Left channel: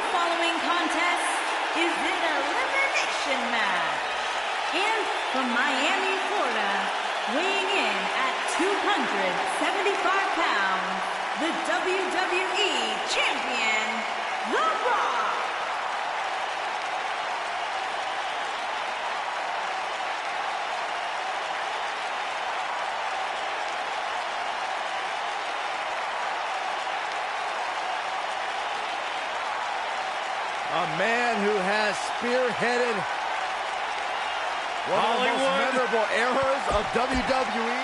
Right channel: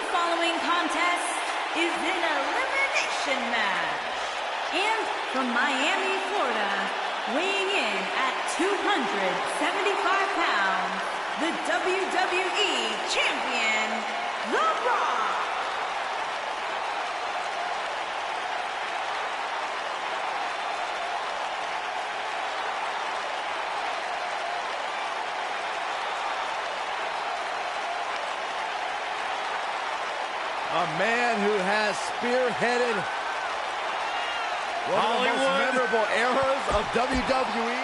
The following contest is an elimination match. And from Miami, Florida, weighing in at 275 pounds, the WWE Champion, The Rock. A man who has spearheaded one of the most memorable eras of WWE.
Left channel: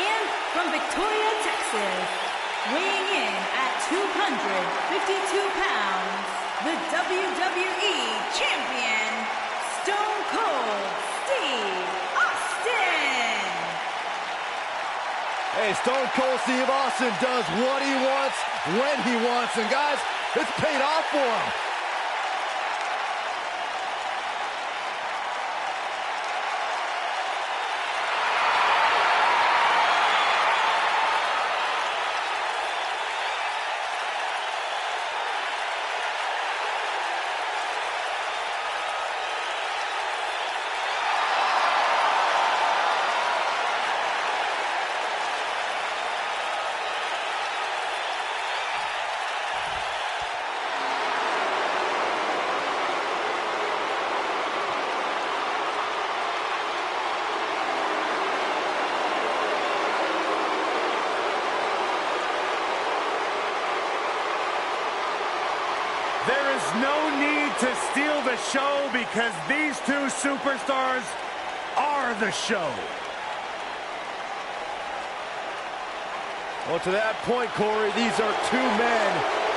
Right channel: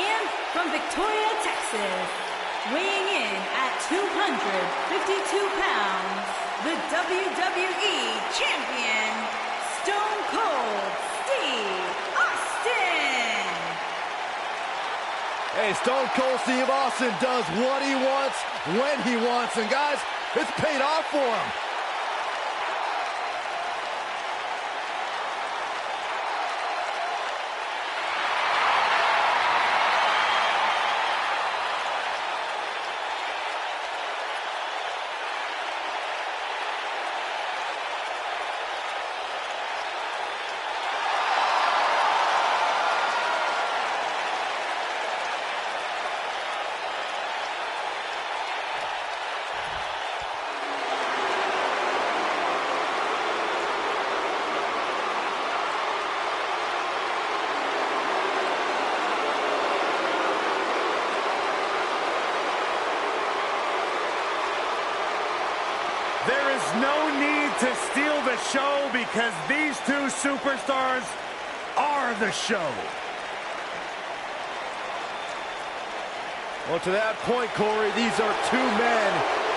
And from Victoria, Texas, weighing in at 252 pounds, the WWE Champion, Stone Cold Steve Austin. Hey, Stone Cold Steve Austin does what he wants, when he wants, and guys, it's paid off for him. There is no need to steal the show because these two superstars are the show. Well, to that point, Corey, these are two men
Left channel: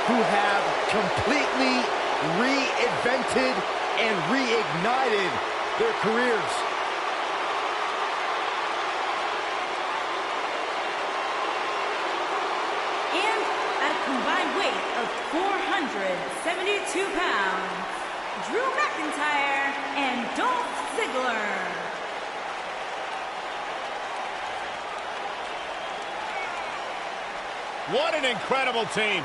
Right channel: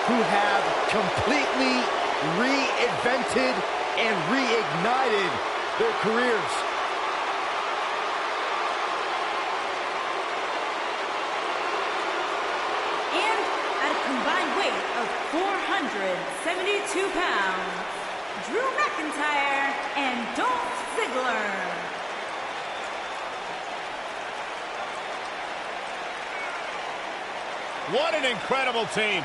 who have completely reinvented and reignited their careers. And at a combined weight of 472 pounds, Drew McIntyre and Dolph Ziggler. What an incredible team.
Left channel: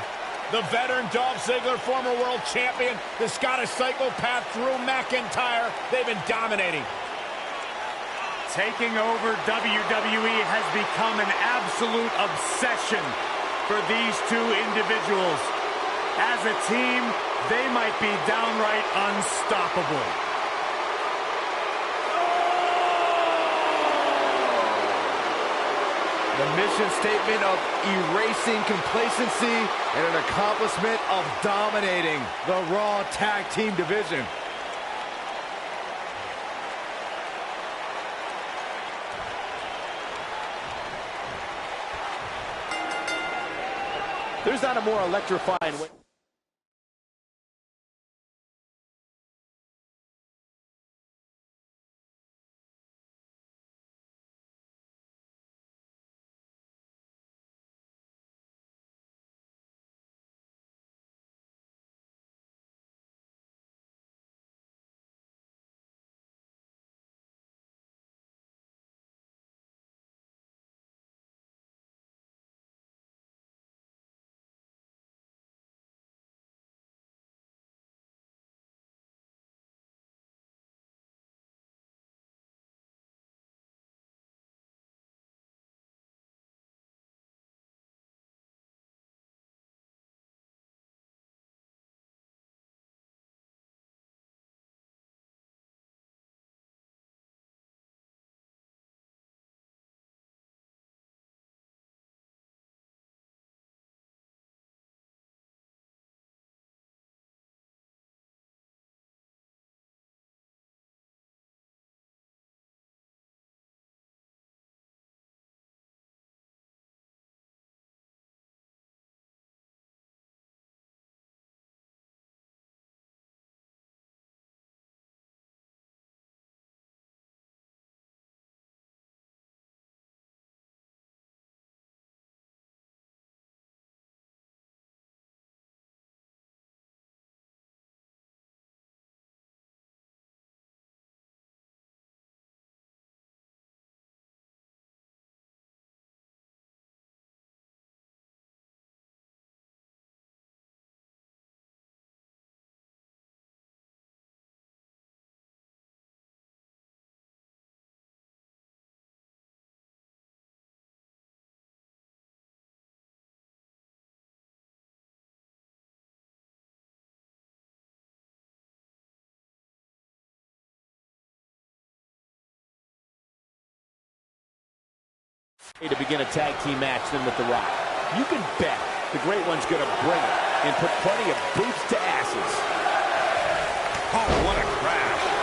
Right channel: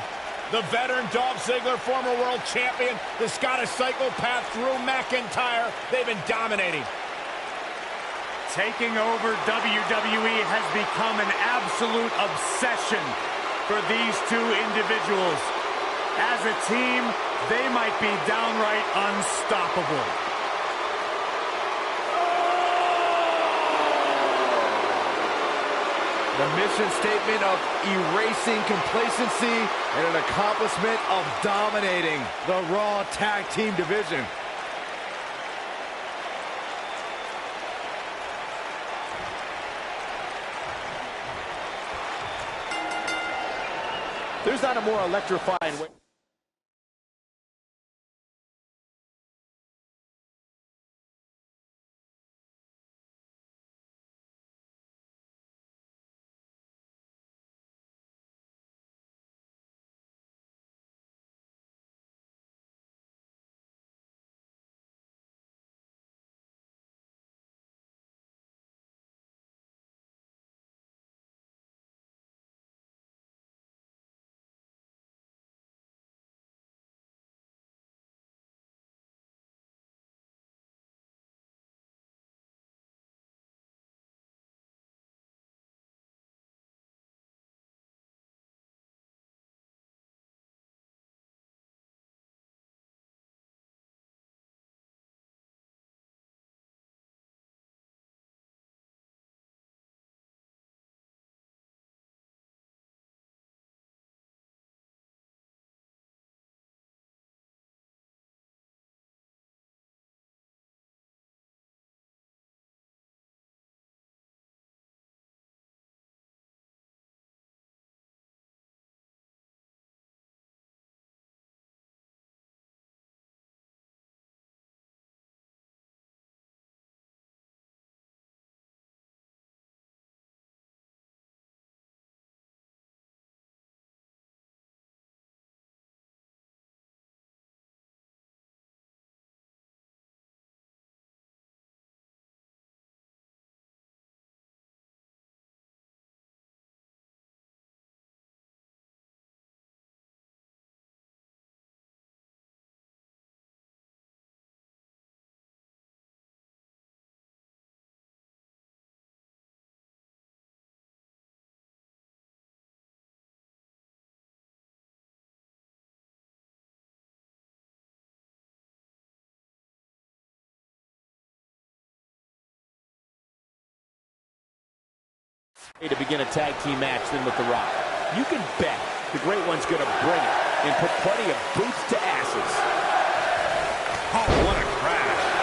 The veteran Dolph Ziggler, former world champion, the Scottish psychopath Drew McIntyre, they've been dominating. Taking over WWE has become an absolute obsession for these two individuals. As a team, they might be downright unstoppable. The mission statement of erasing complacency and an accomplishment of dominating the Raw Tag Team division. There's not a more electrifying way. To begin a tag team match than with The Rock. You can bet the Great One's going to bring it and put plenty of boots to asses. Oh, what a crash.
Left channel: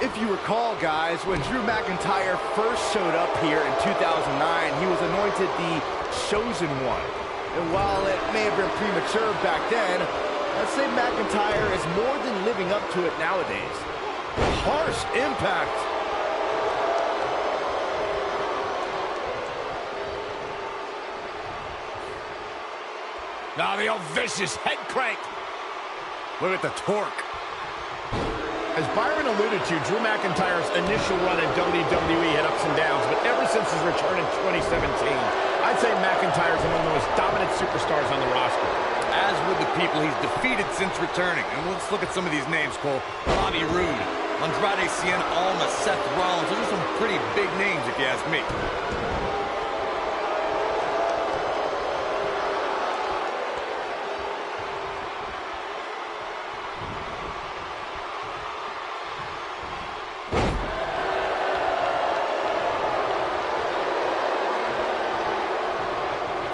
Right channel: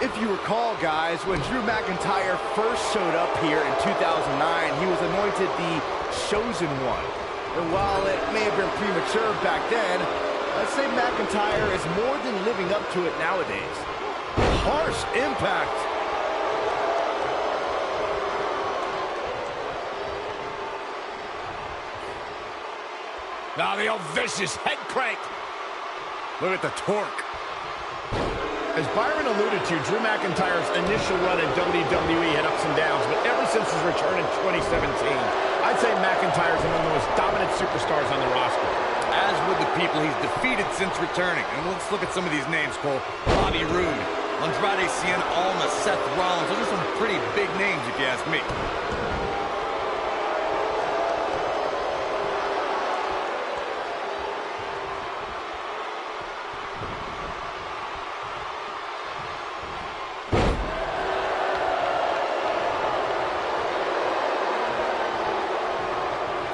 If you recall, guys, when Drew McIntyre first showed up here in 2009, he was anointed the Chosen One. And while it may have been premature back then, I'd say McIntyre is more than living up to it nowadays. Harsh impact. Now the old vicious head crank. Look at the torque. As Byron alluded to, Drew McIntyre's initial run in WWE had ups and downs, but ever since his return in 2017, I'd say McIntyre's among the most dominant superstars on the roster. As with the people he's defeated since returning. And let's look at some of these names, Cole. Bobby Roode, Andrade Cien Almas, Seth Rollins. Those are some pretty big names, if you ask me.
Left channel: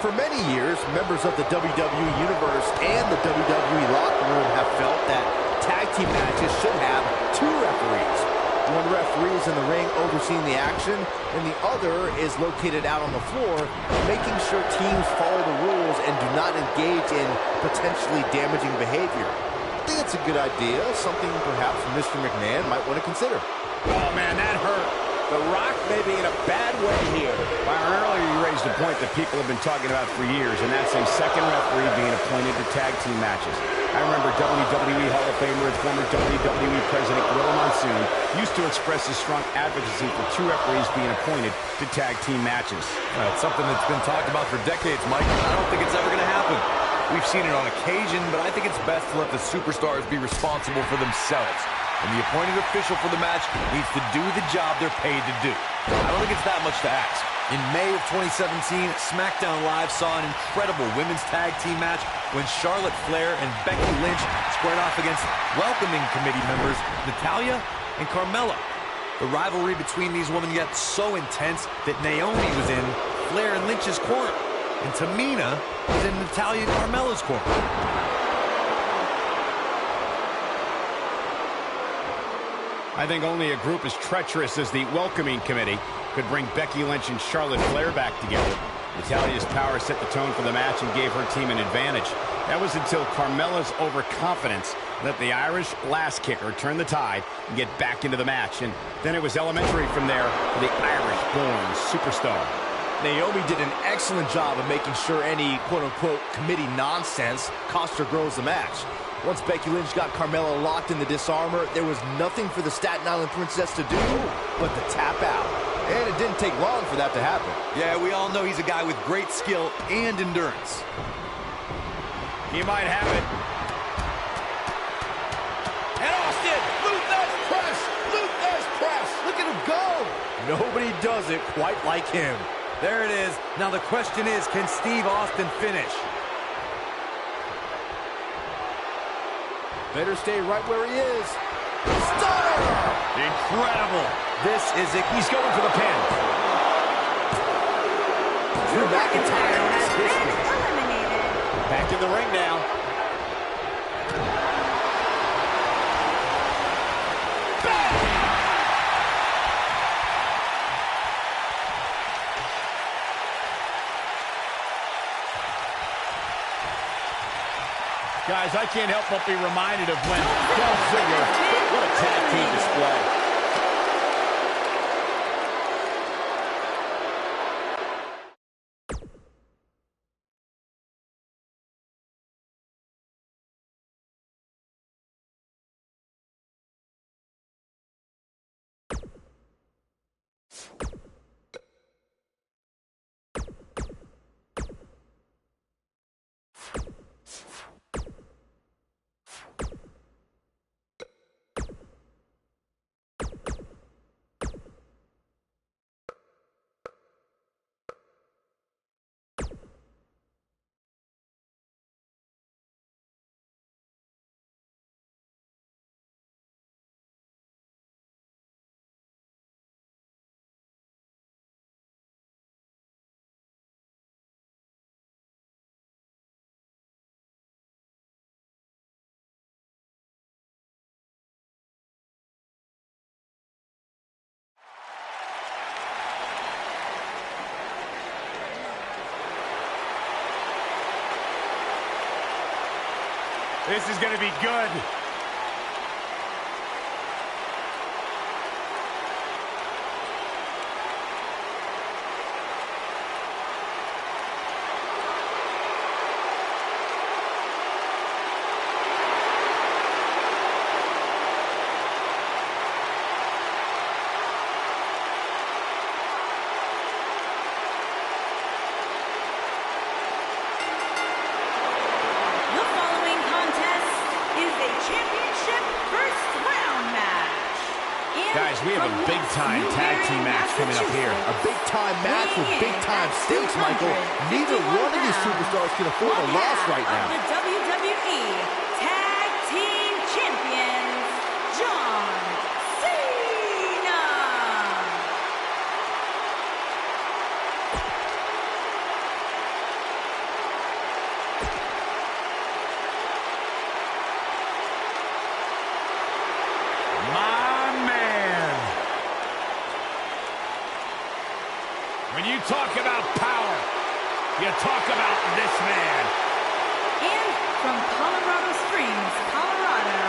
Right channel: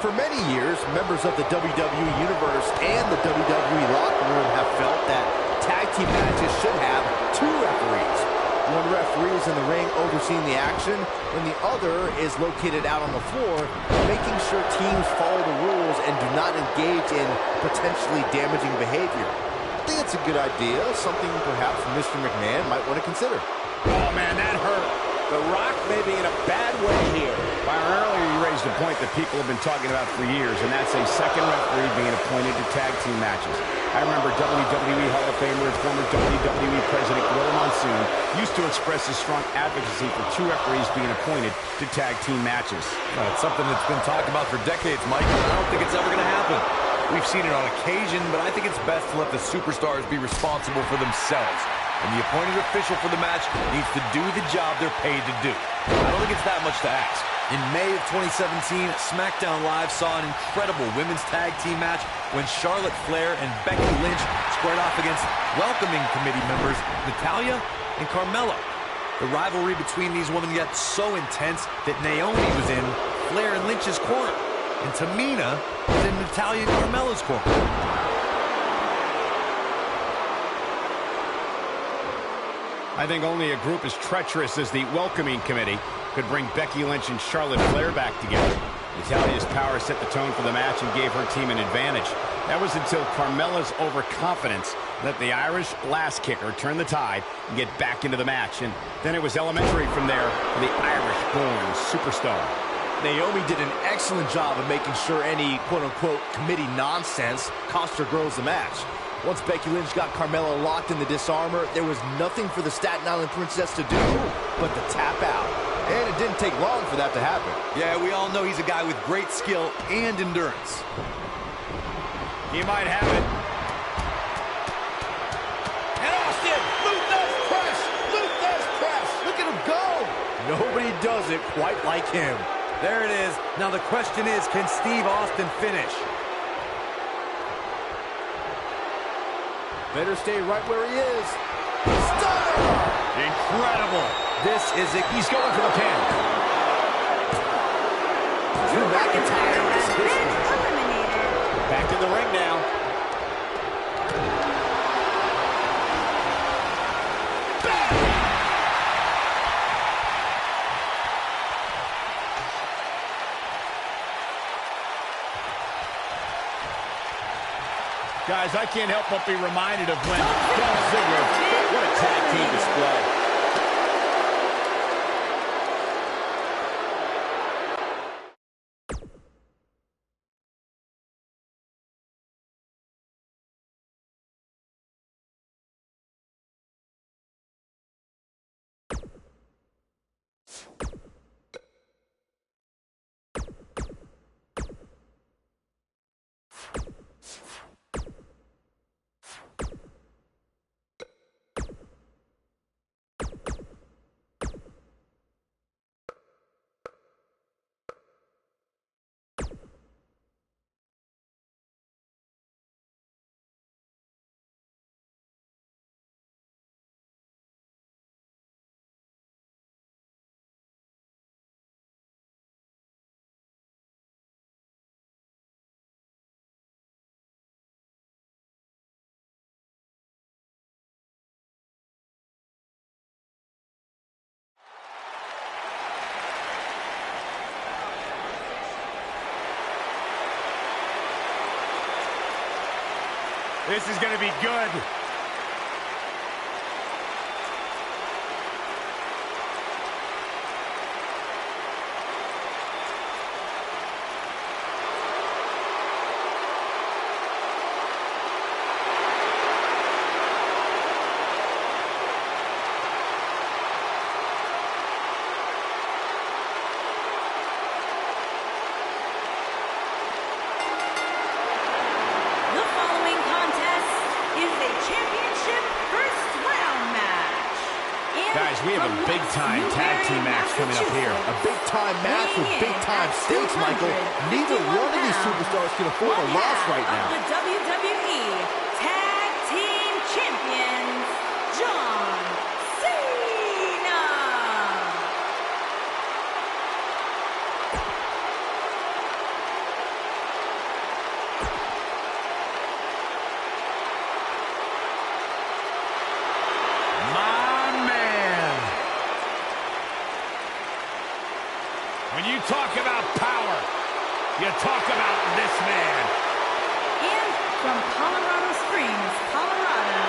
For many years, members of the WWE Universe and the WWE locker room have felt that tag team matches should have two referees. One referee is in the ring overseeing the action, and the other is located out on the floor, making sure teams follow the rules and do not engage in potentially damaging behavior. I think it's a good idea, something perhaps Mr. McMahon might want to consider. Oh, man, that hurt. The Rock may be in a bad way here. Byron, earlier you raised a point that people have been talking about for years, and that's a second referee being appointed to tag team matches. I remember WWE Hall of Famer and former WWE President Gorilla Monsoon used to express his strong advocacy for two referees being appointed to tag team matches. It's something that's been talked about for decades, Mike, and I don't think it's ever going to happen. We've seen it on occasion, but I think it's best to let the superstars be responsible for themselves. And the appointed official for the match needs to do the job they're paid to do. I don't think it's that much to ask. In May of 2017, SmackDown Live saw an incredible women's tag team match when Charlotte Flair and Becky Lynch squared off against welcoming committee members Natalya and Carmella. The rivalry between these women got so intense that Naomi was in Flair and Lynch's corner, and Tamina was in Natalya and Carmella's corner. I think only a group as treacherous as the welcoming committee could bring Becky Lynch and Charlotte Flair back together. Natalya's power set the tone for the match and gave her team an advantage. That was until Carmella's overconfidence let the Irish lass kicker turn the tide and get back into the match. And then it was elementary from there for the Irish-born superstar. Naomi did an excellent job of making sure any quote-unquote committee nonsense cost her girls the match. Once Becky Lynch got Carmella locked in the disarmor, there was nothing for the Staten Island Princess to do but to tap out. And it didn't take long for that to happen. Yeah, we all know he's a guy with great skill and endurance. He might have it. And Austin, Luther's press. Luther's press. Look at him go. Nobody does it quite like him. There it is. Now the question is, can Steve Austin finish? Better stay right where he is. Stunner! Incredible. This is it. He's going for the pin. Drew McIntyre has been eliminated. Back in the ring now. Guys, I can't help but be reminded of when Dolph Ziggler, what a tag team display. This is going to be good. The following contest is a championship first round match. And Guys, we have a from big-time West tag team Newbury, match coming up here. A big-time match with weighing in big-time at stakes, Michael. Neither one of these 251 superstars can afford a one loss half right now. of the WWE Tag Team Champions, John Cena. My man. When you talk about power, you talk about this man. And from Colorado Springs, Colorado,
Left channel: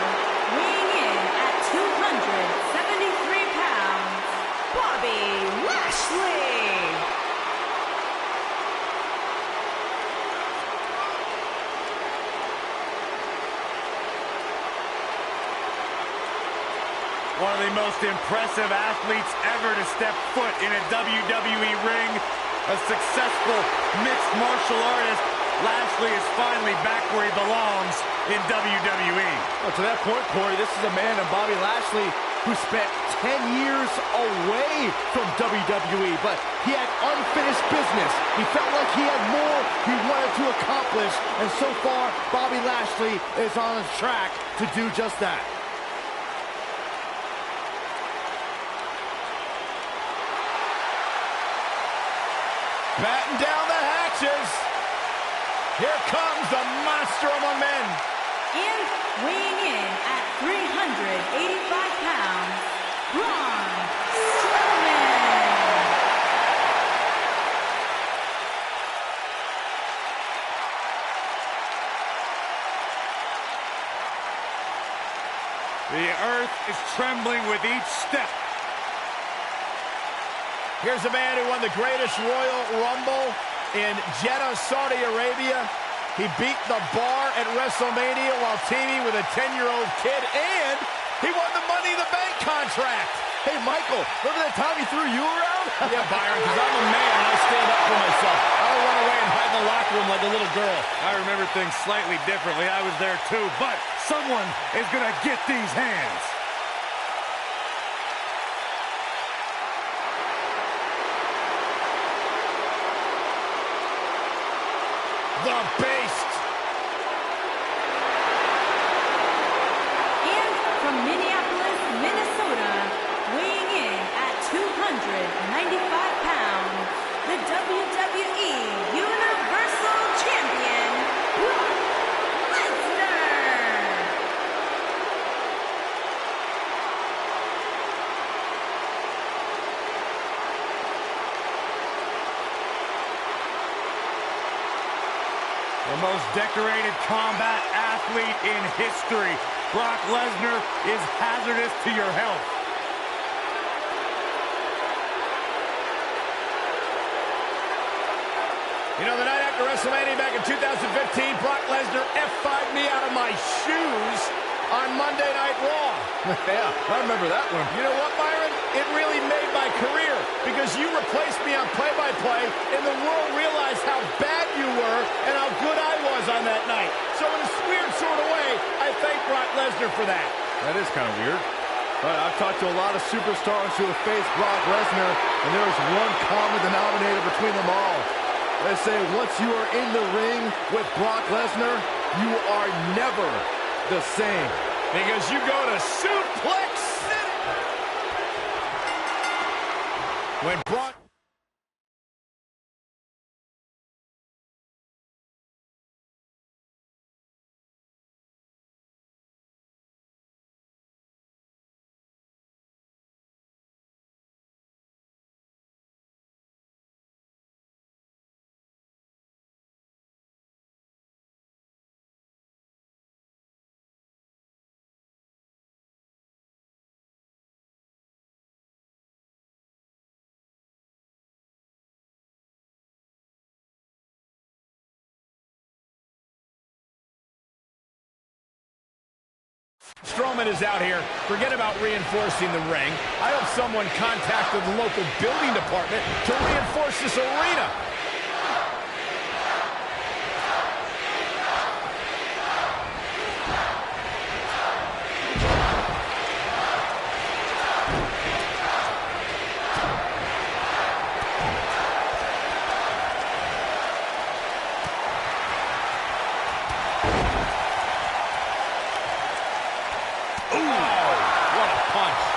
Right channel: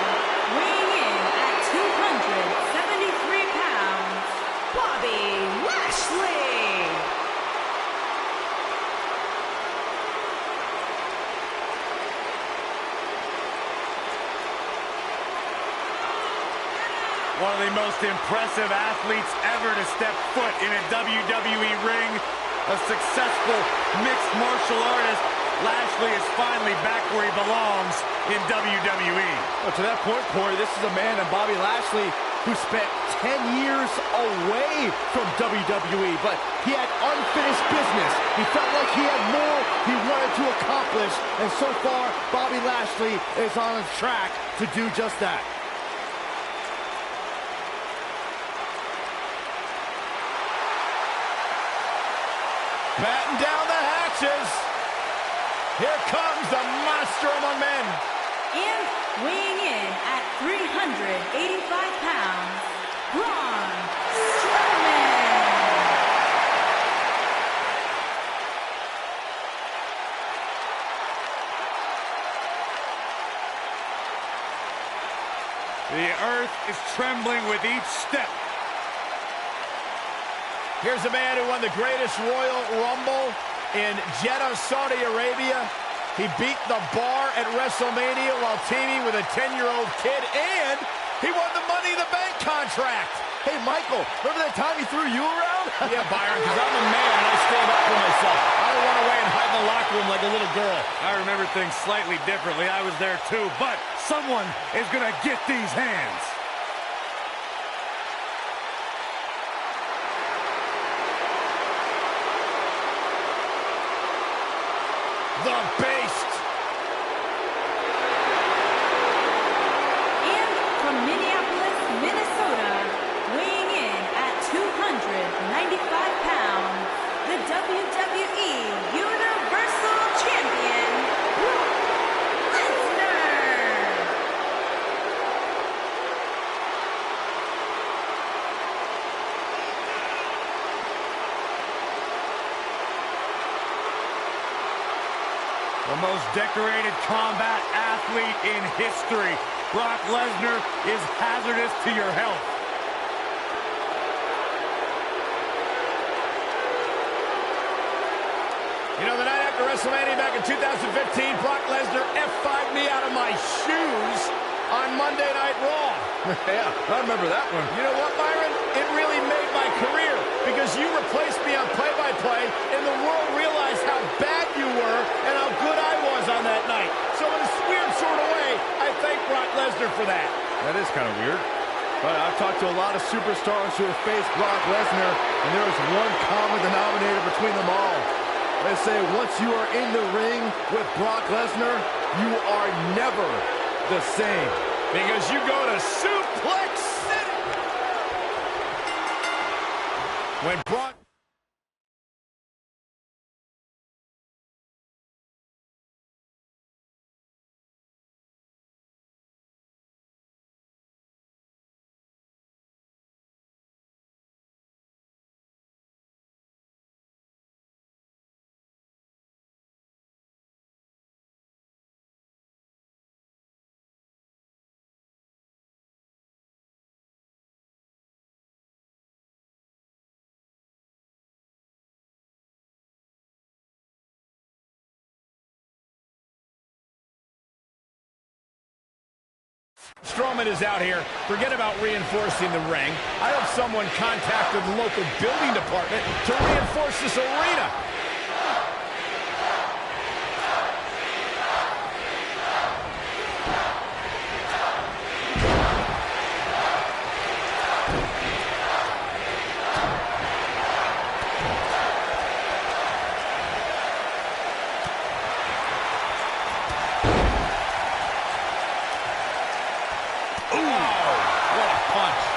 weighing in at 273 pounds, Bobby Lashley. One of the most impressive athletes ever to step foot in a WWE ring. A successful mixed martial artist. Lashley is finally back where he belongs in WWE. Well, to that point, Corey, this is a man in Bobby Lashley who spent 10 years away from WWE, but he had unfinished business. He felt like he had more he wanted to accomplish, and so far, Bobby Lashley is on his track to do just that. Batten down the hatches. Here comes the monster among men. And weighing in at 385 pounds, Braun Strowman. The earth is trembling with each step. Here's a man who won the greatest Royal Rumble in Jeddah, Saudi Arabia. He beat the Bar at WrestleMania while teaming with a 10-year-old kid, and he won the Money in the Bank contract. Hey, Michael, remember that time he threw you around? Yeah, Byron, because I'm a man and I stand up for myself. I don't run away and hide in the locker room like a little girl. I remember things slightly differently. I was there too, but someone is going to get these hands. The Beast. And from Minneapolis, Minnesota, weighing in at 295 pounds, the WWE Universal Champion, Brock Lesnar. The most decorated combat athlete in history. Brock Lesnar is hazardous to your health. You know, the night after WrestleMania back in 2015, Brock Lesnar F5'd me out of my shoes on Monday Night Raw. Yeah, I remember that one. You know what, Byron? It really made my career because you replaced me on play-by-play, and the world realized how bad you were and how good I was on that night. So in a weird sort of way, I thank Brock Lesnar for that. That is kind of weird. But I've talked to a lot of superstars who have faced Brock Lesnar, and there is one common denominator between them all. They say once you are in the ring with Brock Lesnar, you are never the same. Because you go to Suplex City. When Brock... Strowman is out here. Forget about reinforcing the ring. I hope someone contacted the local building department to reinforce this arena.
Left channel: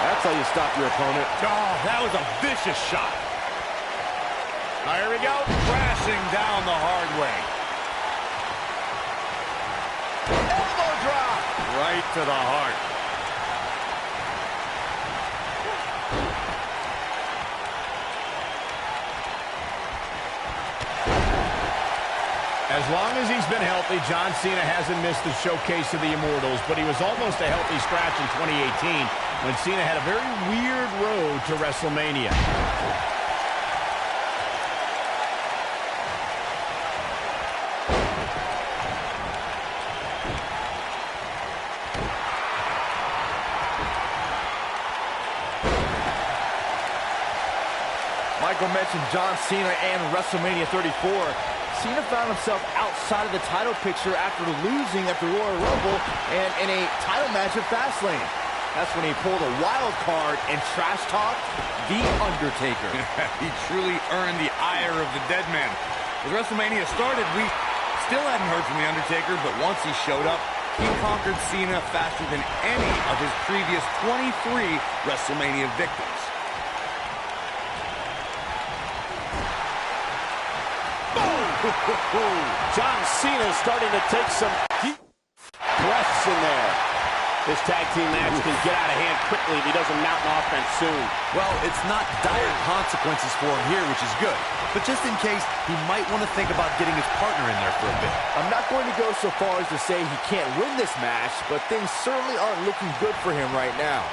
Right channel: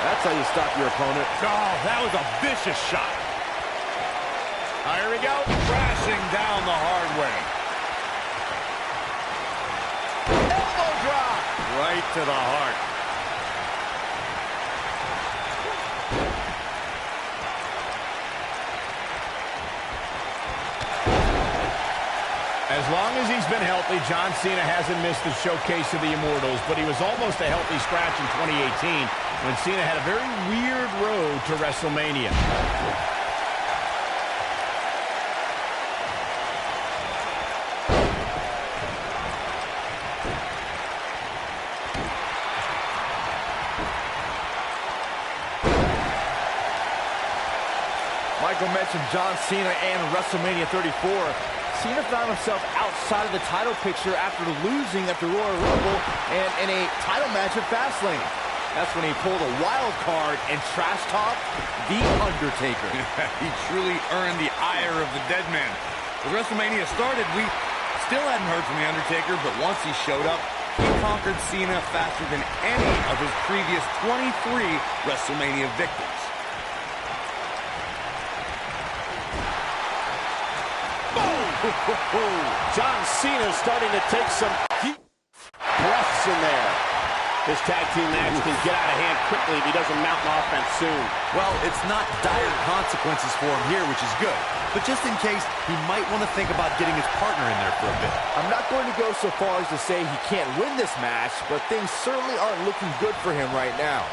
That's how you stop your opponent. Oh, that was a vicious shot. Here we go. Crashing down the hard way. Elbow drop. Right to the heart. As long as he's been healthy, John Cena hasn't missed the showcase of the Immortals, but he was almost a healthy scratch in 2018 when Cena had a very weird road to WrestleMania. Michael mentioned John Cena and WrestleMania 34. Cena found himself outside of the title picture after losing at the Royal Rumble and in a title match at Fastlane. That's when he pulled a wild card and trash-talked The Undertaker. He truly earned the ire of the dead man. As WrestleMania started, we still hadn't heard from The Undertaker, but once he showed up, he conquered Cena faster than any of his previous 23 WrestleMania victims. John Cena starting to take some deep breaths in there. This tag team match can get out of hand quickly if he doesn't mount an offense soon. Well, it's not dire consequences for him here, which is good. But just in case, he might want to think about getting his partner in there for a bit. I'm not going to go so far as to say he can't win this match, but things certainly aren't looking good for him right now.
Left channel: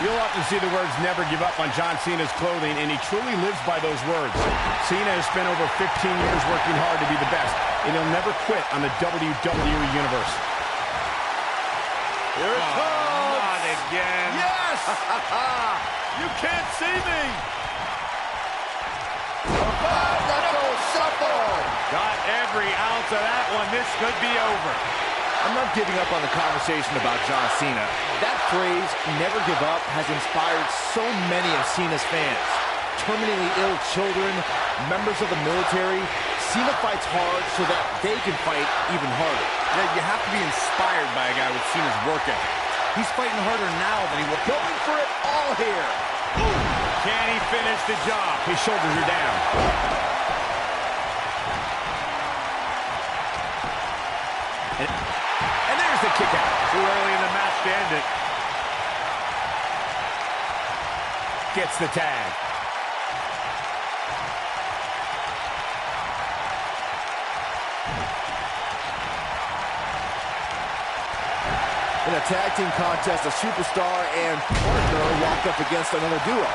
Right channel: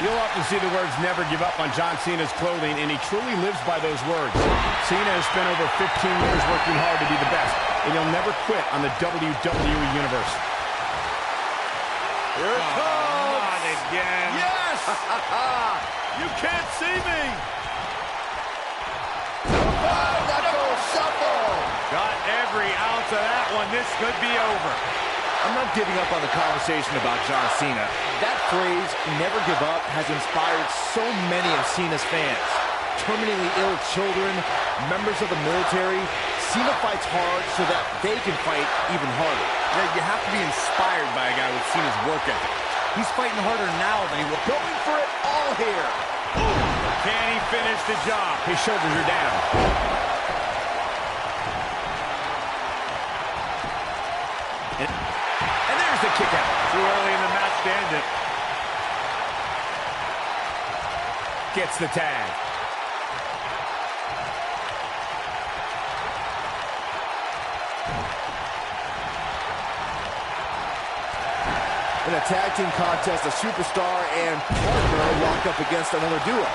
You'll often see the words "never give up" on John Cena's clothing, and he truly lives by those words. Cena has spent over 15 years working hard to be the best, and he'll never quit on the WWE Universe. Here it comes! Not again. Yes! You can't see me! Five-knuckle shuffle! Got every ounce of that one. This could be over. I'm not giving up on the conversation about John Cena. That phrase, never give up, has inspired so many of Cena's fans. Terminally ill children, members of the military, Cena fights hard so that they can fight even harder. Yeah, you have to be inspired by a guy with Cena's work ethic. He's fighting harder now than he was. Going for it all here. Ooh. Can he finish the job? His shoulders are down. And there's the kick out. Too early in the match to end it. Gets the tag. In a tag team contest, a superstar and partner lock up against another duo.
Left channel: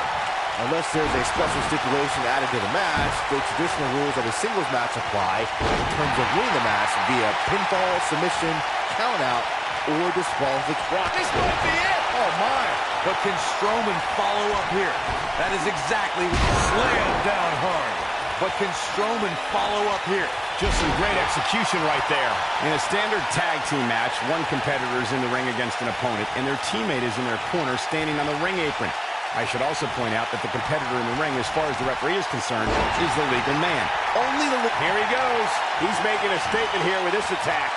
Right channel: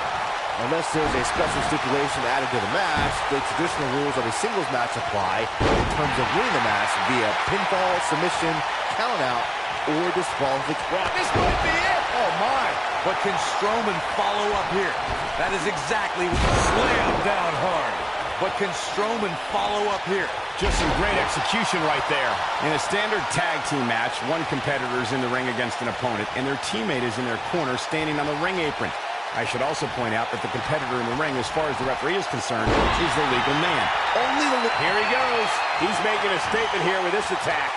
Unless there's a special stipulation added to the match, the traditional rules of a singles match apply in terms of winning the match via pinfall, submission, countout, or disqualification. This might be it. Oh, my. But can Strowman follow up here? That is exactly what Slam down hard. But can Strowman follow up here? Just some great execution right there. In a standard tag team match, one competitor is in the ring against an opponent, and their teammate is in their corner standing on the ring apron. I should also point out that the competitor in the ring, as far as the referee is concerned, is the legal man. Only the... Here he goes. He's making a statement here with this attack.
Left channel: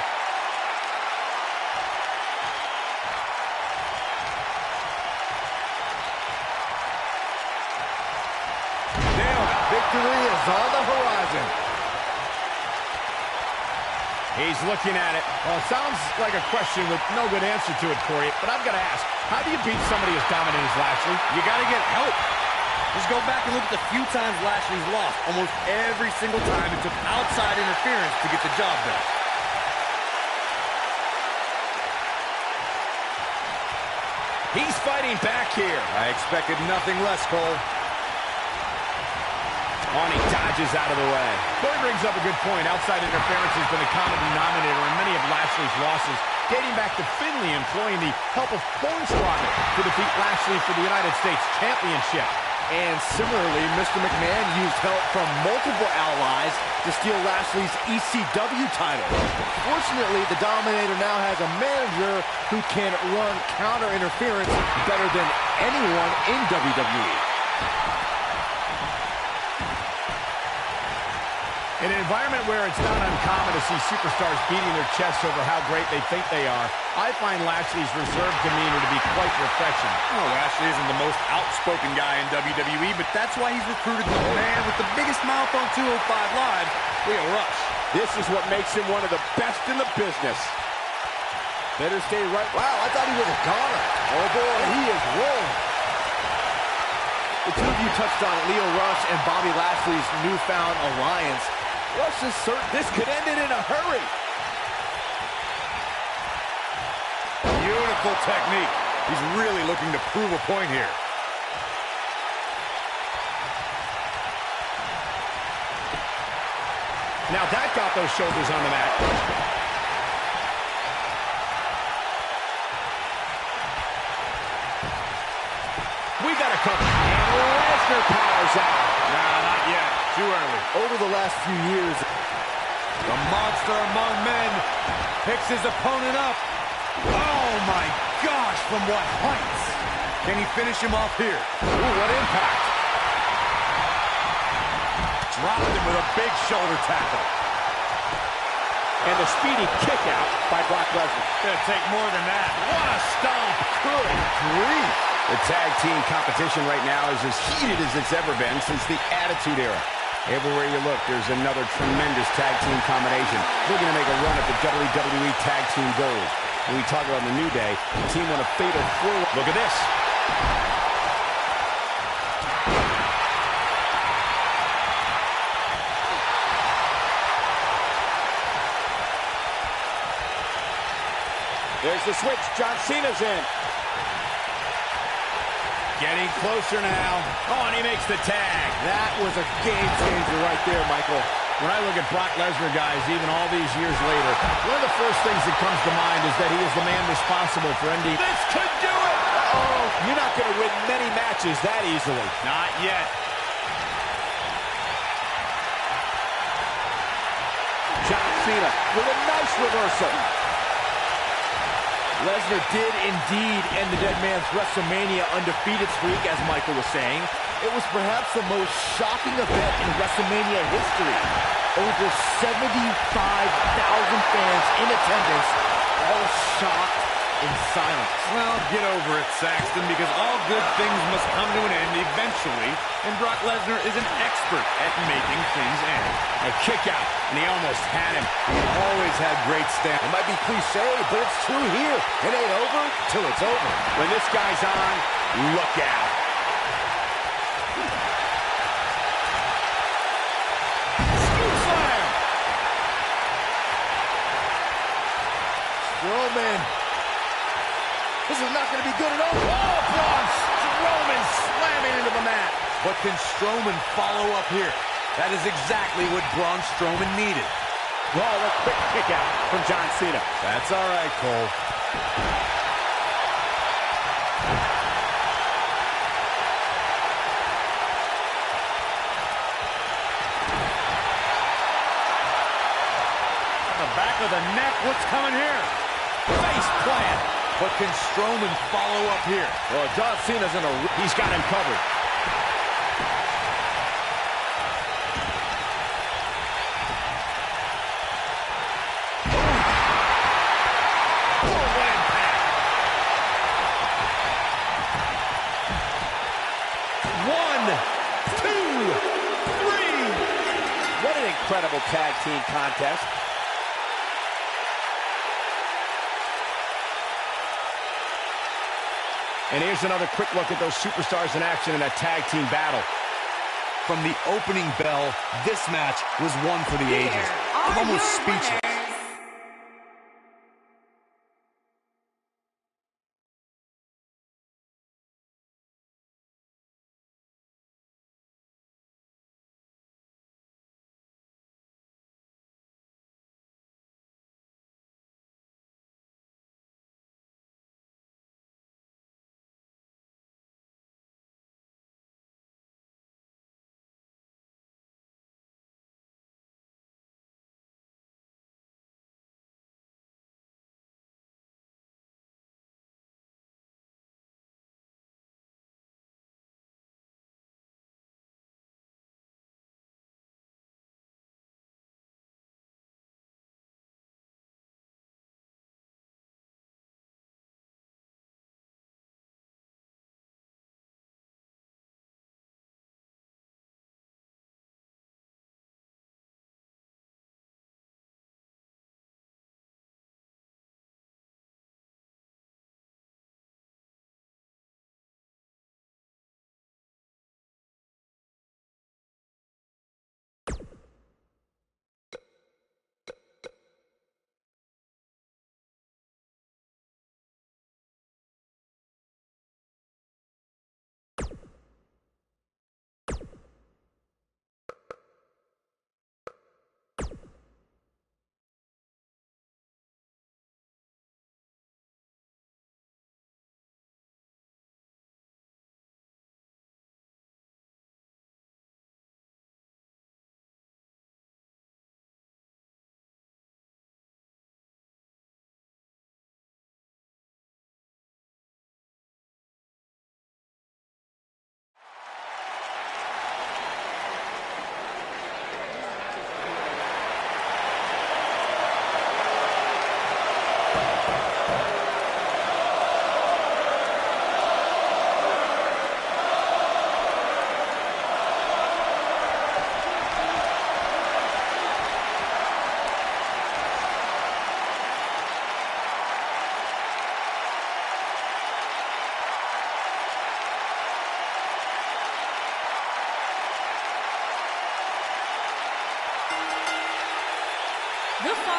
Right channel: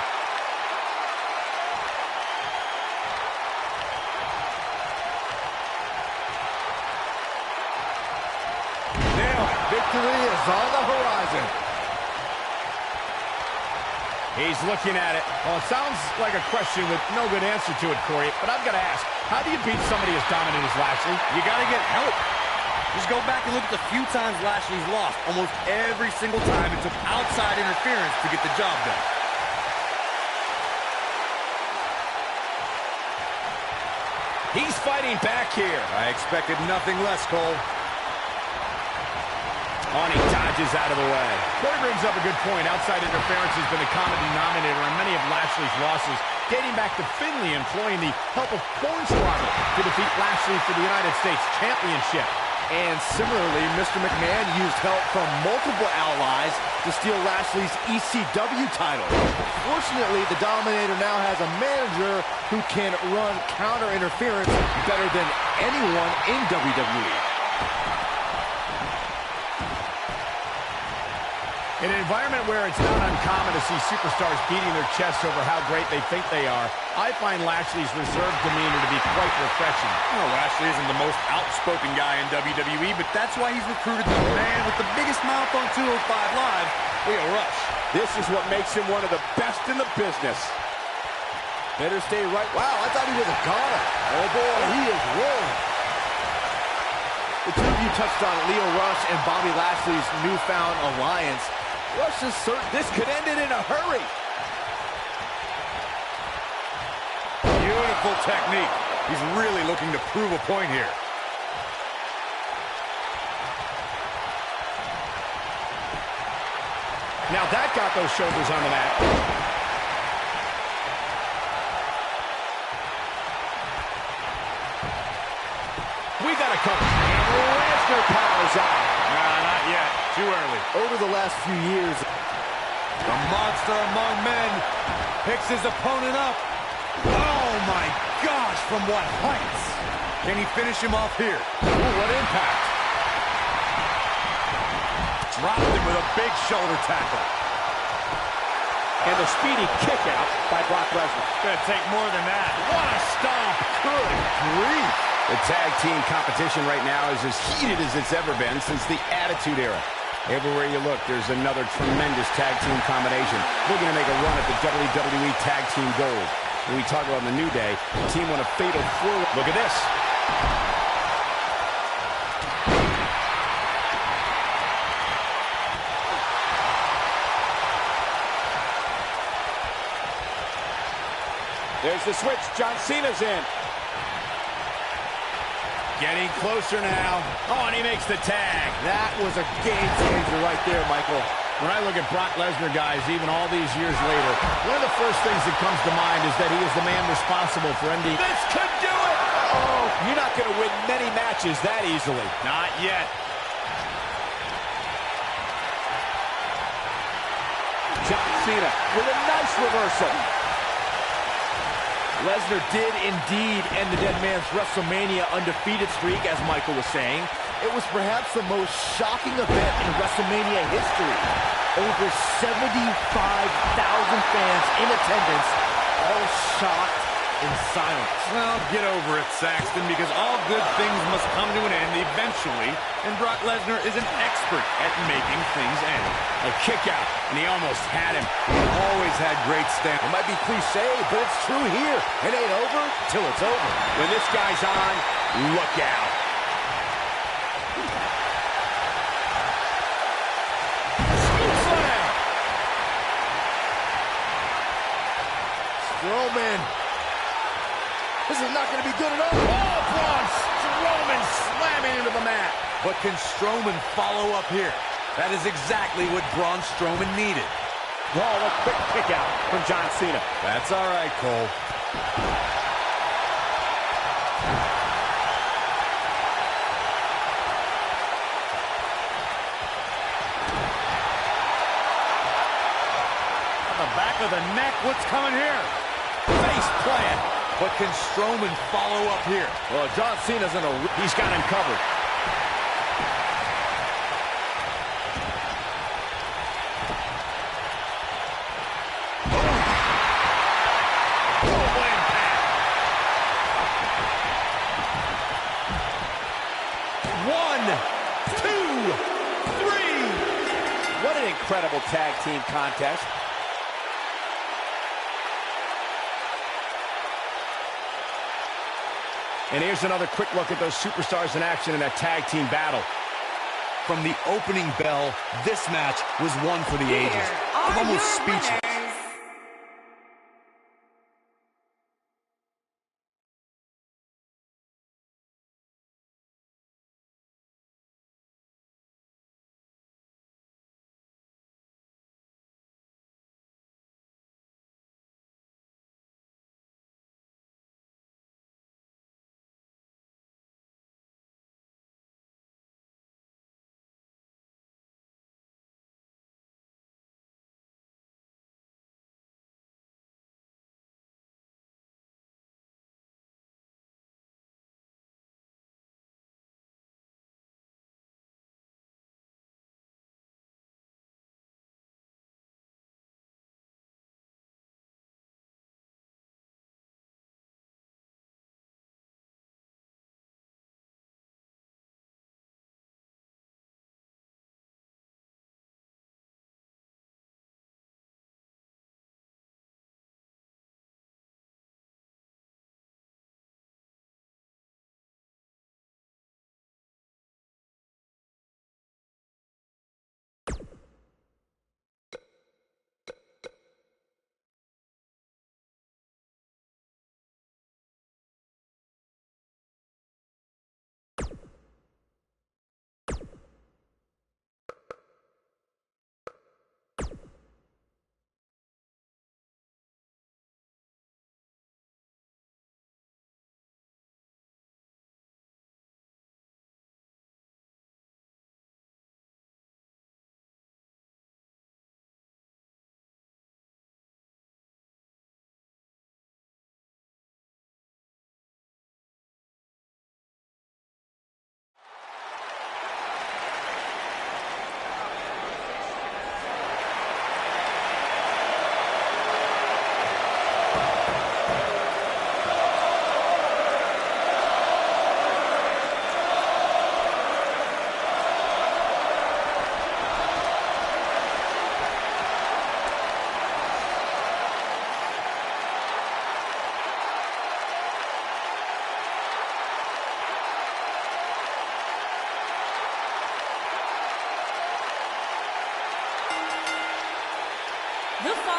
Nailed it. Victory is on the horizon. He's looking at it. Well, it sounds like a question with no good answer to it, Corey, but I've got to ask, how do you beat somebody as dominant as Lashley? You got to get help. Just go back and look at the few times Lashley's lost. Almost every single time it took outside interference to get the job done. He's fighting back here. I expected nothing less, Cole. Oh, and he dodges out of the way. Corey brings up a good point. Outside interference has been the common denominator in many of Lashley's losses, dating back to Finlay employing the help of Hornswoggle to defeat Lashley for the United States Championship. And similarly, Mr. McMahon used help from multiple allies to steal Lashley's ECW title. Fortunately, the Dominator now has a manager who can run counter interference better than anyone in WWE. In an environment where it's not uncommon to see superstars beating their chests over how great they think they are, I find Lashley's reserved demeanor to be quite refreshing. Well, Lashley isn't the most outspoken guy in WWE, but that's why he's recruited the man with the biggest mouth on 205 Live, Lio Rush. This is what makes him one of the best in the business. Better stay right. Wow, I thought he was a goner. Oh boy, he is rolling. The two of you touched on Lio Rush and Bobby Lashley's newfound alliance. Rush is certain this could end it in a hurry. Beautiful technique. He's really looking to prove a point here. Now that got those shoulders on the mat. We got a cover. And Lesnar powers out. Nah, not yet. Too early. Over the last few years, The monster among men picks his opponent up. Oh, my gosh, from what heights? Can he finish him off here? Ooh, what impact. Dropped him with a big shoulder tackle. And the speedy kick out by Brock Lesnar. Gonna take more than that. What a stomp. good grief. The tag team competition right now is as heated as it's ever been since the Attitude Era. Everywhere you look, there's another tremendous tag team combination looking to make a run at the WWE Tag Team Gold. When we talk about the New Day, the team won a fatal four. Look at this. There's the switch. John Cena's in. Getting closer now. Oh, and he makes the tag. That was a game changer right there, Michael. When I look at Brock Lesnar, guys, even all these years later, one of the first things that comes to mind is that he is the man responsible for ending. This could do it. Uh-oh. You're not going to win many matches that easily. Not yet. John Cena with a nice reversal. Lesnar did indeed end the Dead Man's WrestleMania undefeated streak, as Michael was saying. It was perhaps the most shocking event in WrestleMania history. Over 75,000 fans in attendance, all shocked in silence. Well, get over it, Saxton, because all good things must come to an end eventually, and Brock Lesnar is an expert at making things end. A kick out, and he almost had him. He always had great stamina. It might be cliche, but it's true here. It ain't over till it's over. When this guy's on, look out. Scoop slam! Strowman. This is not going to be good at all. Oh, Braun Strowman slamming into the mat. But can Strowman follow up here? That is exactly what Braun Strowman needed. Oh, a quick kick out from John Cena. That's all right, Cole. On the back of the neck, what's coming here? Face plant. But can Strowman follow up here? Well, John Cena's in a... He's got him covered. Oh, what impact! 1, 2, 3. What an incredible tag team contest. And here's another quick look at those superstars in action in that tag team battle. From the opening bell, this match was one for the ages. I'm almost speechless.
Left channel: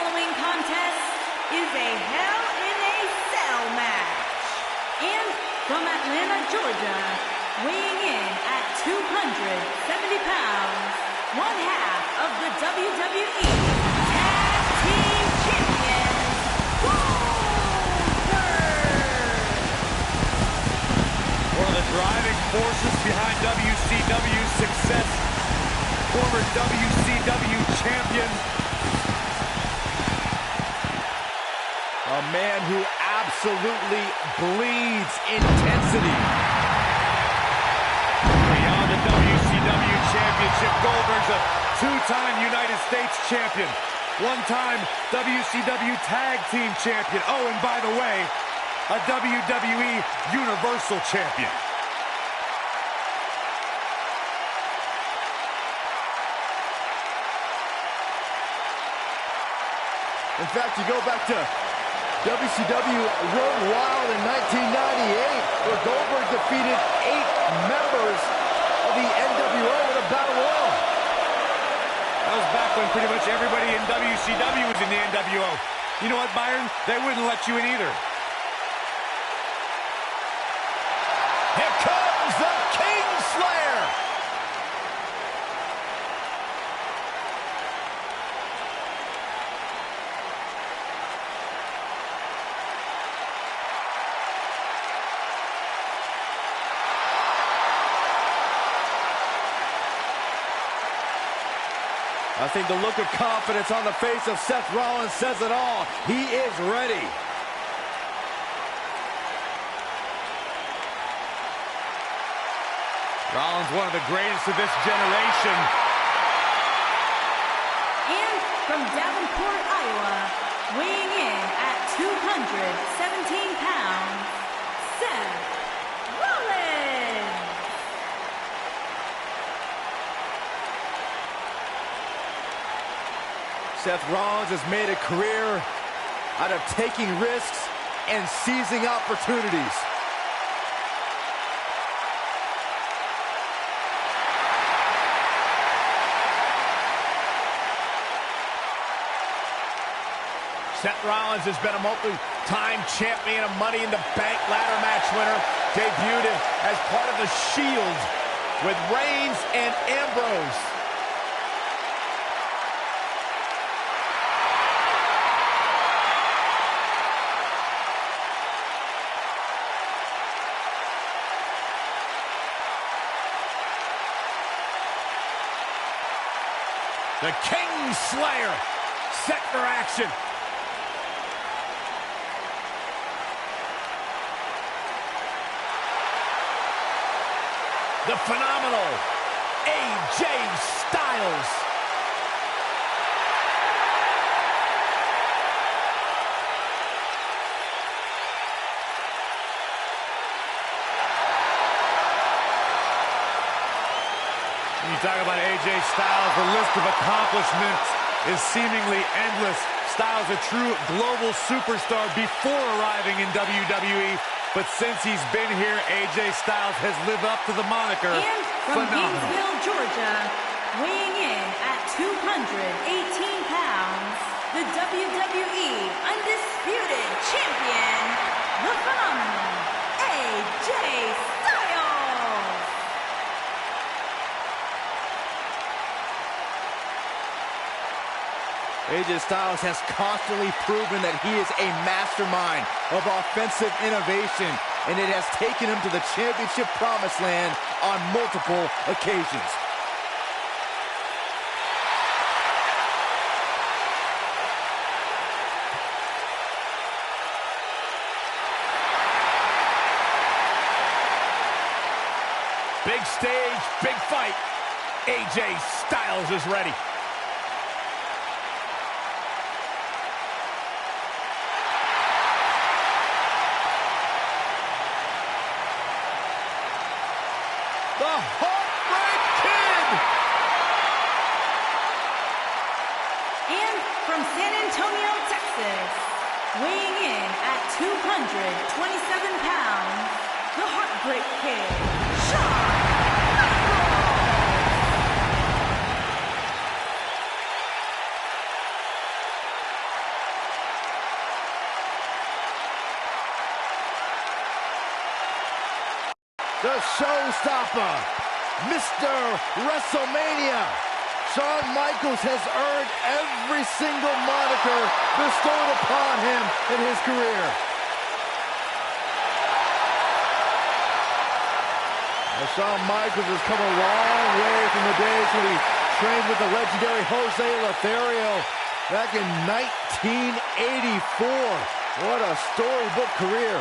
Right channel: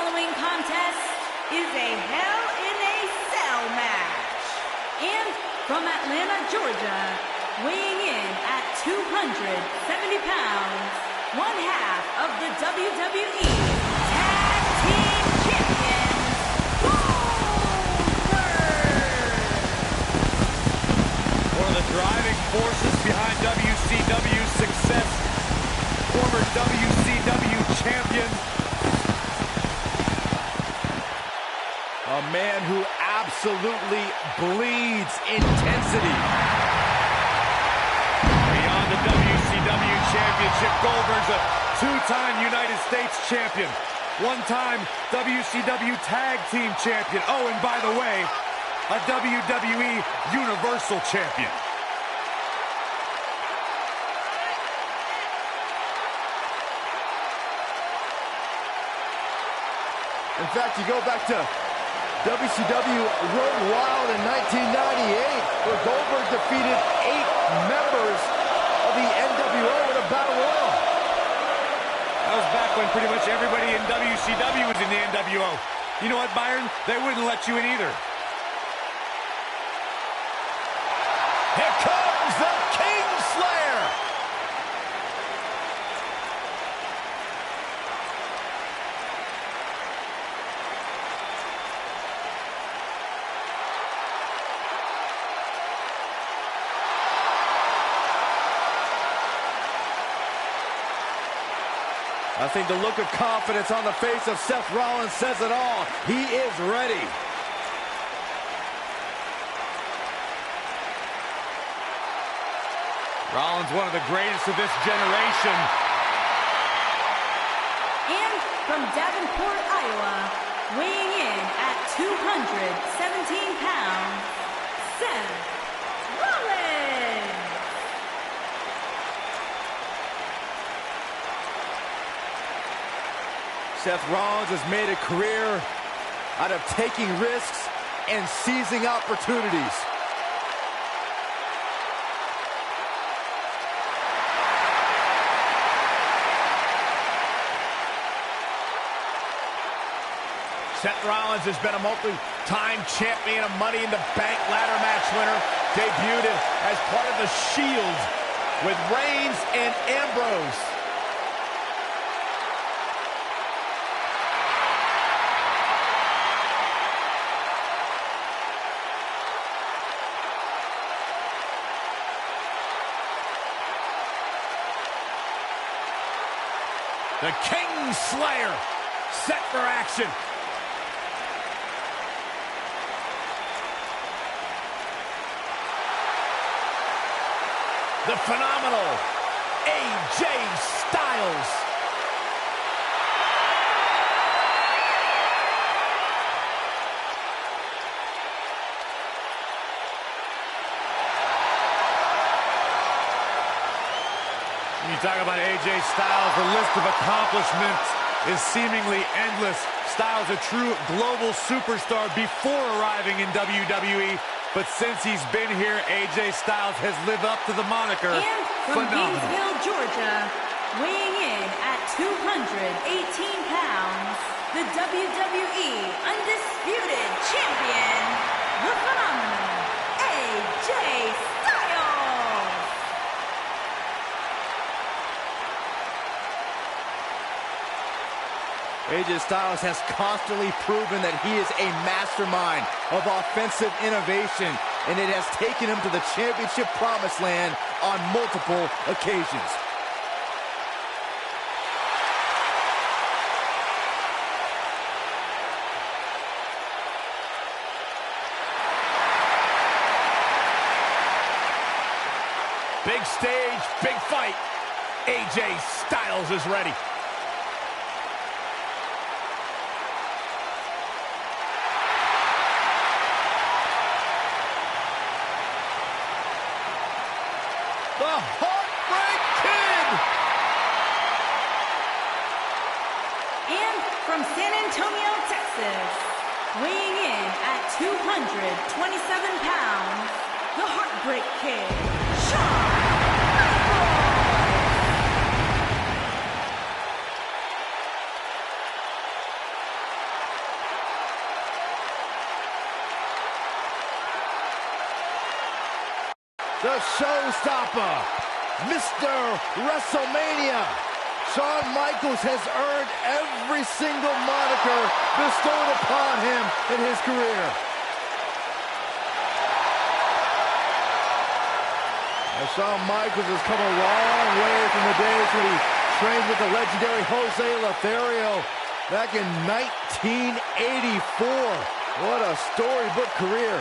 following contest is a Hell in a Cell match. And from Atlanta, Georgia, weighing in at 270 pounds, one half of the WWE Tag Team Champions, Goldberg! One of the driving forces behind WCW's success, former WCW champion. A man who absolutely bleeds intensity. Beyond the WCW championship, Goldberg's a two-time United States champion, one-time WCW Tag Team champion. Oh, and by the way, a WWE Universal champion. In fact, you go back to WCW Road Wild in 1998, where Goldberg defeated 8 members of the NWO in a battle royal. That was back when pretty much everybody in WCW was in the NWO. You know what, Byron? They wouldn't let you in either. Here comes the King Slayer. I think the look of confidence on the face of Seth Rollins says it all. He is ready. Rollins, one of the greatest of this generation. And from Davenport, Iowa, weighing in at 217 pounds, Seth Rollins! Seth Rollins has made a career out of taking risks and seizing opportunities. Seth Rollins has been a multi-time champion, a Money in the Bank ladder match winner, debuted as part of the Shield with Reigns and Ambrose. The King Slayer set for action. The phenomenal AJ Styles. When you talk about AJ Styles, the list of accomplishments is seemingly endless. Styles, a true global superstar before arriving in WWE, but since he's been here, AJ Styles has lived up to the moniker. And from phenomenal. Gainesville, Georgia, weighing in at 218 pounds, the WWE Undisputed Champion, the phenomenal AJ Styles! AJ Styles has constantly proven that he is a mastermind of offensive innovation, and it has taken him to the championship promised land on multiple occasions. Big stage, big fight. AJ Styles is ready. The Heartbreak Kid! And from San Antonio, Texas, weighing in at 227 pounds, the Heartbreak Kid, Shawn Michaels! the showstopper, Mr. WrestleMania. Shawn Michaels has earned every single moniker bestowed upon him in his career. Now, Shawn Michaels has come a long way from the days when he trained with the legendary Jose Lothario back in 1984. What a storybook career.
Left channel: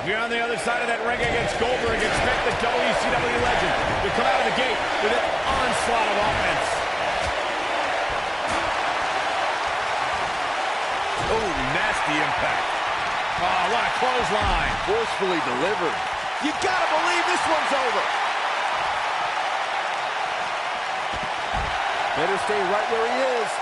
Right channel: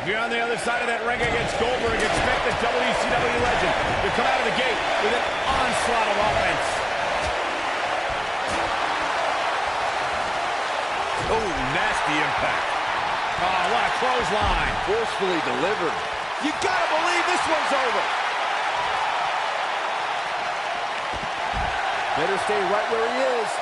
If you're on the other side of that ring against Goldberg, expect the WCW legend to come out of the gate with an onslaught of offense. Oh, nasty impact. Oh, what a clothesline. Forcefully delivered. You gotta believe this one's over. Better stay right where he is.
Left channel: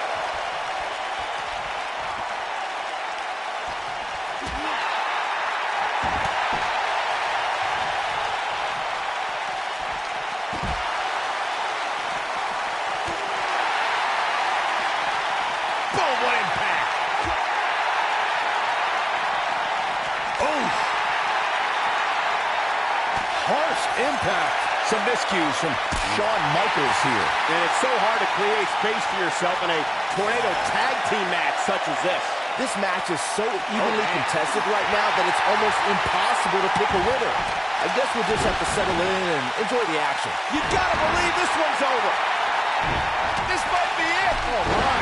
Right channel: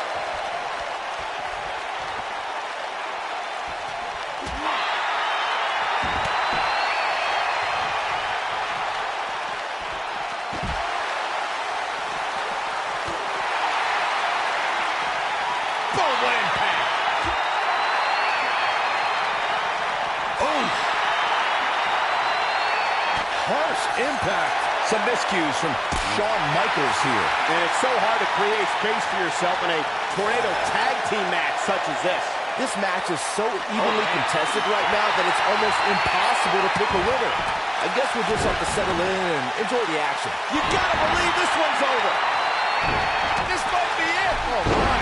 Boom, what impact. Oh! Harsh impact. Some miscues from Shawn Michaels here. And it's so hard to create space for yourself in a tornado tag team match such as this. This match is so evenly contested right now that it's almost impossible to pick a winner. I guess we'll just have to settle in and enjoy the action. You gotta believe this one's over. This might be it. Oh, my.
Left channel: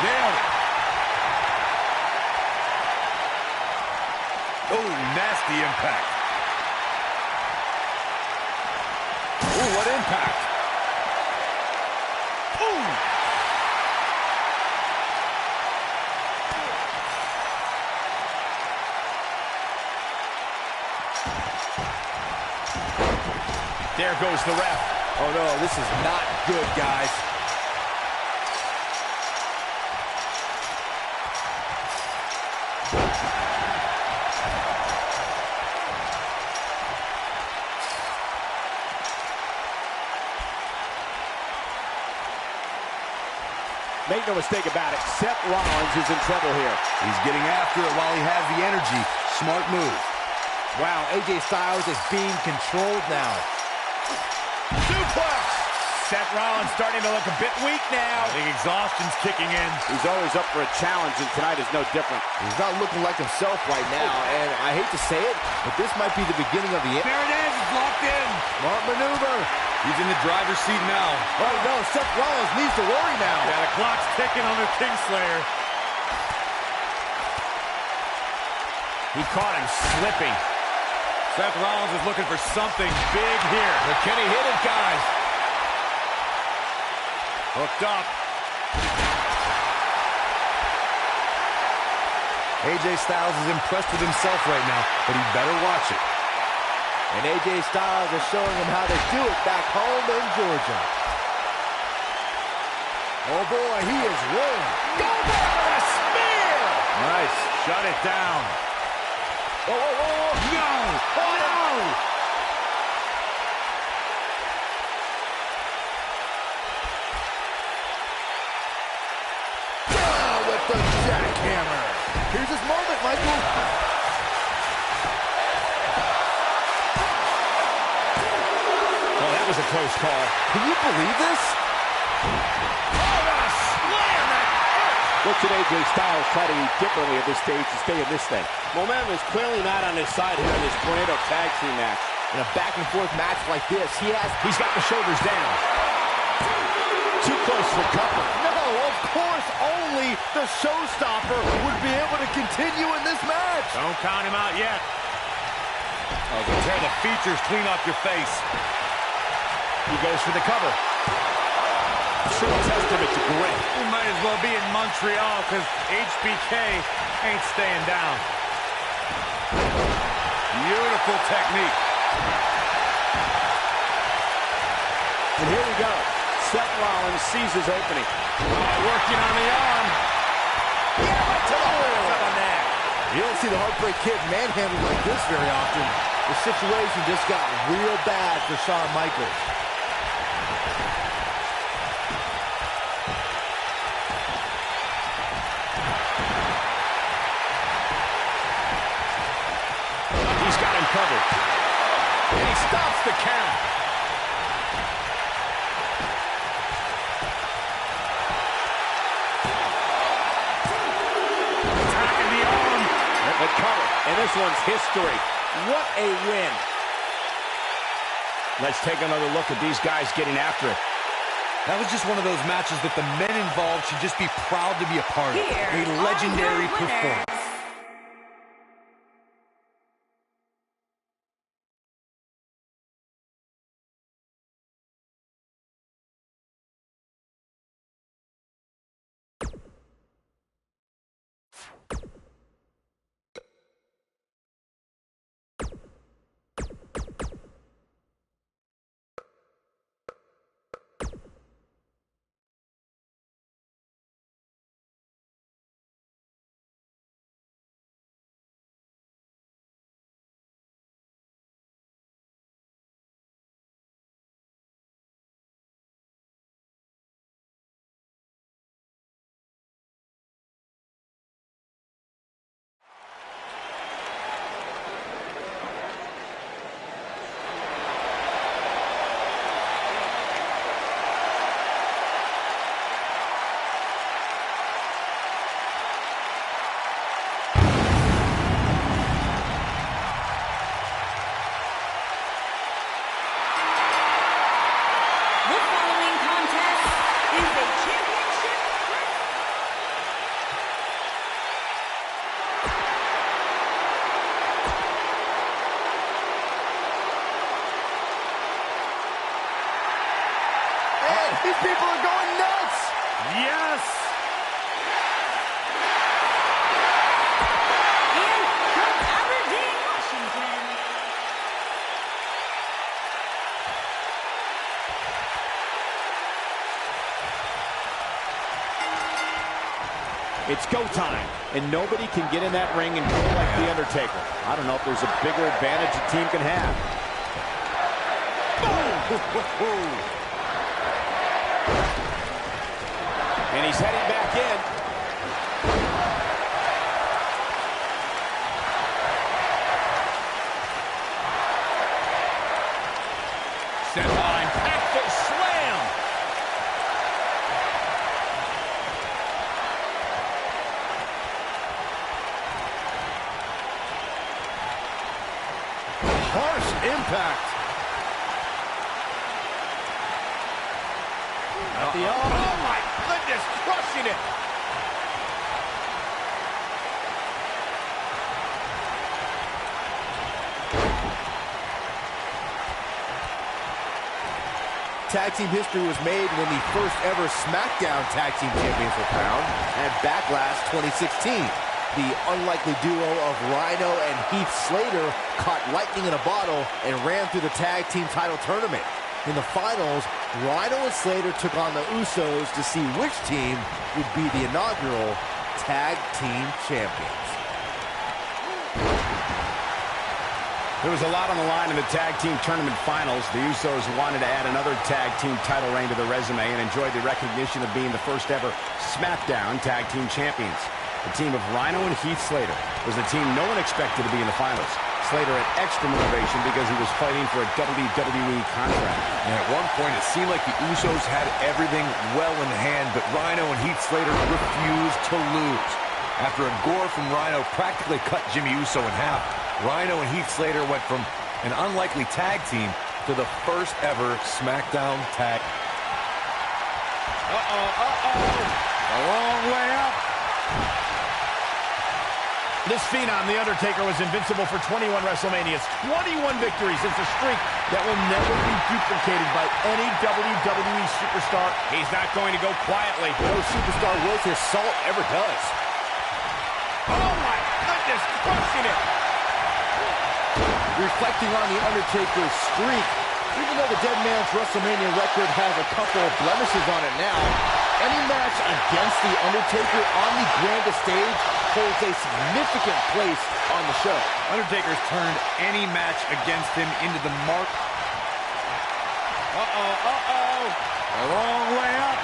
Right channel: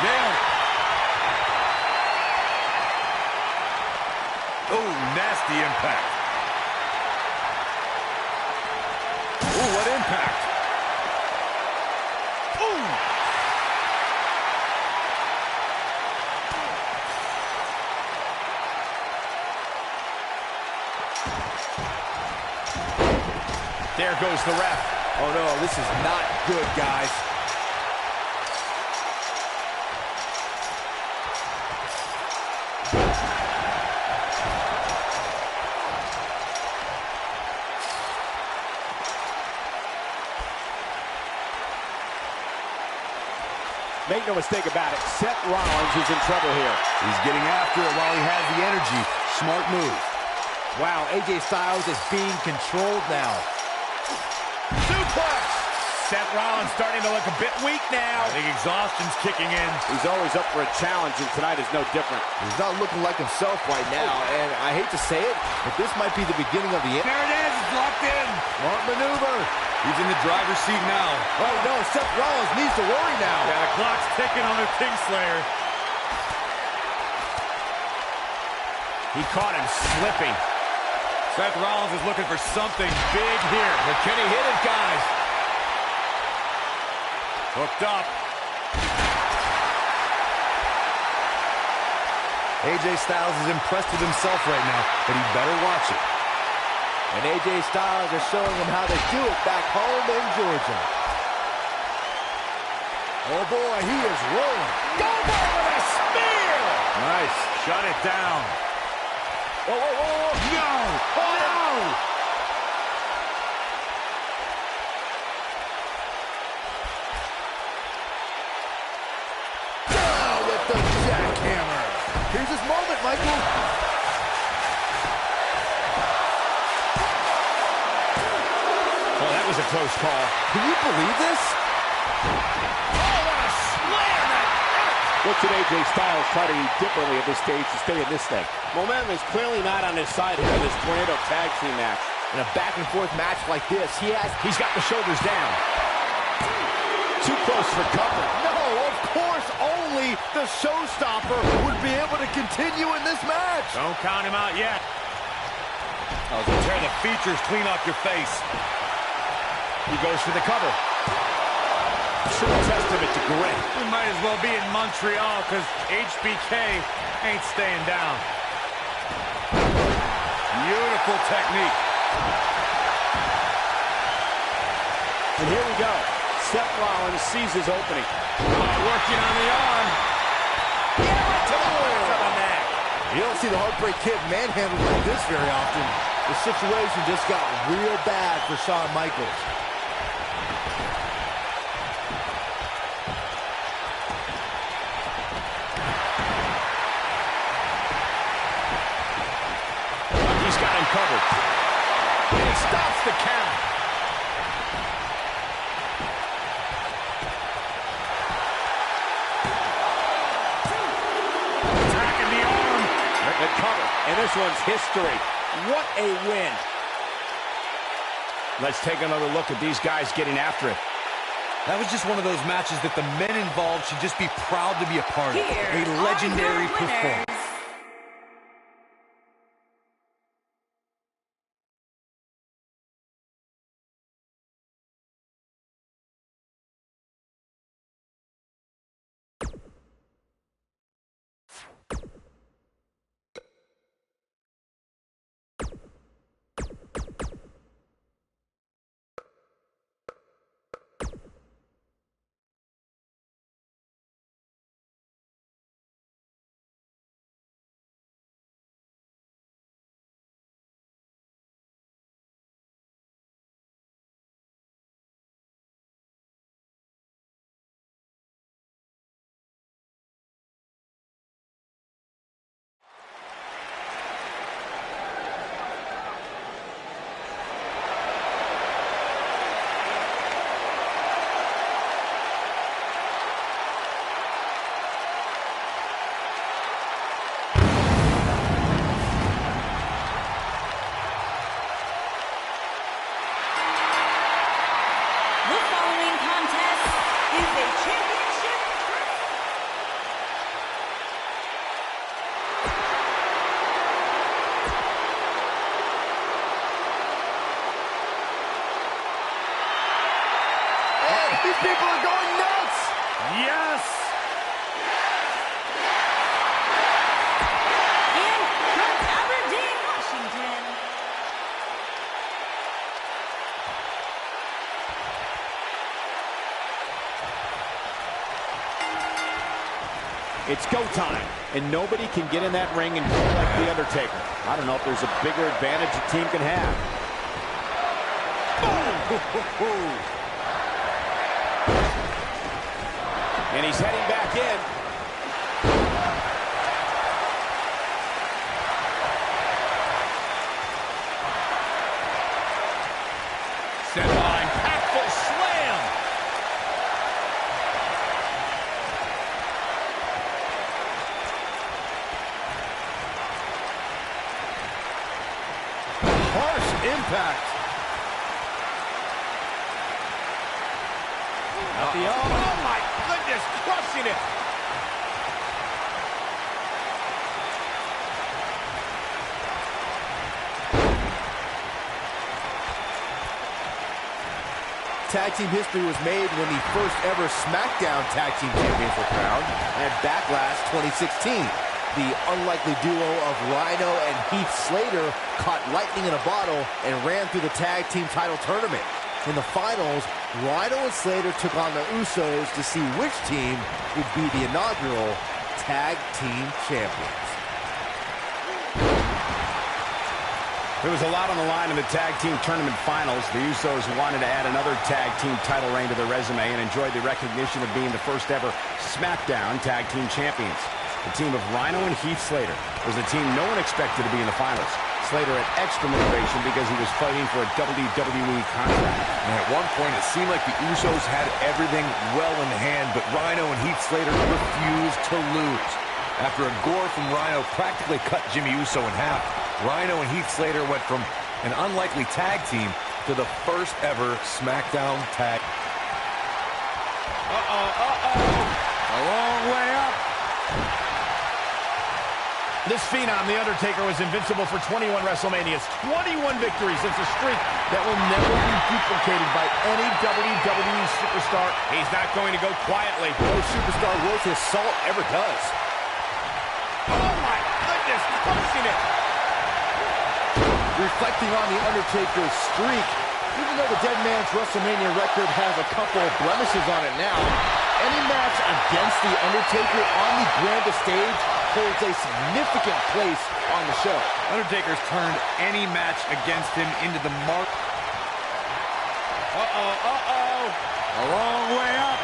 Nailed it. Oh, nasty impact. Ooh, what impact. Ooh. There goes the ref. Oh, no, this is not good, guys. Make no mistake about it, Seth Rollins is in trouble here. He's getting after it while he has the energy. Smart move. Wow, AJ Styles is being controlled now. Suplex! Seth Rollins starting to look a bit weak now. I think exhaustion's kicking in. He's always up for a challenge, and tonight is no different. He's not looking like himself right now, and I hate to say it, but this might be the beginning of the end. There it is, it's locked in. Smart maneuver. He's in the driver's seat now. Oh no, Seth Rollins needs to worry now. Yeah, the clock's ticking on the Kingslayer. He caught him slipping. Seth Rollins is looking for something big here. But can he hit it, guys? Hooked up. AJ Styles is impressed with himself right now, but he better watch it. And AJ Styles is showing him how to do it back home in Georgia. Oh boy, he is rolling. Goldberg with a spear! Nice. Shut it down. Whoa, whoa, whoa, whoa. No! Oh, no! Down with the jackhammer. Here's his moment, Michael. Oh, that was a close call. Can you believe this? Oh, what a slam that hurt! What should AJ Styles try to do differently at this stage to stay in this thing? Momentum is clearly not on his side here in this Tornado Tag Team match. In a back-and-forth match like this, he's got the shoulders down. Too close for cover. No, of course, only the showstopper would be able to continue in this match. Don't count him out yet. Oh, so tear the features clean off your face. He goes for the cover. True testament to grit. We might as well be in Montreal because HBK ain't staying down. Beautiful technique. And here we go. Seth Rollins sees his opening. Working on the arm. Yeah, right to the back of the neck. You don't see the Heartbreak Kid manhandled like this very often. The situation just got real bad for Shawn Michaels. He's got him covered. And he stops the count. Attacking the arm. The cover. And this one's history. What a win. Let's take another look at these guys getting after it. That was just one of those matches that the men involved should just be proud to be a part of. Here A are legendary your winners. performance. The following contest is a championship. Hey, these people are going nuts. Yes. And from Aberdeen, Washington, It's go time, and nobody can get in that ring and go like The Undertaker. I don't know if there's a bigger advantage a team can have. Boom! And he's heading back in. Set line, impactful slam. Harsh impact. Oh my goodness, crushing it. Tag team history was made when the first ever SmackDown Tag Team Champions were crowned at Backlash 2016. The unlikely duo of Rhino and Heath Slater caught lightning in a bottle and ran through the tag team title tournament. In the finals, Rhino and Slater took on the Usos to see which team would be the inaugural Tag Team Champions. There was a lot on the line in the tag team tournament finals. The Usos wanted to add another tag team title reign to their resume and enjoyed the recognition of being the first ever SmackDown Tag Team Champions. The team of Rhino and Heath Slater was the team no one expected to be in the finals. Slater had extra motivation because he was fighting for a WWE contract. And at one point, it seemed like the Usos had everything well in hand, but Rhino and Heath Slater refused to lose. After a gore from Rhino practically cut Jimmy Uso in half, Rhino and Heath Slater went from an unlikely tag team to the first ever SmackDown tag. A long way up. This phenom, The Undertaker, was invincible for 21 WrestleManias, 21 victories. It's a streak that will never be duplicated by any WWE superstar. He's not going to go quietly. No superstar worth his salt ever does. Oh my goodness, crushing it. Reflecting on The Undertaker's streak, even though the Dead Man's WrestleMania record has a couple of blemishes on it now, any match against The Undertaker on the grandest stage holds a significant place on the show. Undertaker's turned any match against him into the mark. A long way up.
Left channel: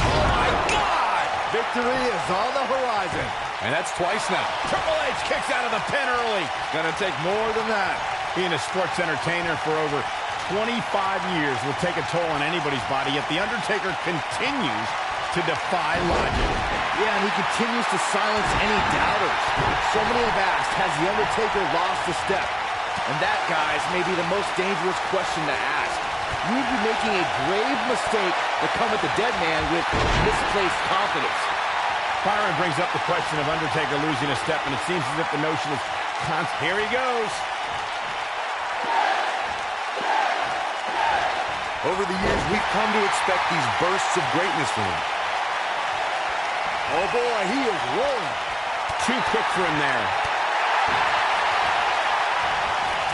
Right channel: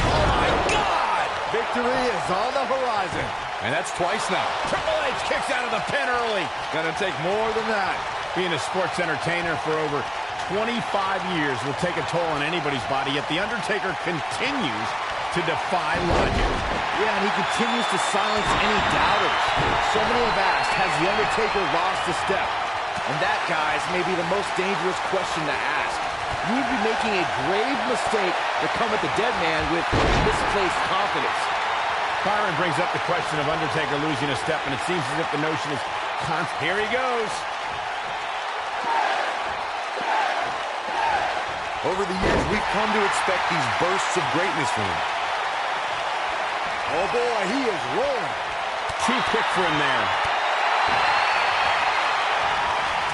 Oh my God! Victory is on the horizon. And that's twice now. Triple H kicks out of the pin early. It's gonna take more than that. Being a sports entertainer for over 25 years will take a toll on anybody's body, yet The Undertaker continues to defy logic. Yeah, and he continues to silence any doubters. So many have asked, has The Undertaker lost a step? And that, guys, may be the most dangerous question to ask. You would be making a grave mistake to come at the Dead Man with misplaced confidence. Byron brings up the question of Undertaker losing a step, and it seems as if the notion is constant. Here he goes. Over the years, we've come to expect these bursts of greatness from him. Oh boy, he is rolling. Too quick for him there.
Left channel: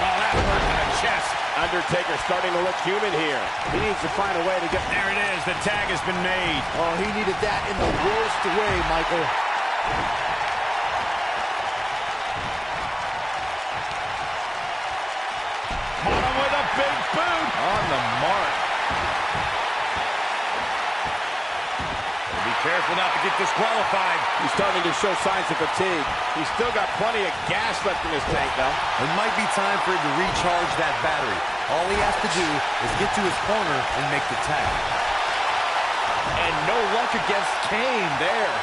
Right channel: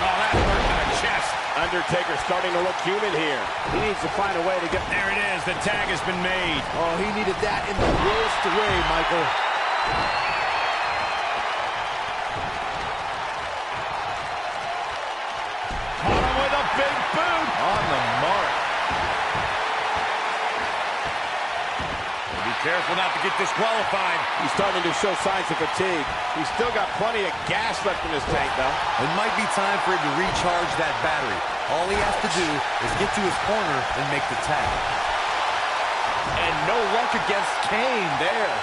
Oh, that hurt in the chest. Undertaker starting to look human here. He needs to find a way to get... There it is. The tag has been made. Oh, he needed that in the worst way, Michael. Caught him with a big boot. On the mark. Be careful not to get disqualified. He's starting to show signs of fatigue. He's still got plenty of gas left in his tank, though. It might be time for him to recharge that battery. All he has to do is get to his corner and make the tag. And no luck against Kane there.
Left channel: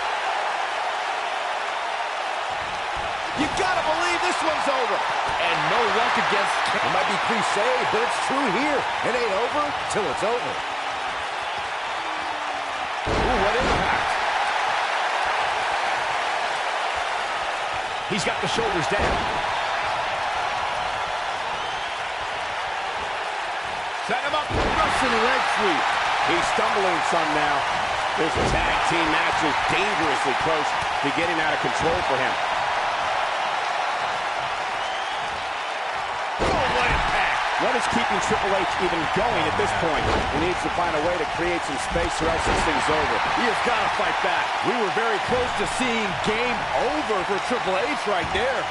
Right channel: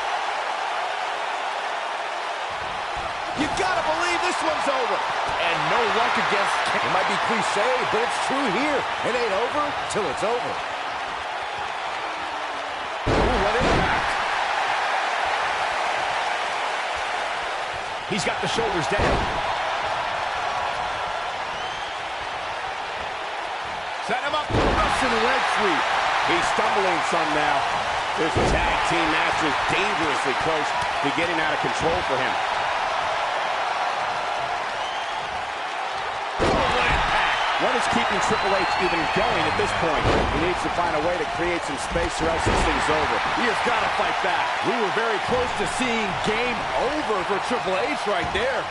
You gotta believe this one's over. And no luck against Kane. It might be cliche, but it's true here. It ain't over till it's over. Ooh, what impact. He's got the shoulders down. Set him up. Russian leg sweep. He's stumbling some now. This tag team match is dangerously close to getting out of control for him. Oh, what impact. What is keeping Triple H even going at this point? He needs to find a way to create some space or else this thing's over. He has got to fight back. We were very close to seeing game over for Triple H right there.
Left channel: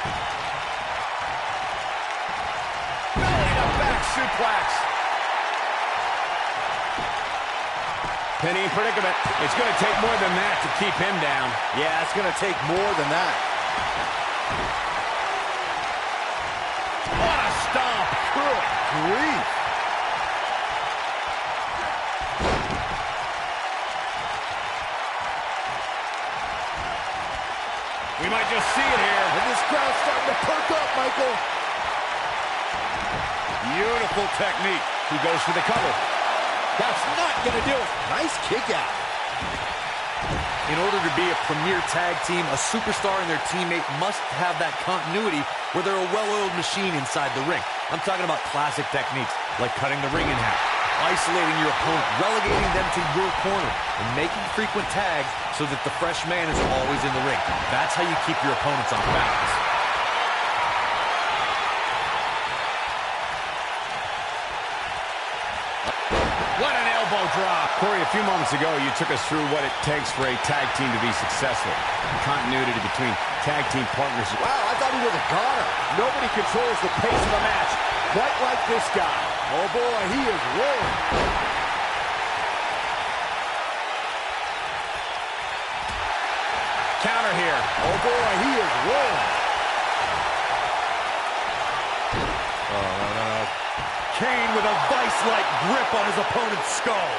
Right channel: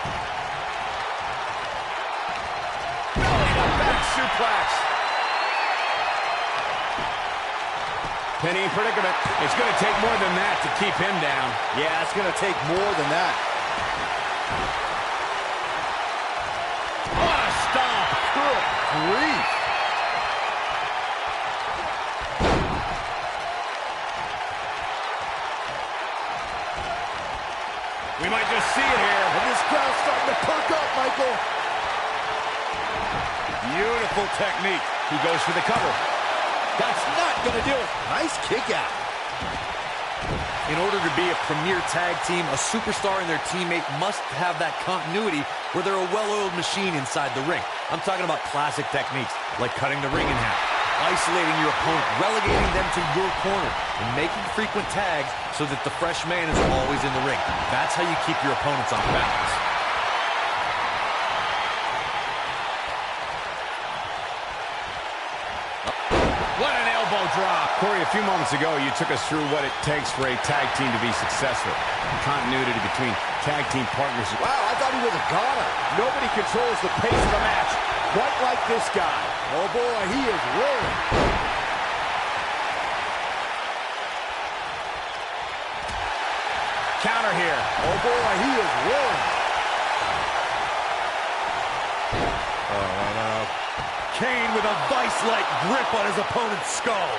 Belly to back suplex. Penny predicament. It's going to take more than that to keep him down. Yeah, it's going to take more than that. What a stomp. Good grief. We might just see it here. And this crowd's starting to perk up, Michael. Beautiful technique. He goes for the cover. That's not going to do it. Nice kick out. In order to be a premier tag team, a superstar and their teammate must have that continuity where they're a well-oiled machine inside the ring. I'm talking about classic techniques like cutting the ring in half, isolating your opponent, relegating them to your corner, and making frequent tags so that the fresh man is always in the ring. That's how you keep your opponents off balance. What an elbow drop. Corey, a few moments ago, you took us through what it takes for a tag team to be successful. Continuity between tag team partners. Wow, I thought he was a goner. Nobody controls the pace of a match quite like this guy. Oh, boy, he is rolling. Counter here. Oh, boy, he is rolling. Kane with a vice-like grip on his opponent's skull.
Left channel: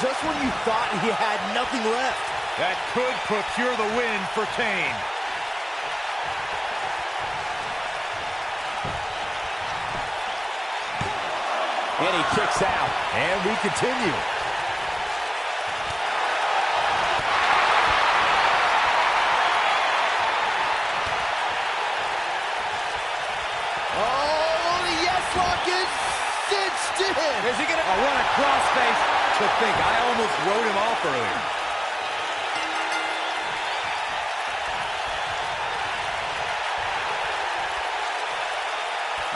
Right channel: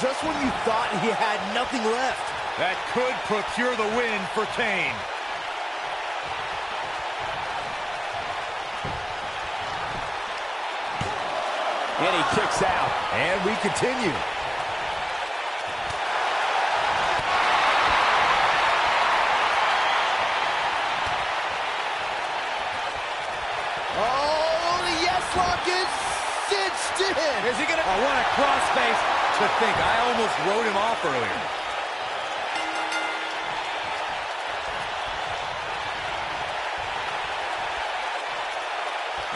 Just when you thought he had nothing left. That could procure the win for Kane. And he kicks out. And we continue. Oh, the yes lock is cinched in. Is he gonna? I want a crossface. To think, I almost wrote him off earlier.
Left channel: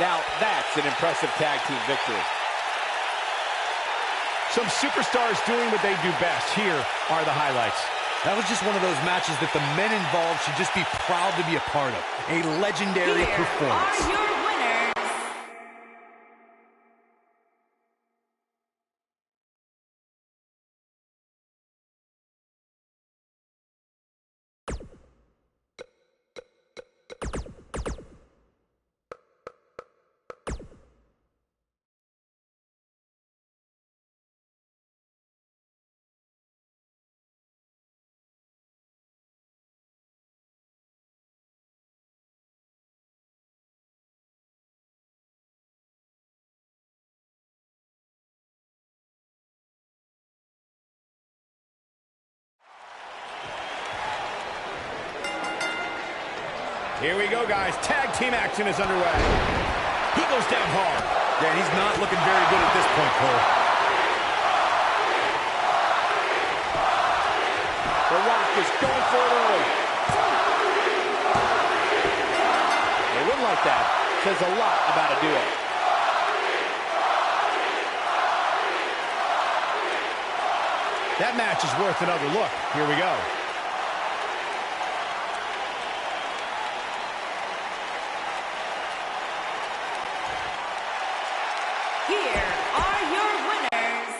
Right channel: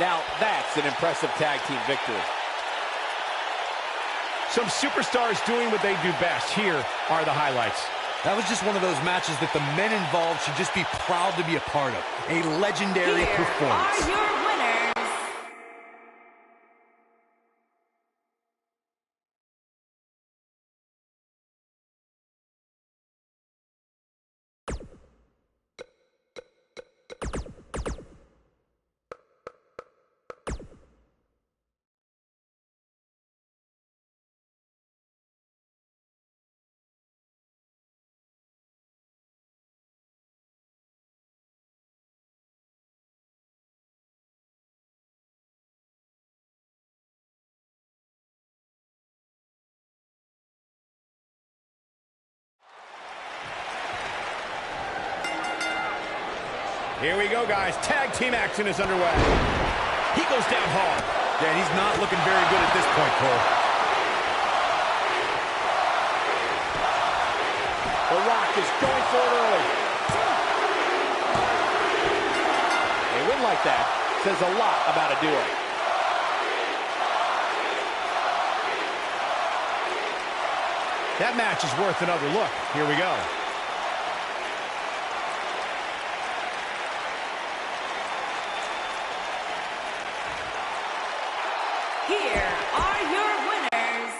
Now, that's an impressive tag team victory. Some superstars doing what they do best. Here are the highlights. That was just one of those matches that the men involved should just be proud to be a part of. A legendary performance. Are your winners. Here we go, guys. Tag team action is underway. He goes down hard. Yeah, and he's not looking very good at this point, Cole. The Rock is going for it early. A win like that says a lot about a duo. That match is worth another look. Here we go. Here are your winners.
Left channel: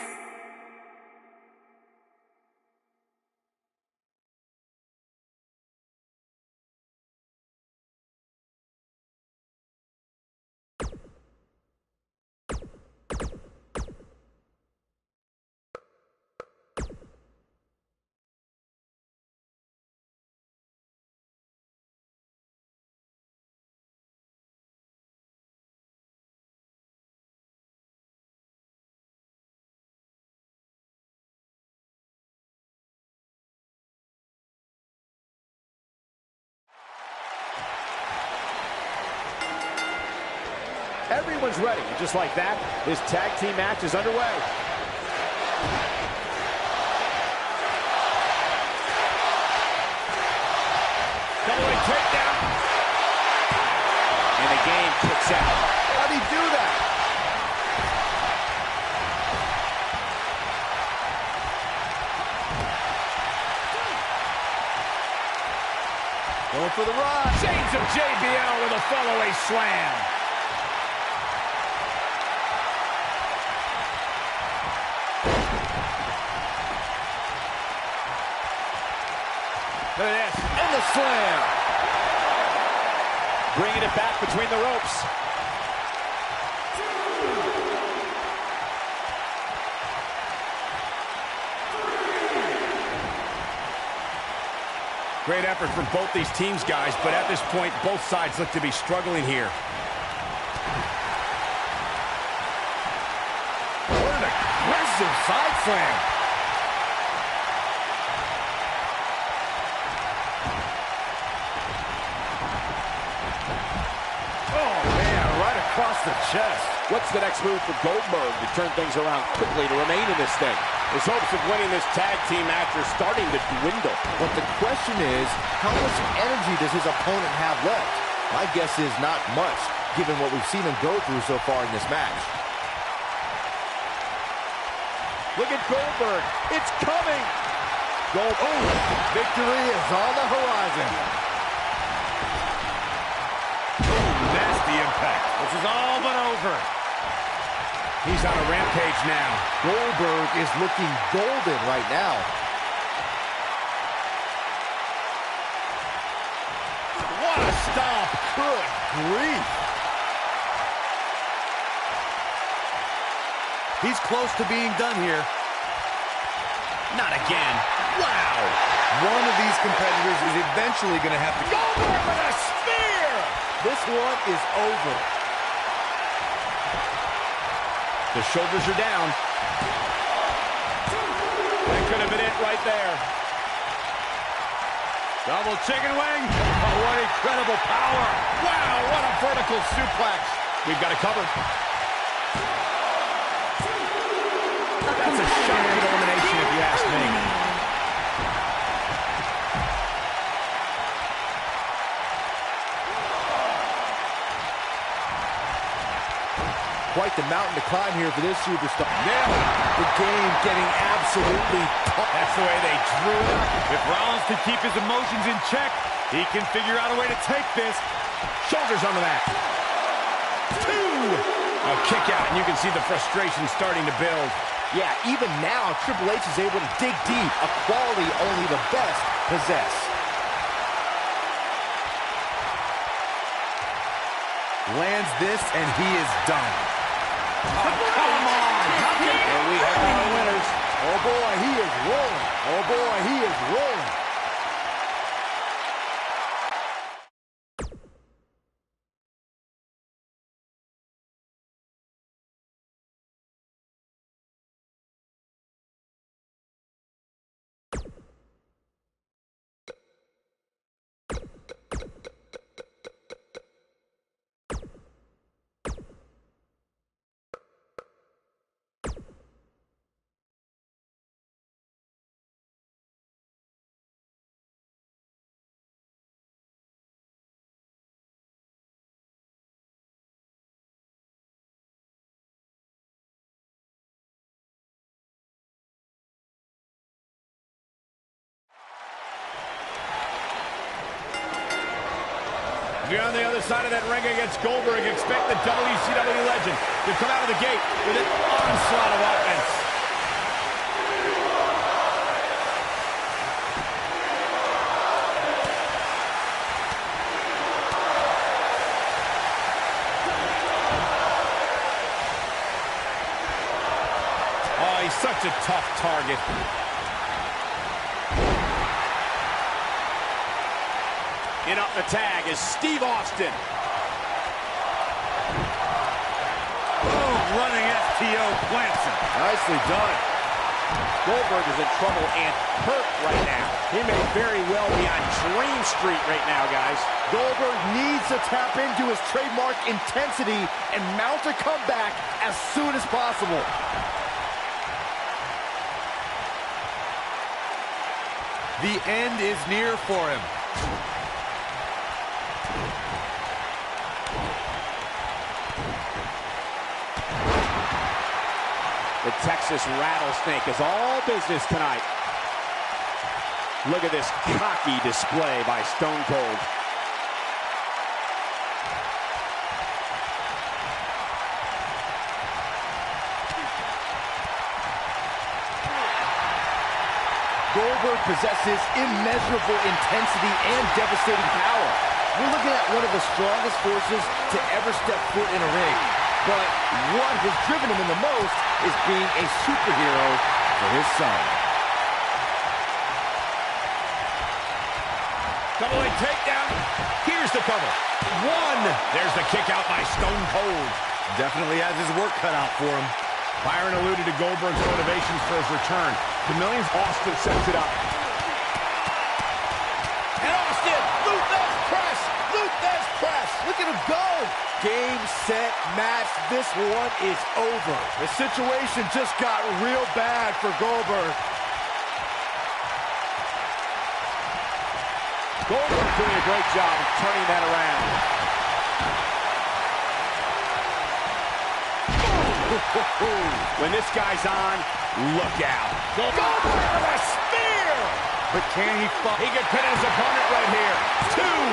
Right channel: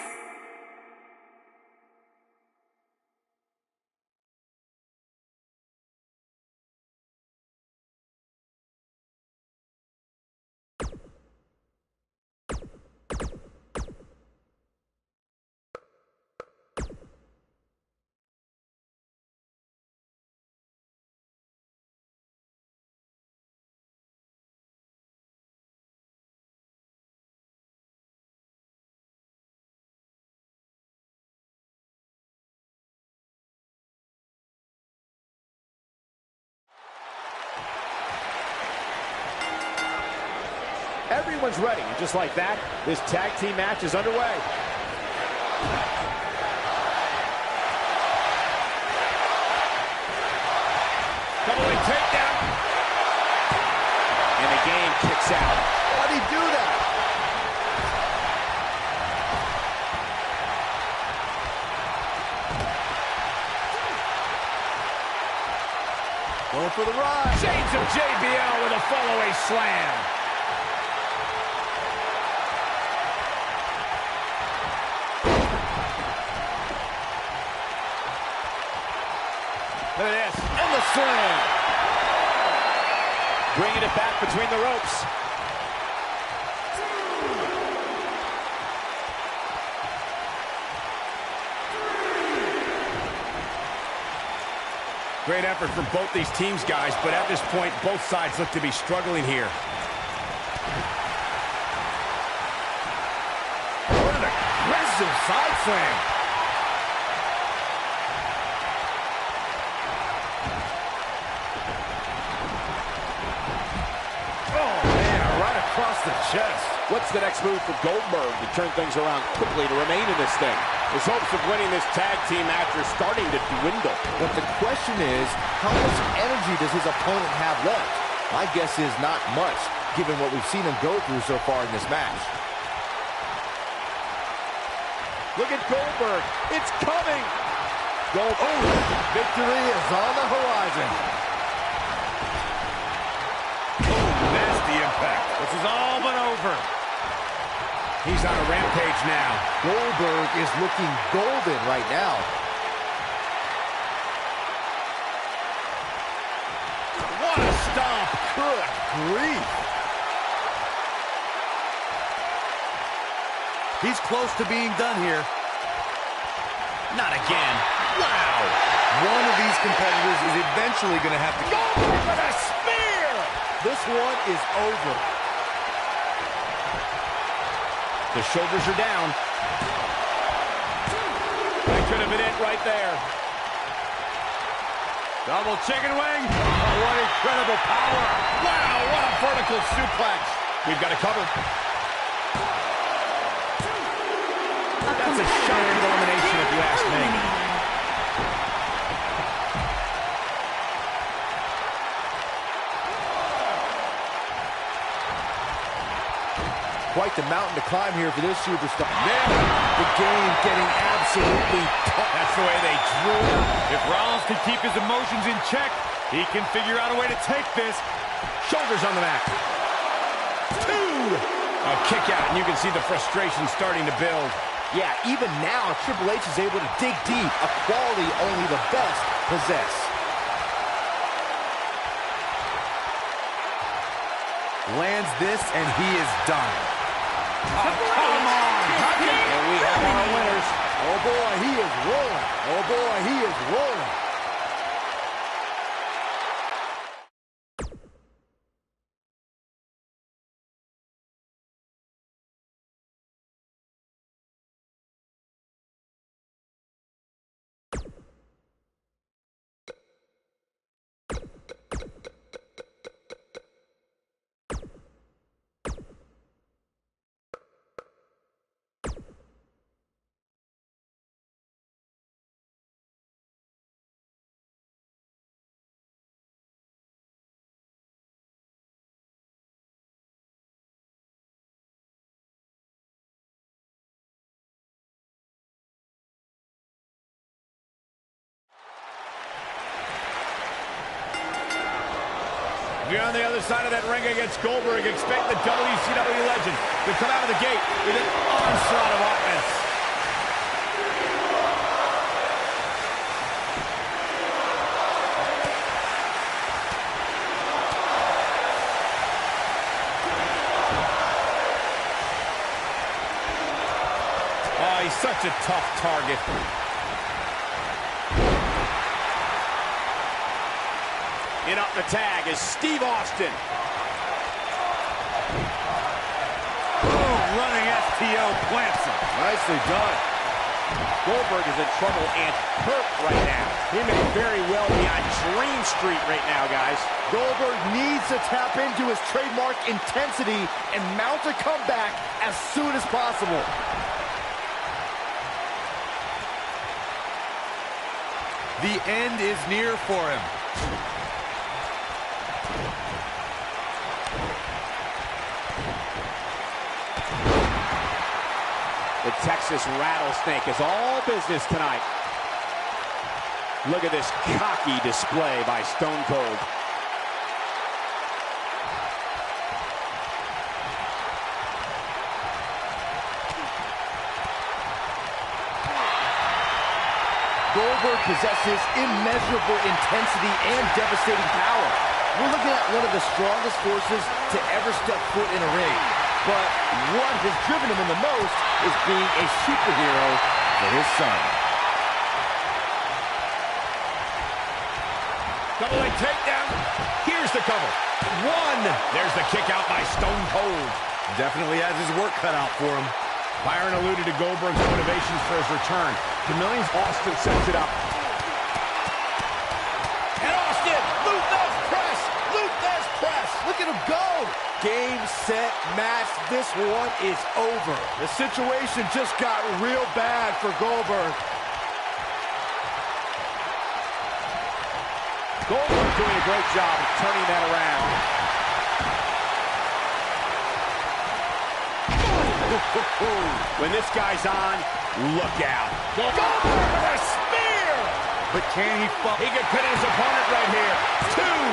Everyone's ready, and just like that, this tag team match is underway. Double-leg takedown. And the game kicks out. How'd he do that? Going for the ride. Chains of JBL with a follow-away slam. Look at this. And the slam. Bringing it back between the ropes. Great effort from both these teams, guys, but at this point, both sides look to be struggling here. What an aggressive side slam. Oh, man, right across the chest. What's the next move for Goldberg to turn things around quickly to remain in this thing? His hopes of winning this tag team match are starting to dwindle. But the question is, how much energy does his opponent have left? My guess is not much, given what we've seen him go through so far in this match. Look at Goldberg. It's coming. Victory is on the horizon. Nasty impact. This is all but over. He's on a rampage now. Goldberg is looking golden right now. What a stomp. Good grief. He's close to being done here. Not again. Wow. One of these competitors is eventually going to have to... Goldberg with a spear. This one is over. The shoulders are down. That could have been it right there. Double chicken wing. Oh, what incredible power. Wow, what a vertical suplex. We've got it covered. That's a shocking elimination if you ask me. Quite the mountain to climb here for this superstar. Nailed it. The game getting absolutely tough. That's the way they drew it up. If Rollins can keep his emotions in check, he can figure out a way to take this. Shoulders on the mat. 2. A kick out, and you can see the frustration starting to build. Yeah, even now, Triple H is able to dig deep, a quality only the best possess. Lands this, and he is done. Oh, come on. And we have our winners. Oh, boy, he is rolling. Oh, boy, he is rolling. If you're on the other side of that ring against Goldberg, expect the WCW legend to come out of the gate with an onslaught of offense. Oh, he's such a tough target. In up the tag is Steve Austin. Boom, running STO plants him. Nicely done. Goldberg is in trouble and hurt right now. He may very well be on Dream Street right now, guys. Goldberg needs to tap into his trademark intensity and mount a comeback as soon as possible. The end is near for him. The Texas Rattlesnake is all business tonight. Look at this cocky display by Stone Cold. Goldberg possesses immeasurable intensity and devastating power. We're looking at one of the strongest forces to ever step foot in a ring. But what has driven him in the most is being a superhero for his son. Double leg takedown. Here's the cover. One. There's the kick out by Stone Cold. Definitely has his work cut out for him. Byron alluded to Goldberg's motivations for his return. To millions, Austin sets it up. And Austin, Luthez press, Luthez press. Look at him go. Game, set, match. This one is over. The situation just got real bad for Goldberg. Goldberg doing a great job of turning that around. When this guy's on, look out. Goldberg with a spear! But can he fall? He could pin his opponent right here. Two!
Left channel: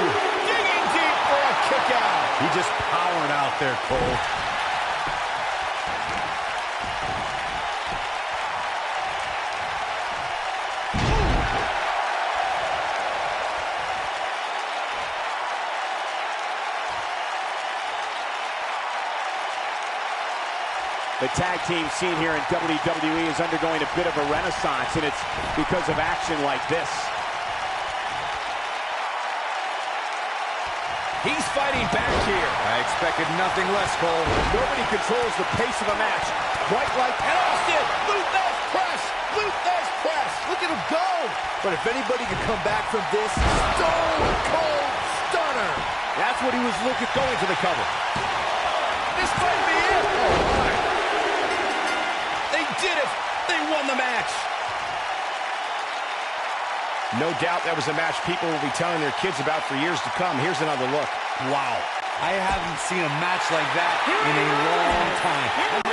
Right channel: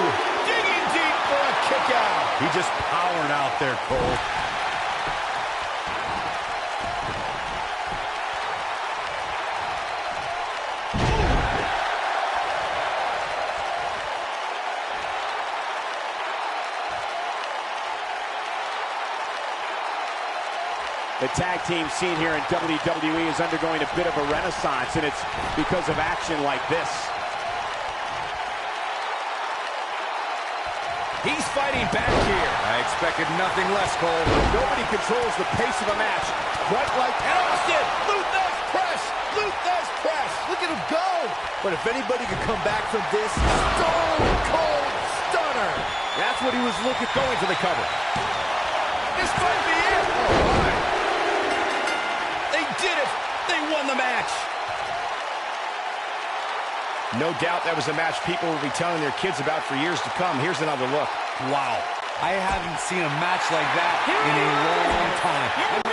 Digging deep for a kick out. He just powered out there, Cole. The tag team scene here in WWE is undergoing a bit of a renaissance, and it's because of action like this. He's fighting back here. I expected nothing less, Cole. Nobody controls the pace of a match quite like... And Austin, Luthez press, Luthez press. Look at him go. But if anybody could come back from this, Stone Cold Stunner. That's what he was looking, going for the cover. This might be it. All right. They did it! They won the match! No doubt that was a match people will be telling their kids about for years to come. Here's another look. Wow. I haven't seen a match like that in a long time.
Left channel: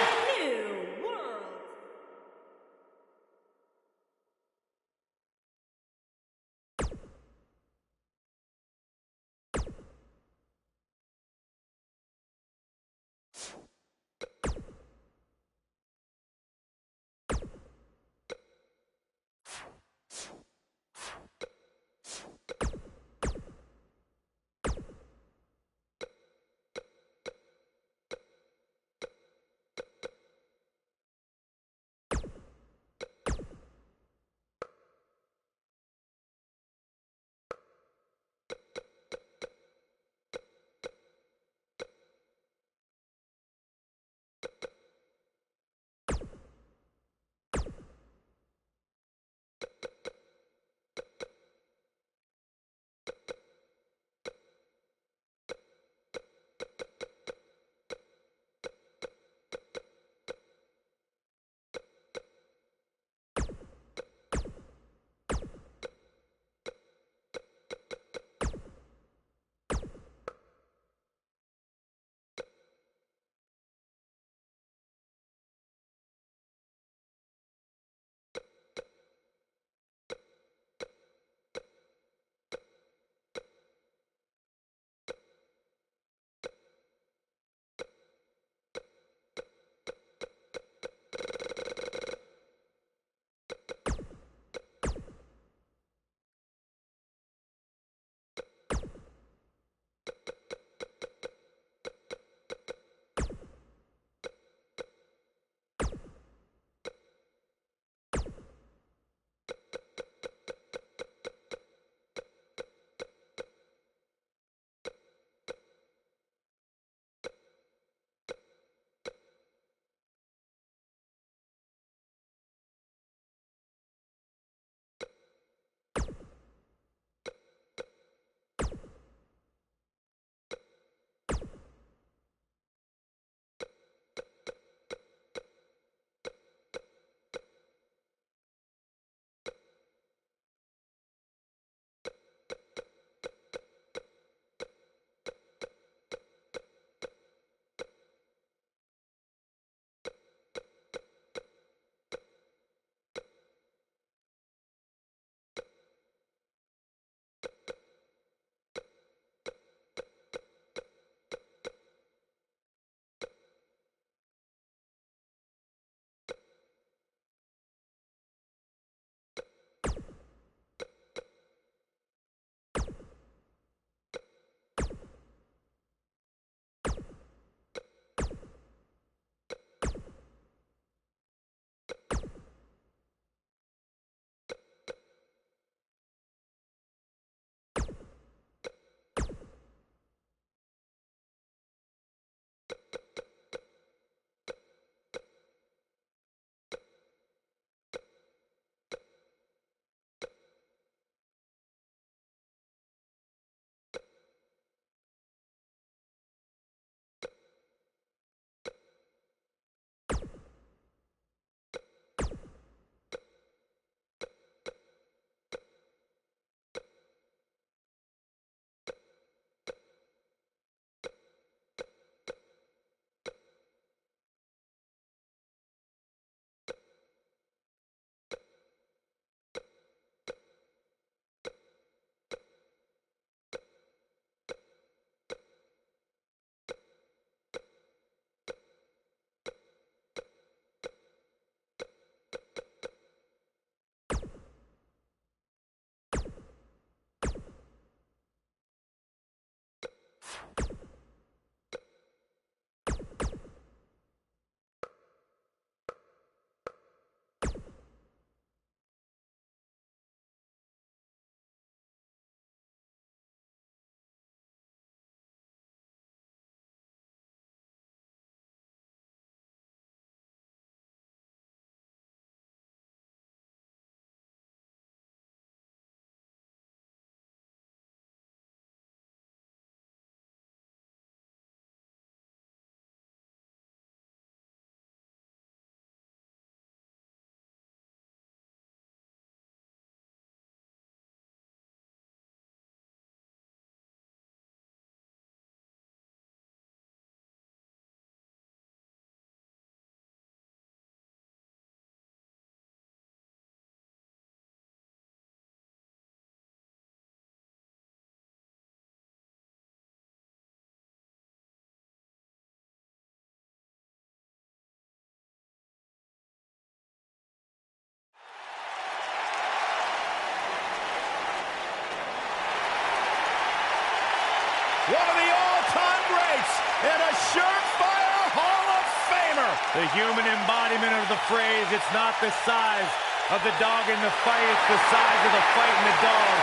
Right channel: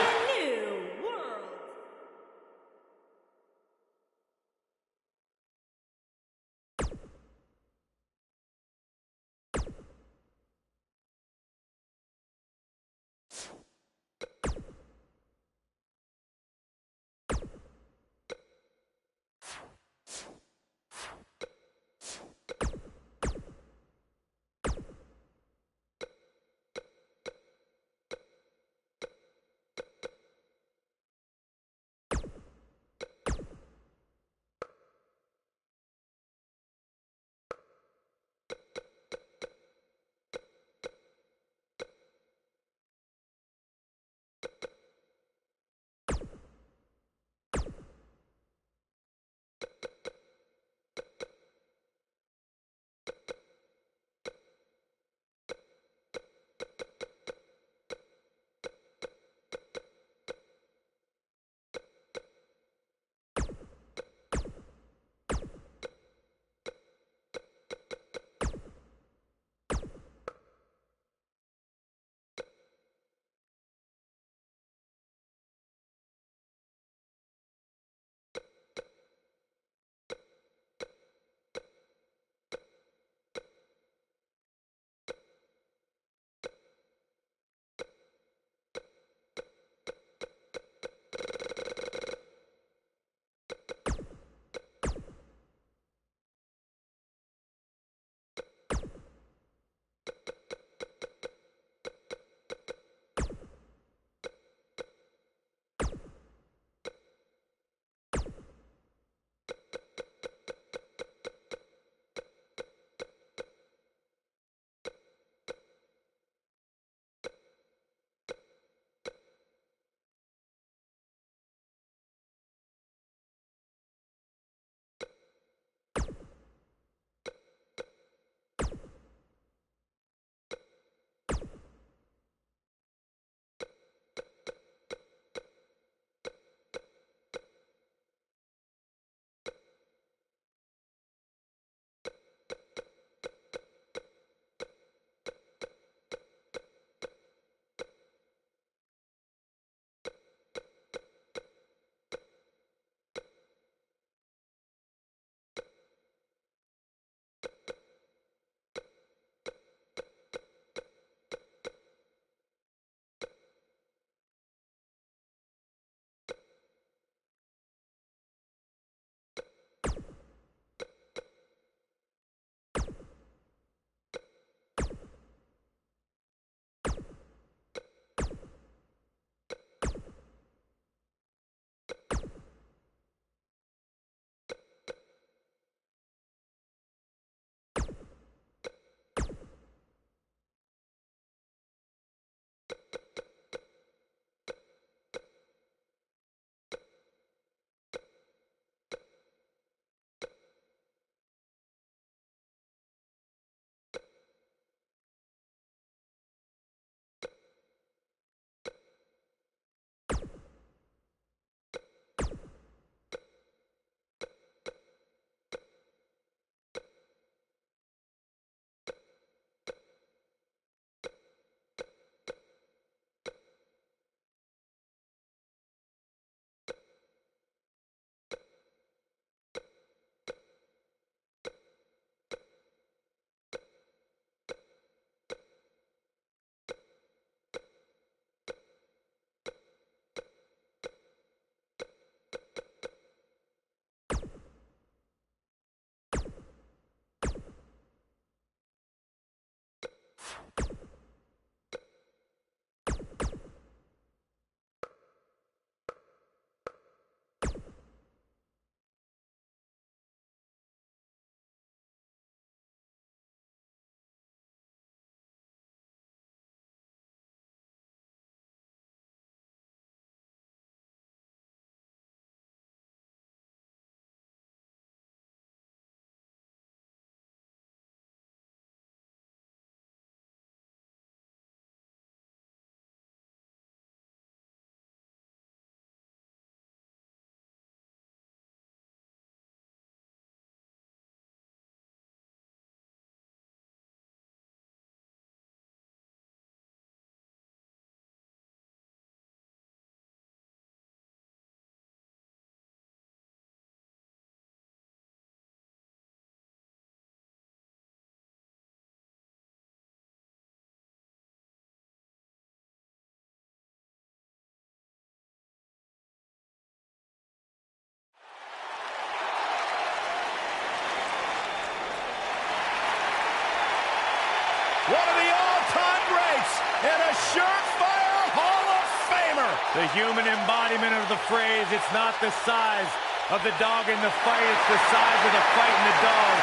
one of the all-time greats, and a surefire Hall of Famer. The human embodiment of the phrase, it's not the size of the dog in the fight, it's the size of the fight in the dog.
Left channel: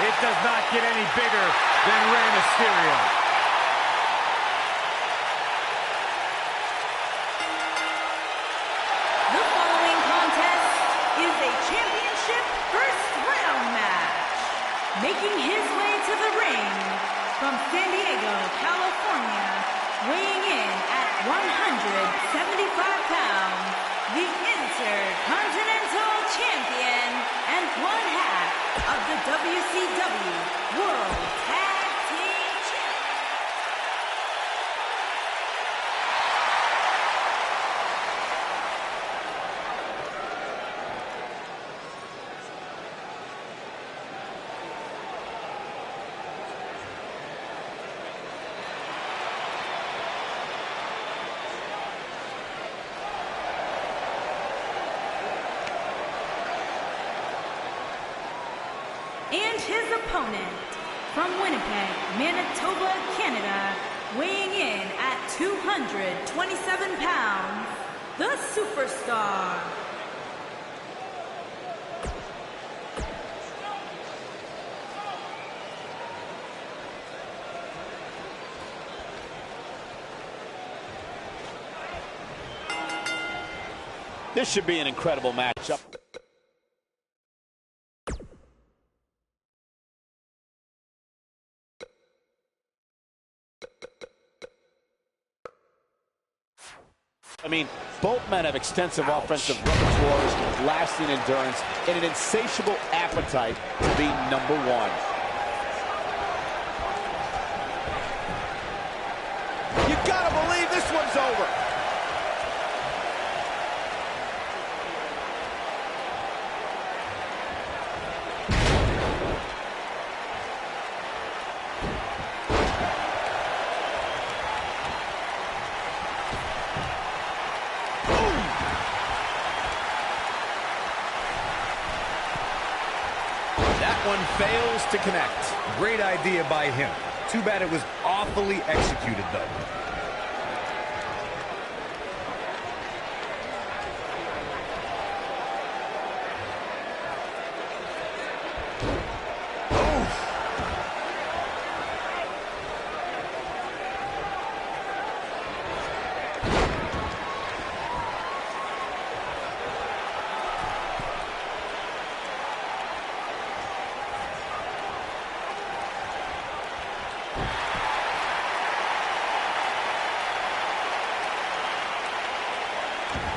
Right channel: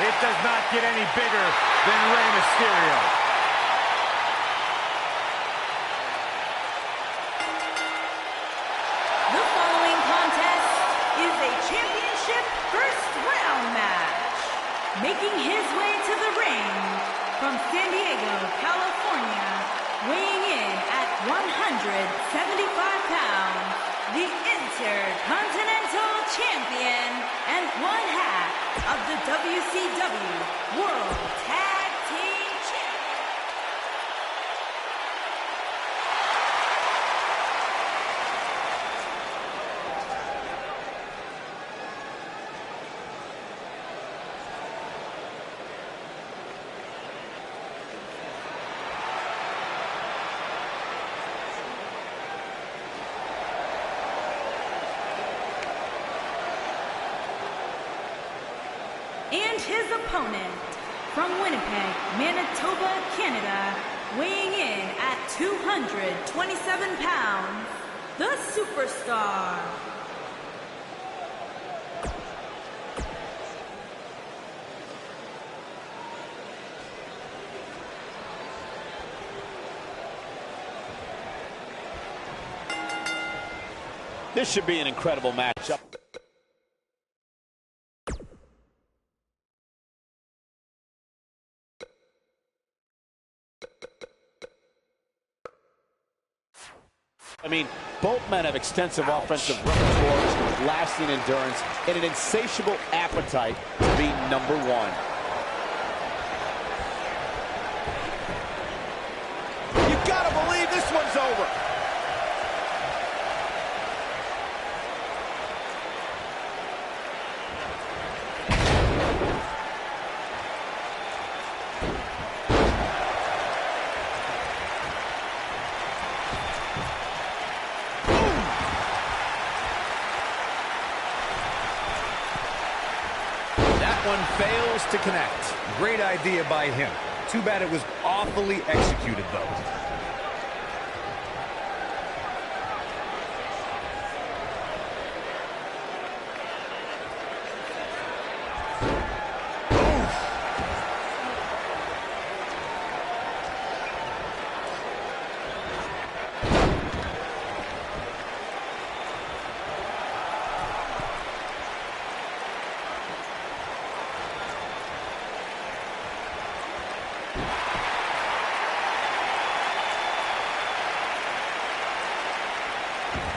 It does not get any bigger than Rey Mysterio. The following contest is a championship first round match. Making his way to the ring from San Diego, California, weighing in at 175 pounds, the Intercontinental Champion and one half of the WCW World Tag Team Champion. And his opponent, from Winnipeg, Manitoba, Canada, weighing in at 227 pounds, the Superstar. This should be an incredible matchup. I mean, both men have extensive offensive repertoires, lasting endurance, and an insatiable appetite to be number one. You gotta believe this one's over. That one fails to connect. Great idea by him. Too bad it was awfully executed, though.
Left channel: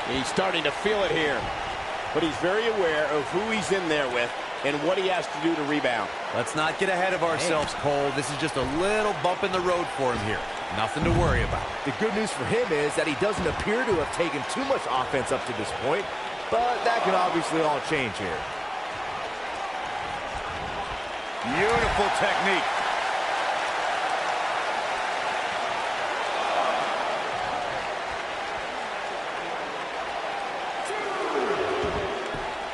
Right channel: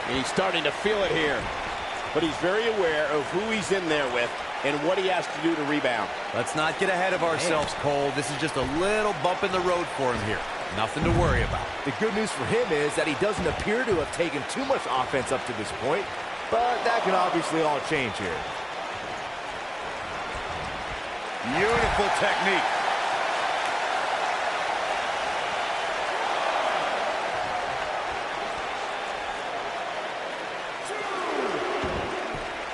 He's starting to feel it here, but he's very aware of who he's in there with and what he has to do to rebound. Let's not get ahead of ourselves, Cole. This is just a little bump in the road for him here. Nothing to worry about. The good news for him is that he doesn't appear to have taken too much offense up to this point, but that can obviously all change here. Beautiful technique.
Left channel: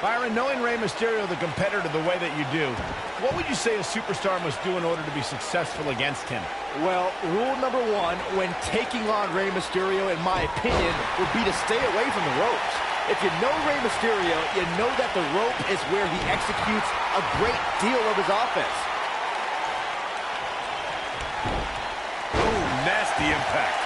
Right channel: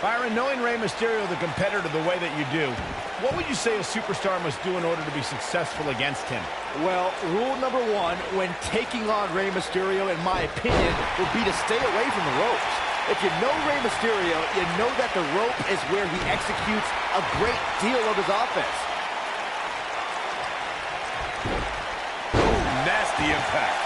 Byron, knowing Rey Mysterio, the competitor, the way that you do, what would you say a superstar must do in order to be successful against him? Well, rule number one when taking on Rey Mysterio, in my opinion, would be to stay away from the ropes. If you know Rey Mysterio, you know that the rope is where he executes a great deal of his offense. Ooh, nasty impact.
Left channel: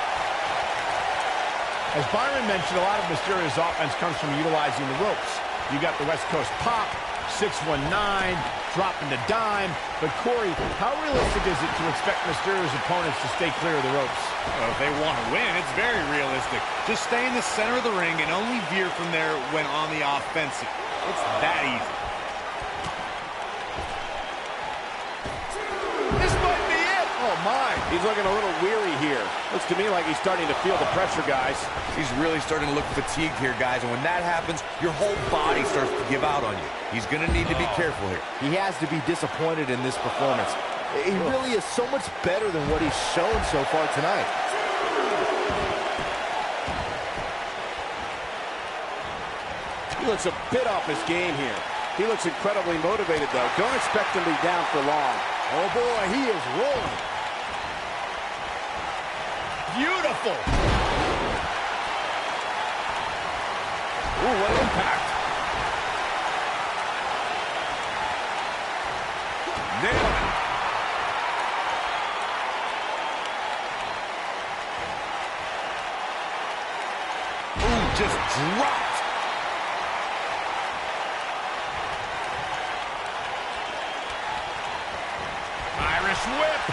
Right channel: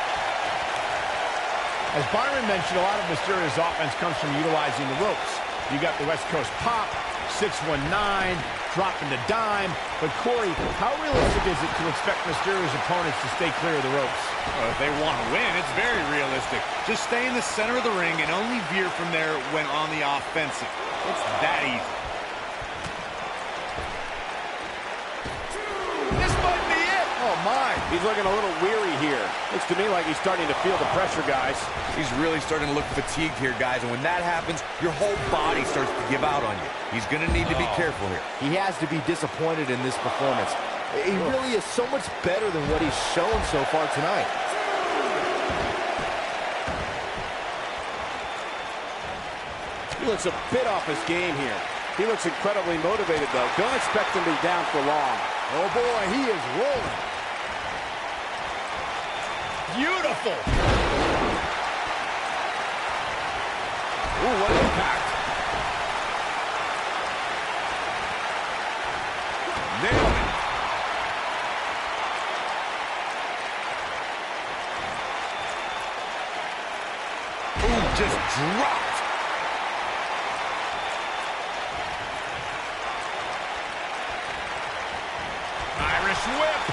As Byron mentioned, a lot of Mysterio's offense comes from utilizing the ropes. You got the West Coast pop, 619, dropping the dime. But Corey, how realistic is it to expect Mysterio's opponents to stay clear of the ropes? Well, if they want to win, it's very realistic. Just stay in the center of the ring and only veer from there when on the offensive. It's that easy. This might be it. Oh, my. He's looking a little weary here. Looks to me like he's starting to feel the pressure, guys. He's really starting to look fatigued here, guys. And when that happens, your whole body starts to give out on you. He's going to need to be careful here. He has to be disappointed in this performance. He really is so much better than what he's shown so far tonight. He looks a bit off his game here. He looks incredibly motivated, though. Don't expect him to be down for long. Oh, boy, he is rolling. Beautiful. Ooh, what impact. Nailed it. Ooh, just dropped. Irish whip.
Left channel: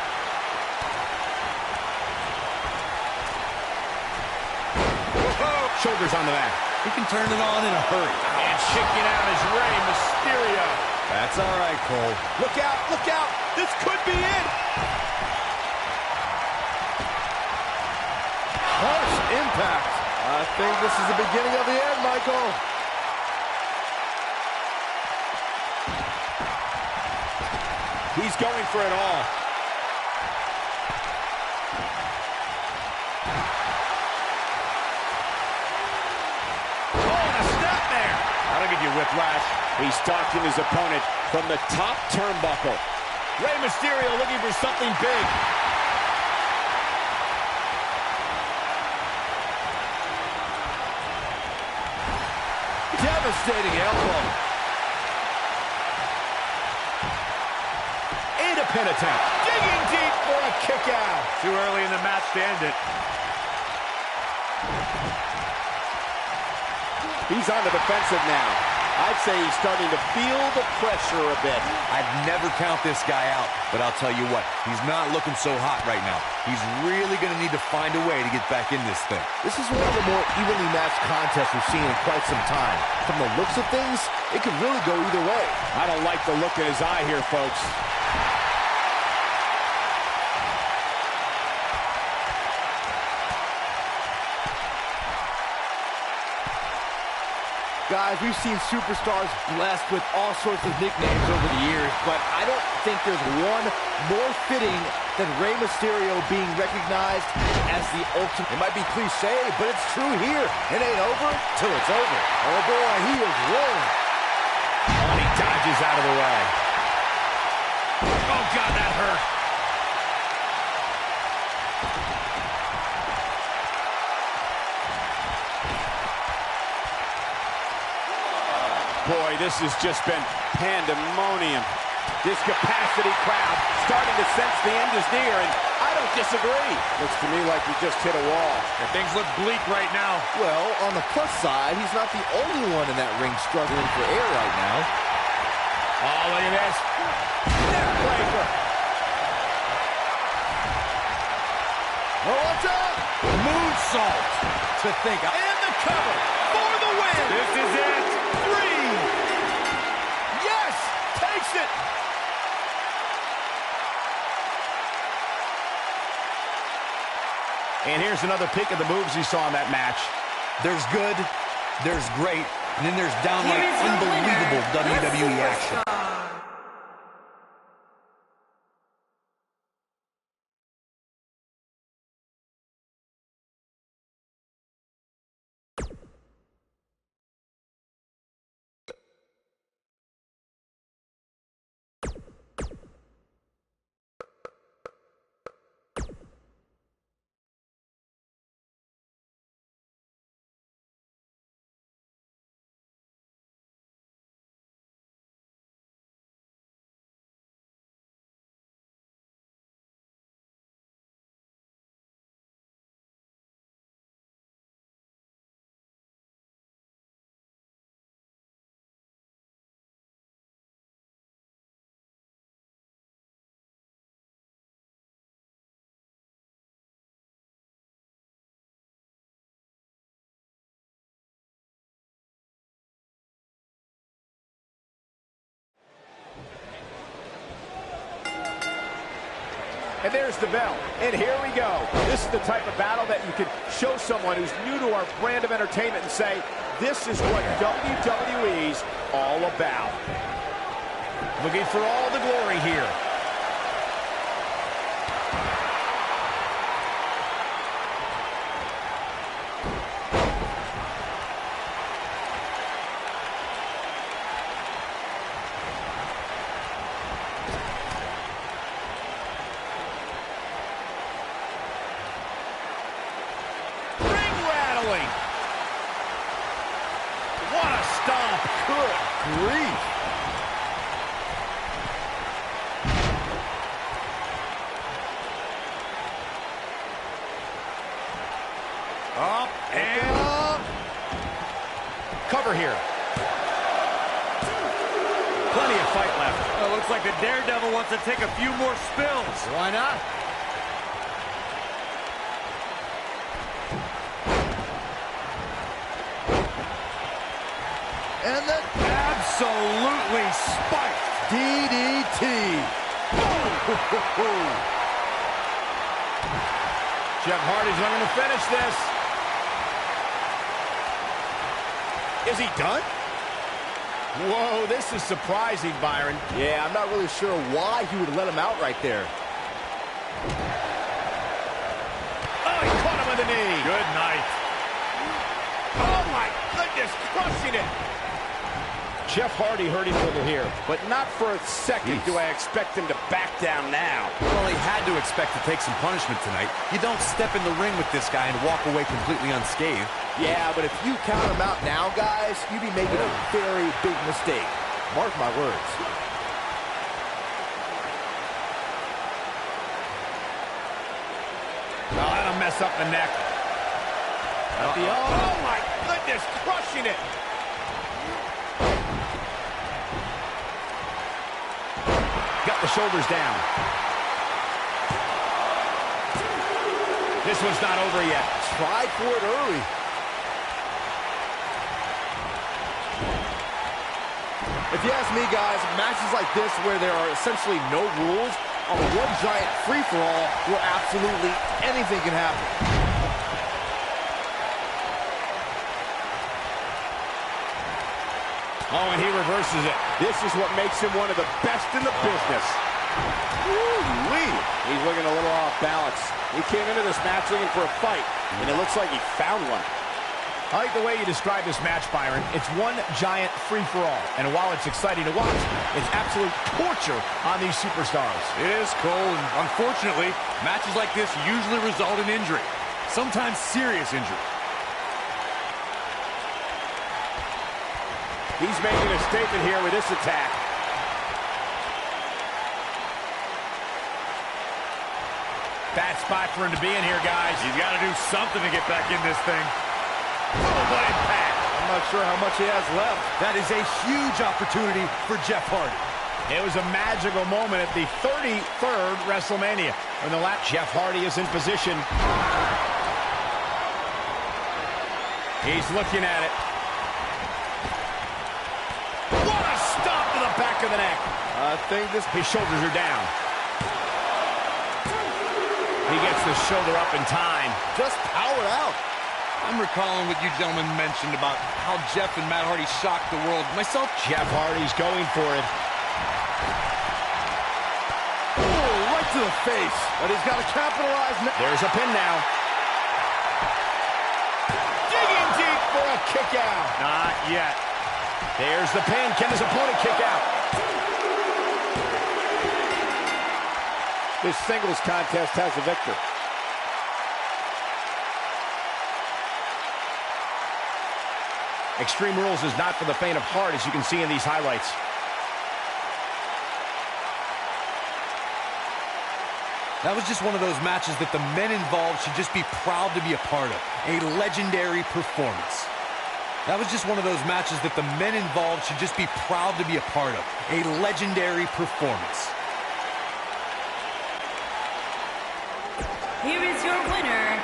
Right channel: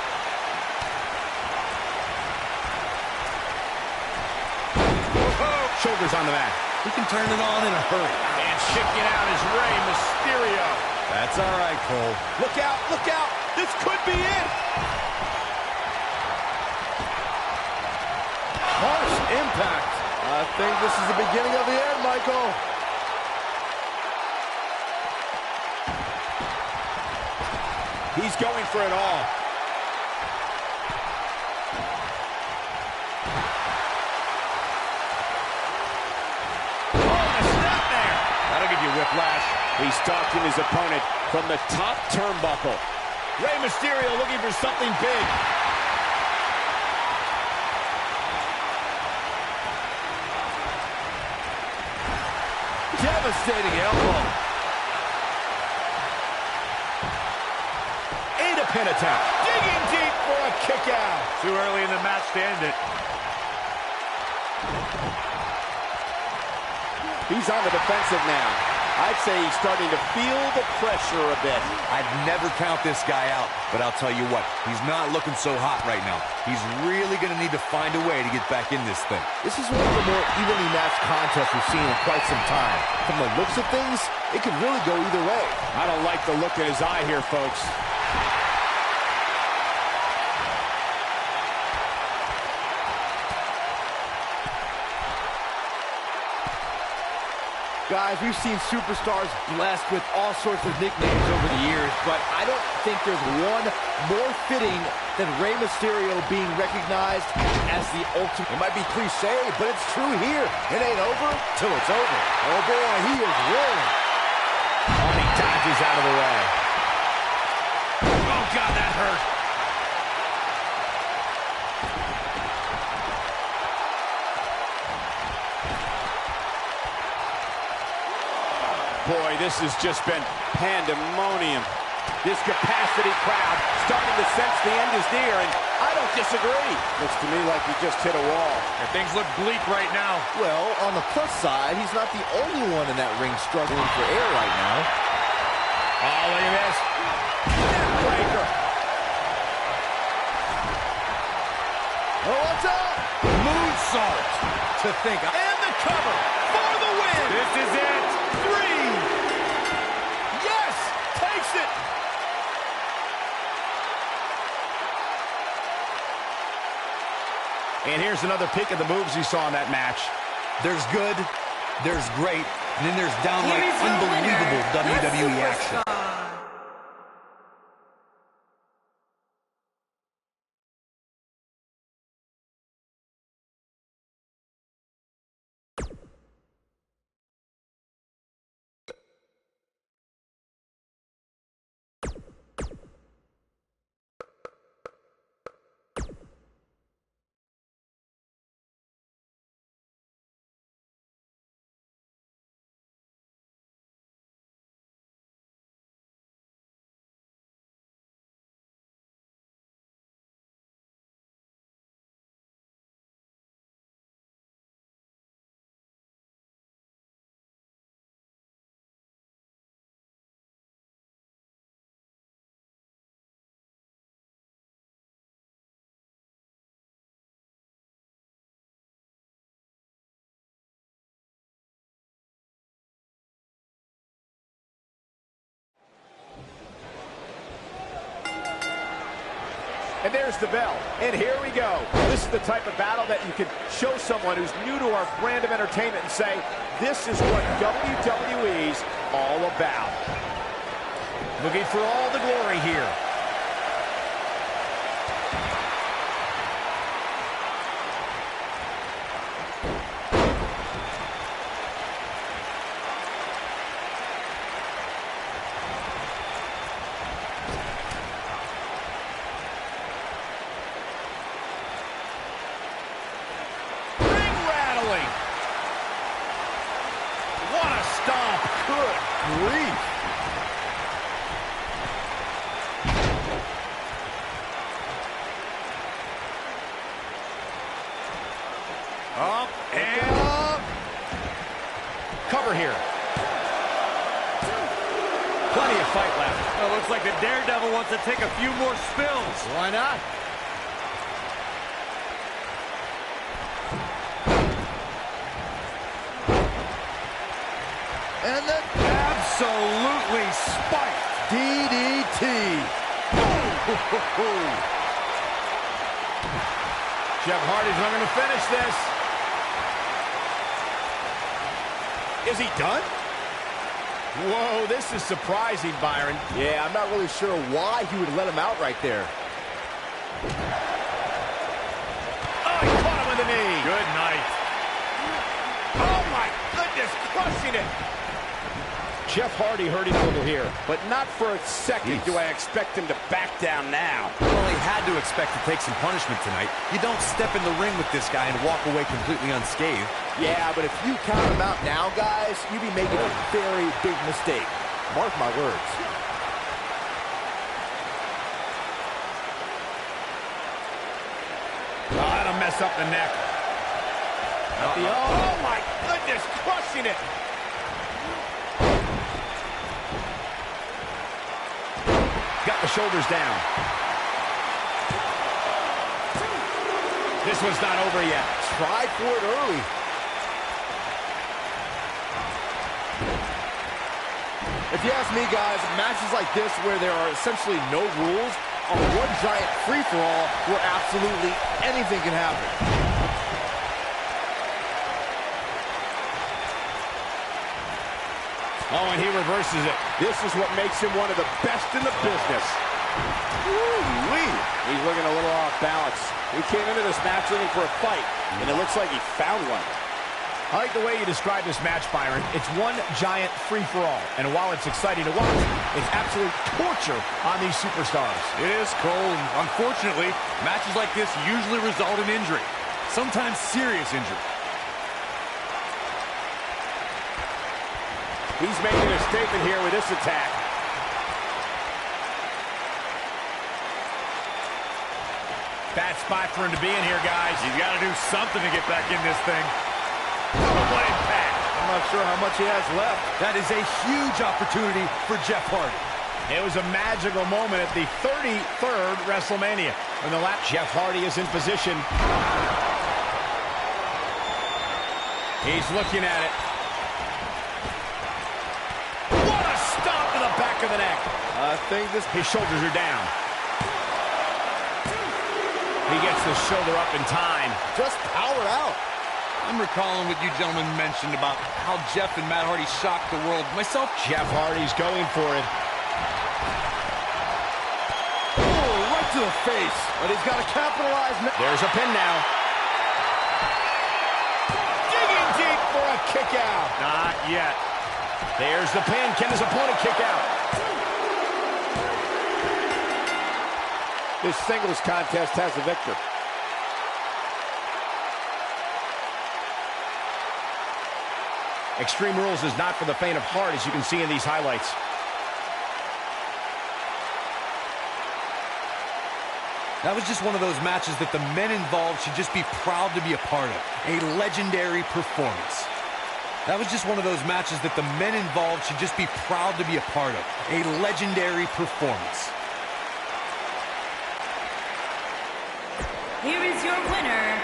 Whoa. Shoulders on the mat. He can turn it on in a hurry. And kicking out is Rey Mysterio. That's all right, Cole. Look out, look out. This could be it. Harsh impact. I think this is the beginning of the end, Michael. He's going for it all. Oh, and a snap there. That'll give you whiplash. He's stalking his opponent from the top turnbuckle. Rey Mysterio looking for something big. Devastating elbow. And a pin attempt. Digging deep for a kick out. Too early in the match to end it. He's on the defensive now. I'd say he's starting to feel the pressure a bit. I'd never count this guy out, but I'll tell you what, he's not looking so hot right now. He's really going to need to find a way to get back in this thing. This is one of the more evenly matched contests we've seen in quite some time. From the looks of things, it could really go either way. I don't like the look in his eye here, folks. Guys, we've seen superstars blessed with all sorts of nicknames over the years, but I don't think there's one more fitting than Rey Mysterio being recognized as the ultimate. It might be cliche, but it's true here. It ain't over till it's over. Oh boy, he is rolling. Oh, and he dodges out of the way. Oh, God, that hurt. Boy, this has just been pandemonium. This capacity crowd starting to sense the end is near, and I don't disagree. Looks to me like he just hit a wall. And things look bleak right now. Well, on the plus side, he's not the only one in that ring struggling for air right now. Oh, look at this. Neck breaker. Oh, what's up? Moonsault to think of. And the cover for the win. This is it. 3. Yes, takes it. And here's another peek at the moves he saw in that match. There's good, there's great, and then there's downright Here is your unbelievable winner, the WWE action. Superstar. And there's the bell. And here we go. This is the type of battle that you can show someone who's new to our brand of entertainment and say, this is what WWE's all about. Looking for all the glory here. ceiling. What a stomp. Good grief. Up and up. Cover here. Plenty of fight left. well, looks like the Daredevil wants to take a few more spills. Why not? And the Absolutely spiked. DDT. Jeff Hardy's not going to finish this. Is he done? Whoa, this is surprising, Byron. Yeah, I'm not really sure why he would let him out right there. Oh, he caught him with the knee. Good night. Oh, my goodness, crushing it. Jeff Hardy hurting a little here, but not for a second do I expect him to back down now. Well, he had to expect to take some punishment tonight. You don't step in the ring with this guy and walk away completely unscathed. Yeah, but if you count him out now, guys, you'd be making a very big mistake. Mark my words. Oh, that'll mess up the neck. Oh, my goodness, crushing it. Got the shoulders down. This one's not over yet. Tried for it early. If you ask me, guys, matches like this where there are essentially no rules are one giant free-for-all where absolutely anything can happen. Oh, and he reverses it. This is what makes him one of the best in the business. Woo-wee. He's looking a little off balance. He came into this match looking for a fight, and it looks like he found one. I like the way you describe this match, Byron. It's one giant free-for-all, and while it's exciting to watch, it's absolute torture on these superstars. It is, Cole, and unfortunately, matches like this usually result in injury. Sometimes serious injury. He's making a statement here with this attack. Bad spot for him to be in here, guys. He's got to do something to get back in this thing. Oh, what impact. I'm not sure how much he has left. That is a huge opportunity for Jeff Hardy. It was a magical moment at the 33rd WrestleMania. When the lap, Jeff Hardy is in position. He's looking at it. What a stomp to the back of the neck. I think this... His shoulders are down. He gets the shoulder up in time. Just powered out. I'm recalling what you gentlemen mentioned about how Jeff and Matt Hardy shocked the world. Myself, Jeff Hardy's going for it. Oh, right to the face. But he's got to capitalize now. There's a pin now. Digging deep for a kick out. Not yet. There's the pin. Can his opponent kick out? This singles contest has a victor. Extreme Rules is not for the faint of heart, as you can see in these highlights. that was just one of those matches that the men involved should just be proud to be a part of. A legendary performance. That was just one of those matches that the men involved should just be proud to be a part of. A legendary performance. Here is your winner,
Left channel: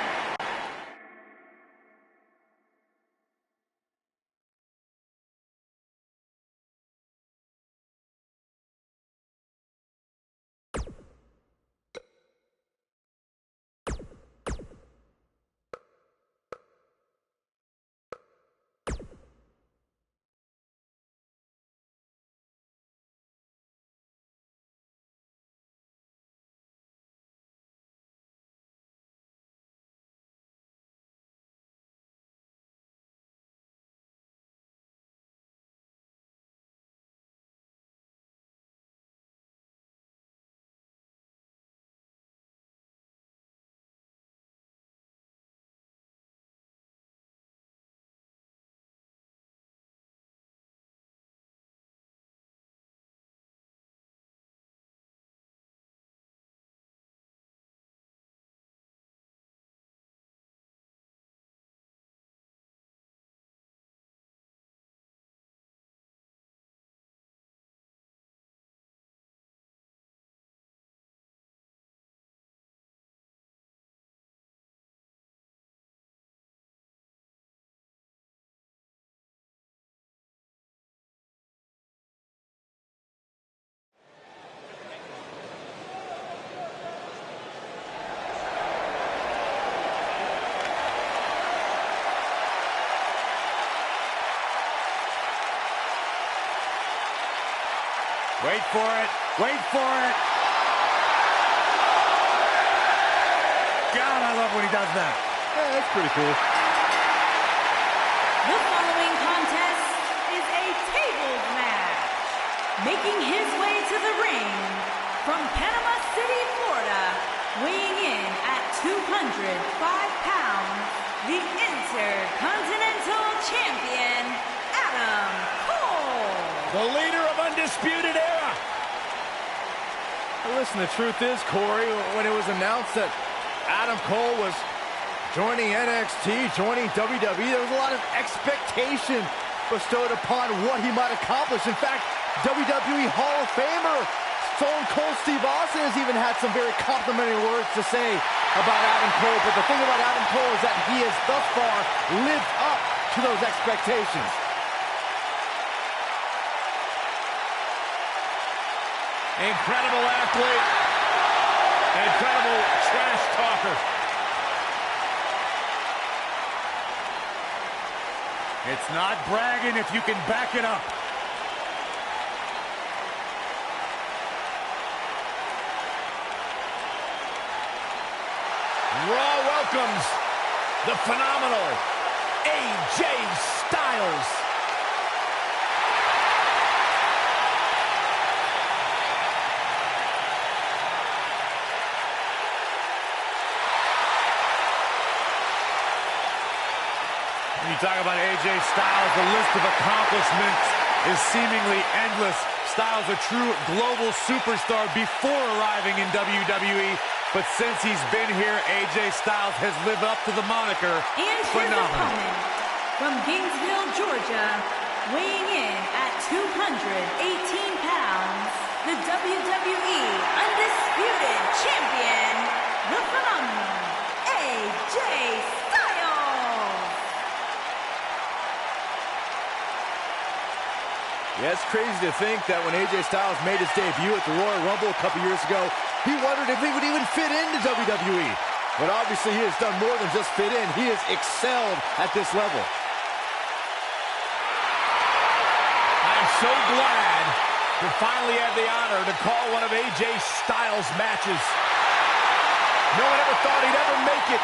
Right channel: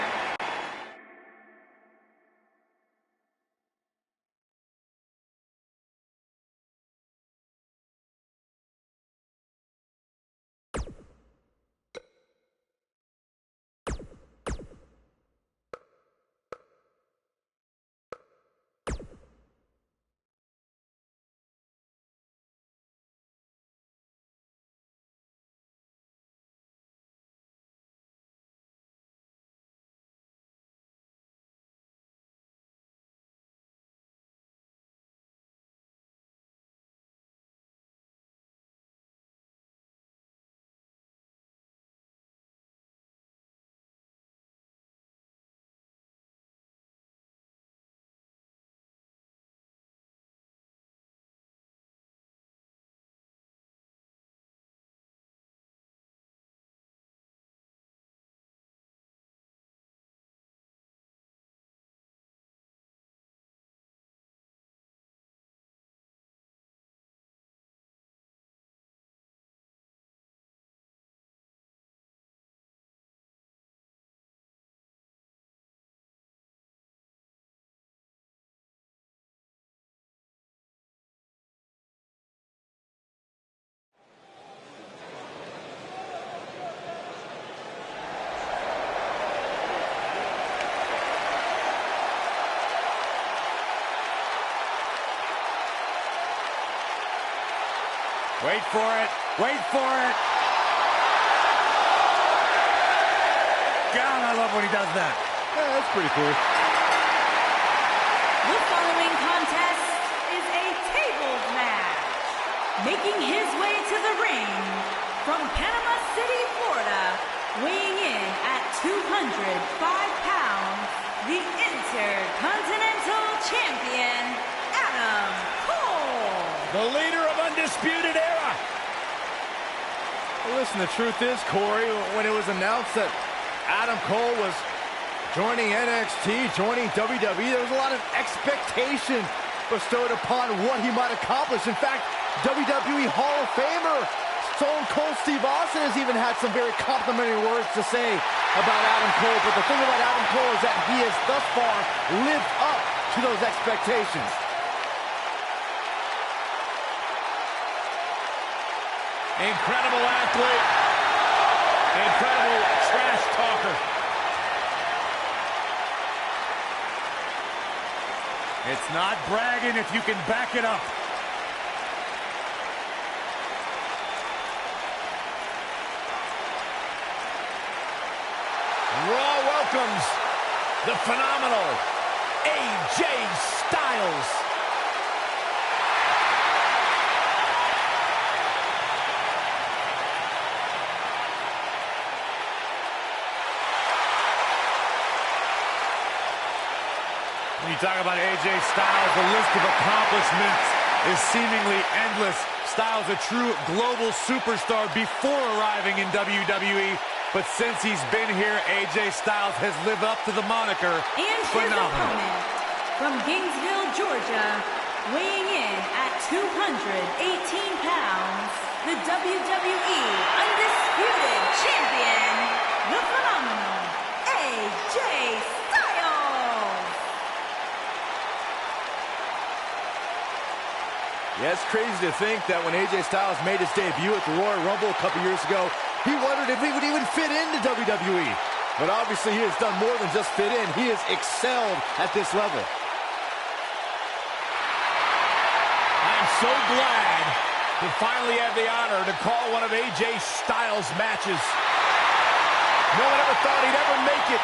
Wait for it. Wait for it. God, I love when he does that. Yeah, that's pretty cool. The following contest is a tables match. Making his way to the ring from Panama City, Florida, weighing in at 205 pounds, the Intercontinental Champion, Adam Cole. The leader of Undisputed Era. Well, listen, the truth is, Corey, when it was announced that Adam Cole was joining NXT, joining WWE, there was a lot of expectation bestowed upon what he might accomplish. In fact, WWE Hall of Famer Stone Cold Steve Austin has even had some very complimentary words to say about Adam Cole. But the thing about Adam Cole is that he has thus far lived up to those expectations. Incredible athlete. Incredible trash talker. It's not bragging if you can back it up. Raw welcomes the phenomenal AJ Styles. When you talk about AJ Styles, the list of accomplishments is seemingly endless. Styles, a true global superstar before arriving in WWE. But since he's been here, AJ Styles has lived up to the moniker. And his phenomenal. opponent from Gainesville, Georgia, weighing in at 218 pounds, the WWE Undisputed Champion, the phenomenal AJ Styles. Yeah, it's crazy to think that when AJ Styles made his debut at the Royal Rumble a couple years ago, he wondered if he would even fit into WWE. But obviously he has done more than just fit in. He has excelled at this level. I am so glad to finally have the honor to call one of AJ Styles' matches. No one ever thought he'd ever make it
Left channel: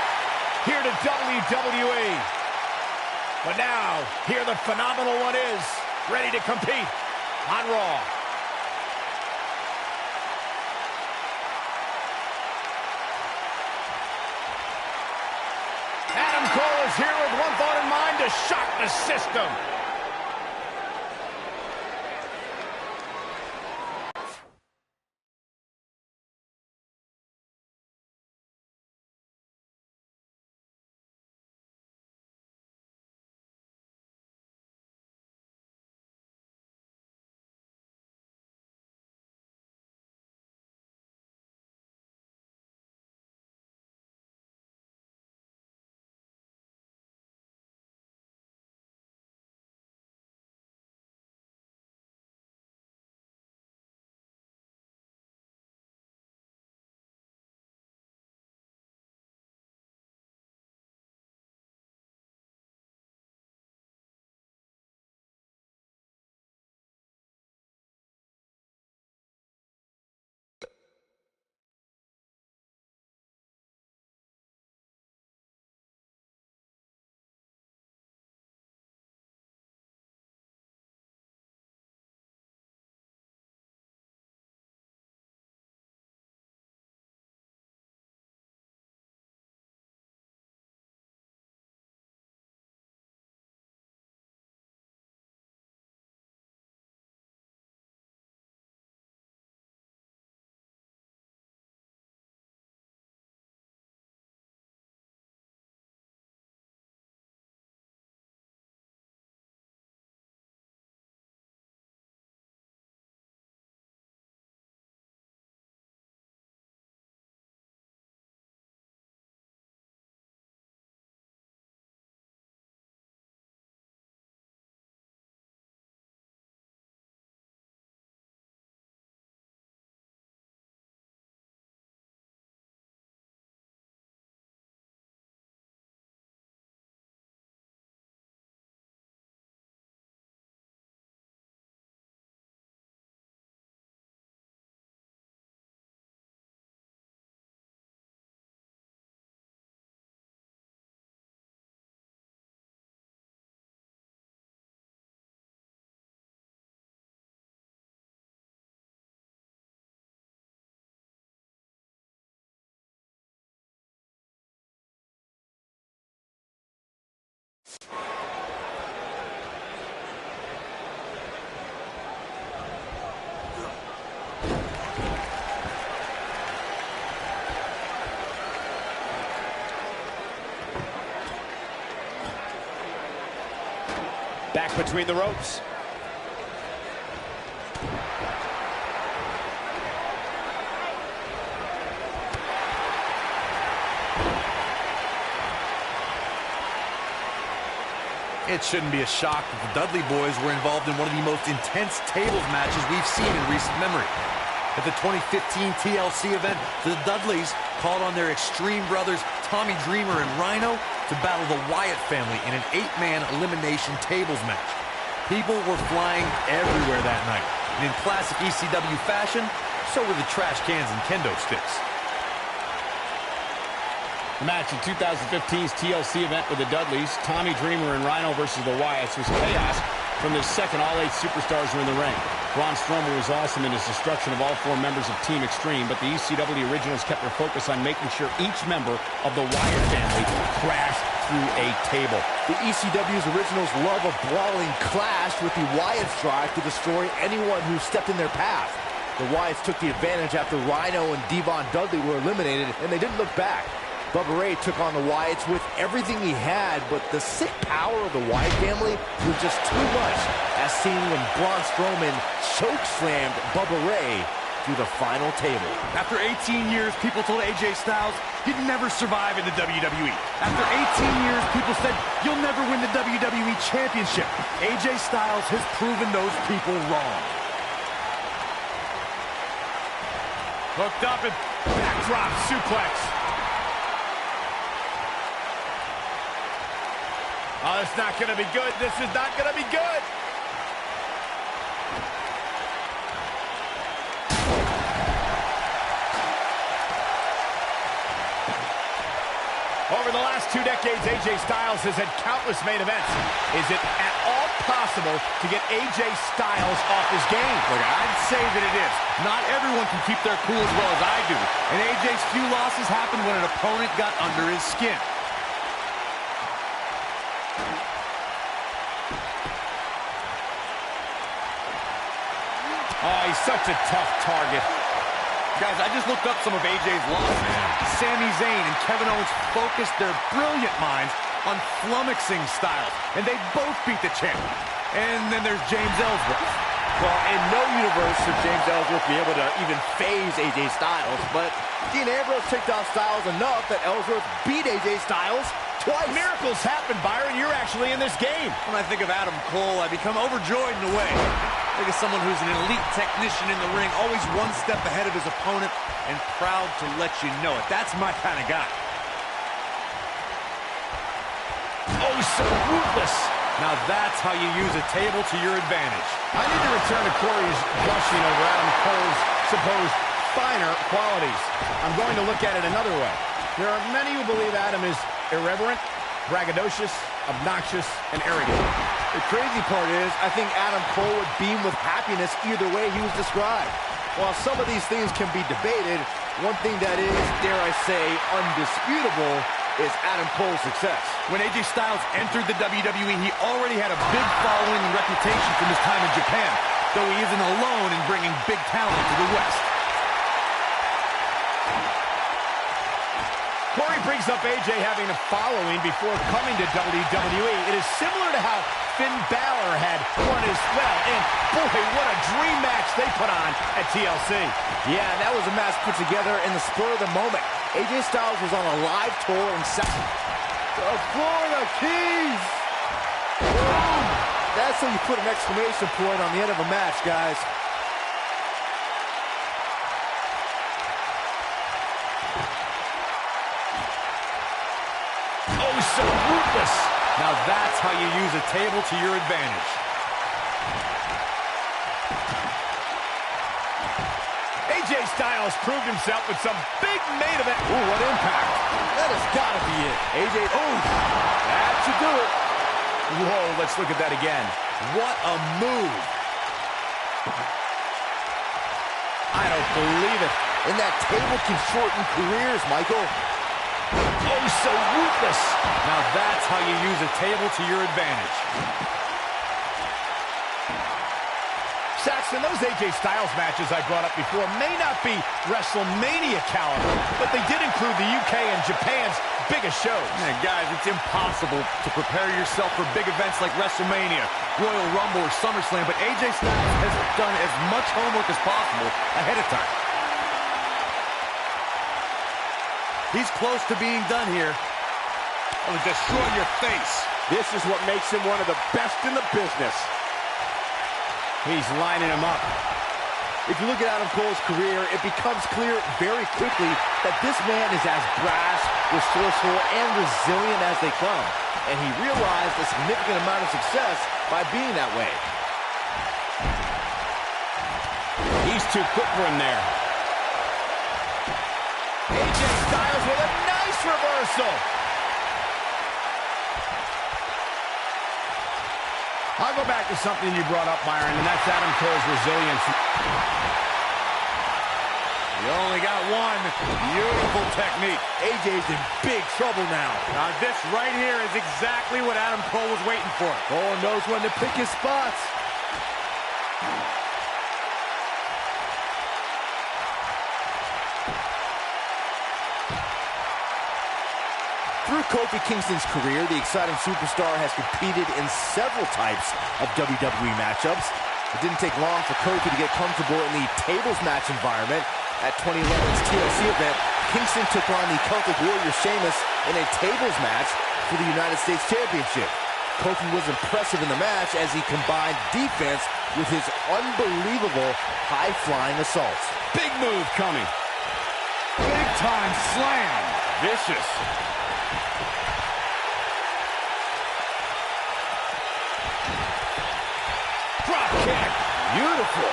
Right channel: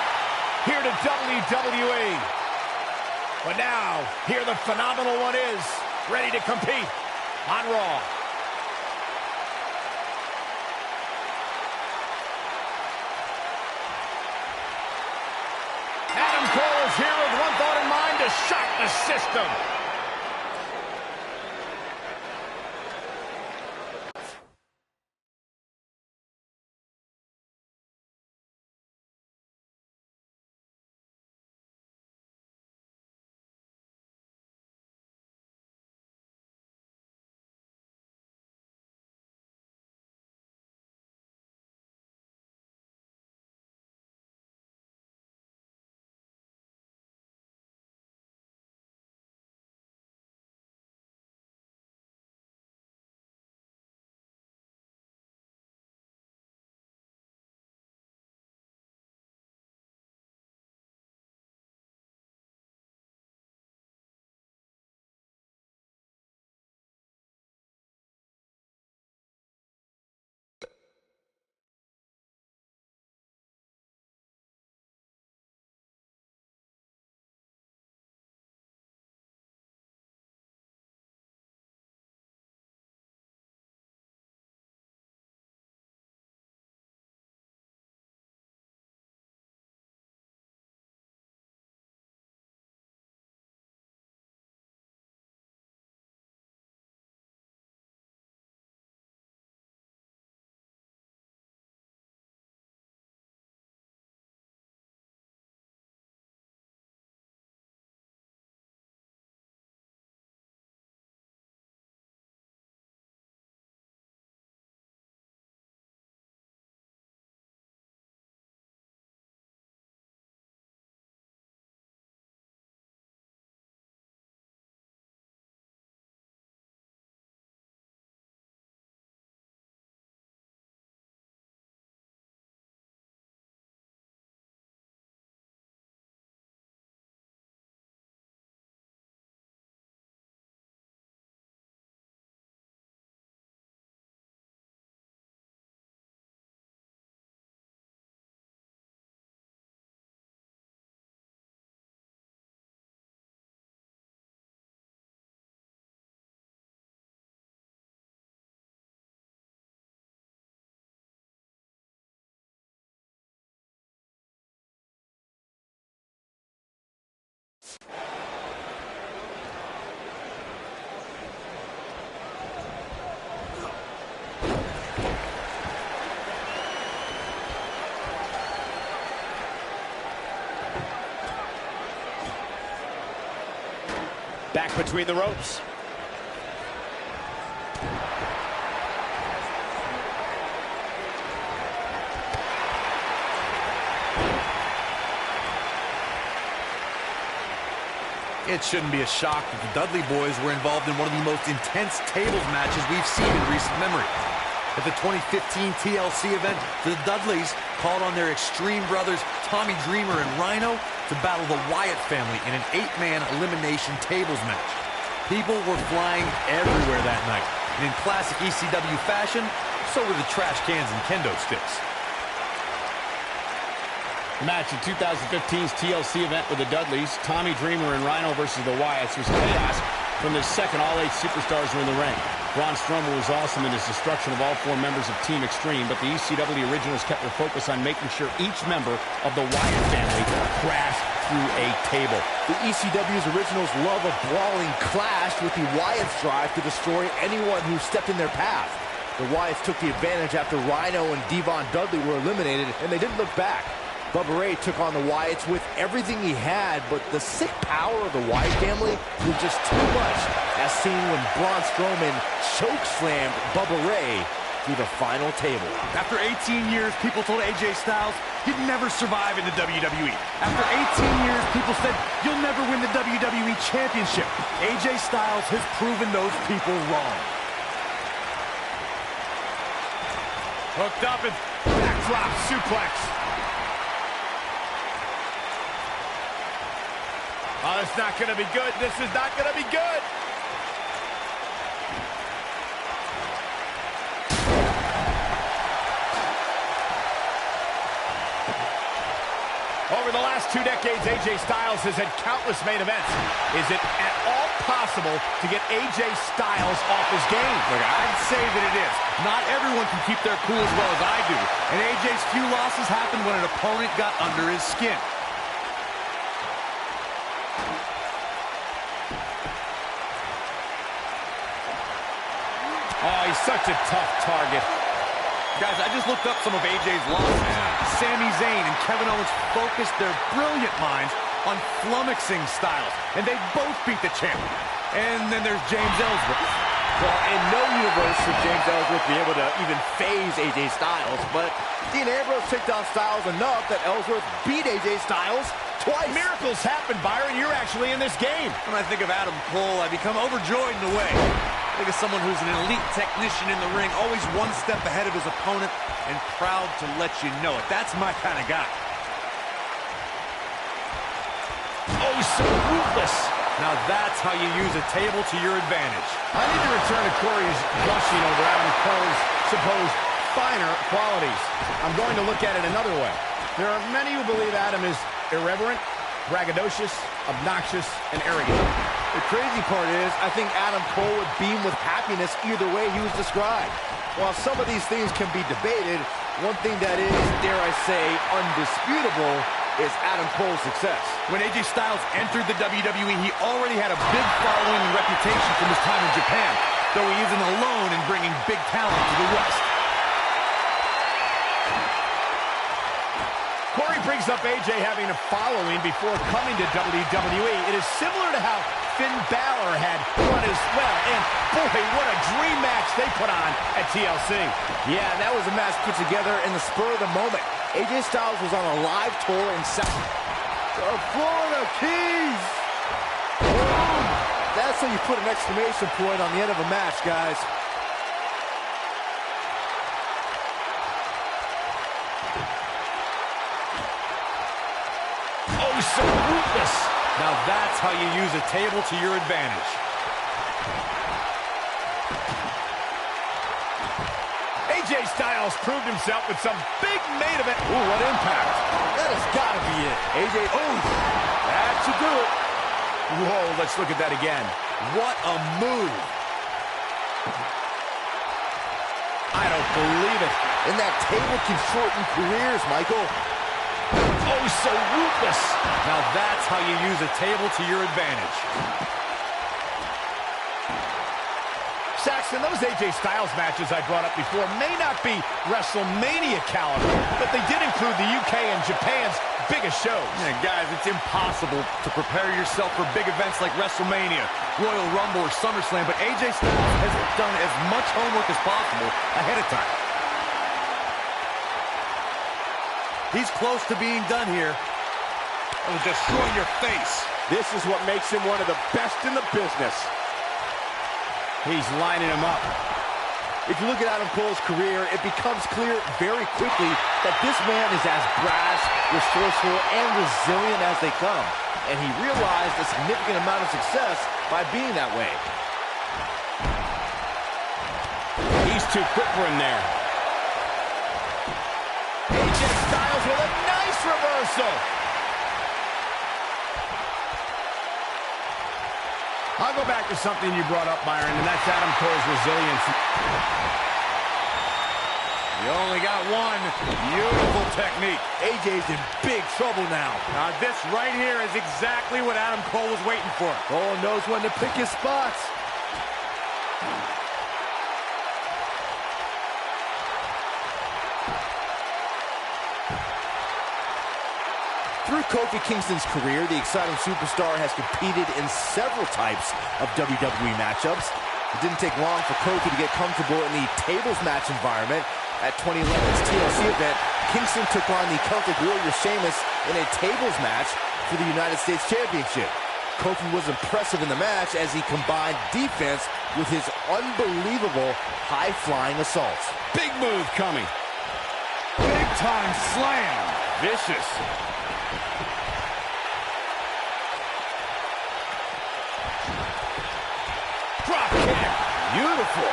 here to WWE. But now, here the phenomenal one is, ready to compete on Raw. Adam Cole is here with one thought in mind: to shock the system. Back between the ropes. It shouldn't be a shock that the Dudley boys were involved in one of the most intense tables matches we've seen in recent memory. At the 2015 TLC event, the Dudleys called on their Extreme brothers Tommy Dreamer and Rhino to battle the Wyatt family in an 8-man elimination tables match. People were flying everywhere that night, and in classic ECW fashion, so were the trash cans and kendo sticks. The match in 2015's TLC event with the Dudleys, Tommy Dreamer and Rhino versus the Wyatts, was chaos from the second all 8 superstars were in the ring. Braun Strowman was awesome in his destruction of all 4 members of Team Extreme, but the ECW originals kept their focus on making sure each member of the Wyatt family crashed through a table. The ECW's originals love a brawling clash, with the Wyatts' drive to destroy anyone who stepped in their path. The Wyatts took the advantage after Rhino and Devon Dudley were eliminated, and they didn't look back. Bubba Ray took on the Wyatts with everything he had, but the sick power of the Wyatt family was just too much, as seen when Braun Strowman chokeslammed Bubba Ray through the final table. After 18 years, people told AJ Styles he'd never survive in the WWE. After 18 years, people said you'll never win the WWE Championship. AJ Styles has proven those people wrong. Hooked up and backdrop suplex. Oh, it's not going to be good. This is not going to be good. Over the last 2 decades, AJ Styles has had countless main events. Is it at all possible to get AJ Styles off his game? Look, I'd say that it is. Not everyone can keep their cool as well as I do. And AJ's few losses happened when an opponent got under his skin. Oh, he's such a tough target. Guys, I just looked up some of AJ's losses. Sami Zayn and Kevin Owens focused their brilliant minds on flummoxing Styles, and they both beat the champ. And then there's James Ellsworth. Well, in no universe should James Ellsworth be able to even phase AJ Styles, but Dean Ambrose took down Styles enough that Ellsworth beat AJ Styles twice. Miracles happen, Byron. You're actually in this game. When I think of Adam Cole, I become overjoyed in a way. I think of someone who's an elite technician in the ring, always one step ahead of his opponent, and proud to let you know it. That's my kind of guy. Oh, so ruthless. Now that's how you use a table to your advantage. I need to return to Corey's gushing over Adam Cole's supposed finer qualities. I'm going to look at it another way. There are many who believe Adam is irreverent, braggadocious, obnoxious, and arrogant. The crazy part is, I think Adam Cole would beam with happiness either way he was described. While some of these things can be debated, one thing that is, dare I say, undisputable is Adam Cole's success. When AJ Styles entered the WWE, he already had a big following and reputation from his time in Japan, though he isn't alone in bringing big talent to the West. Corey brings up AJ having a following before coming to WWE. It is similar to how Finn Balor had one as well. And boy, what a dream match they put on at TLC. Yeah, that was a match put together in the spur of the moment. AJ Styles was on a live tour in the Florida Keys. Boom! That's how you put an exclamation point on the end of a match, guys. Oh, so ruthless. Now that's how you use a table to your advantage. AJ Styles proved himself with some big main event. Ooh, what impact. That has got to be it. AJ, oh, that should do it. Whoa, let's look at that again. What a move. I don't believe it. And that table can shorten careers, Michael. Oh, so ruthless. Now that's how you use a table to your advantage. Saxton, those AJ Styles matches I brought up before may not be WrestleMania caliber, but they did include the UK and Japan's biggest shows. Yeah, guys, it's impossible to prepare yourself for big events like WrestleMania, Royal Rumble, or SummerSlam, but AJ Styles has done as much homework as possible ahead of time. He's close to being done here. It'll destroy your face. This is what makes him one of the best in the business. He's lining him up. If you look at Adam Cole's career, it becomes clear very quickly that this man is as brash, resourceful, and resilient as they come. And he realized a significant amount of success by being that way. He's too quick for him there. AJ Styles with a nice reversal. I'll go back to something you brought up, Byron, and that's Adam Cole's resilience. You only got one. Beautiful technique. AJ's in big trouble now. Now this right here is exactly what Adam Cole was waiting for. Cole knows when to pick his spots. Through Kofi Kingston's career, the exciting superstar has competed in several types of WWE matchups. It didn't take long for Kofi to get comfortable in the tables match environment. At 2011's TLC event, Kingston took on the Celtic Warrior Sheamus in a tables match for the United States Championship. Kofi was impressive in the match as he combined defense with his unbelievable high-flying assaults. Big move coming. Big time slam. Vicious. Drop kick. Beautiful.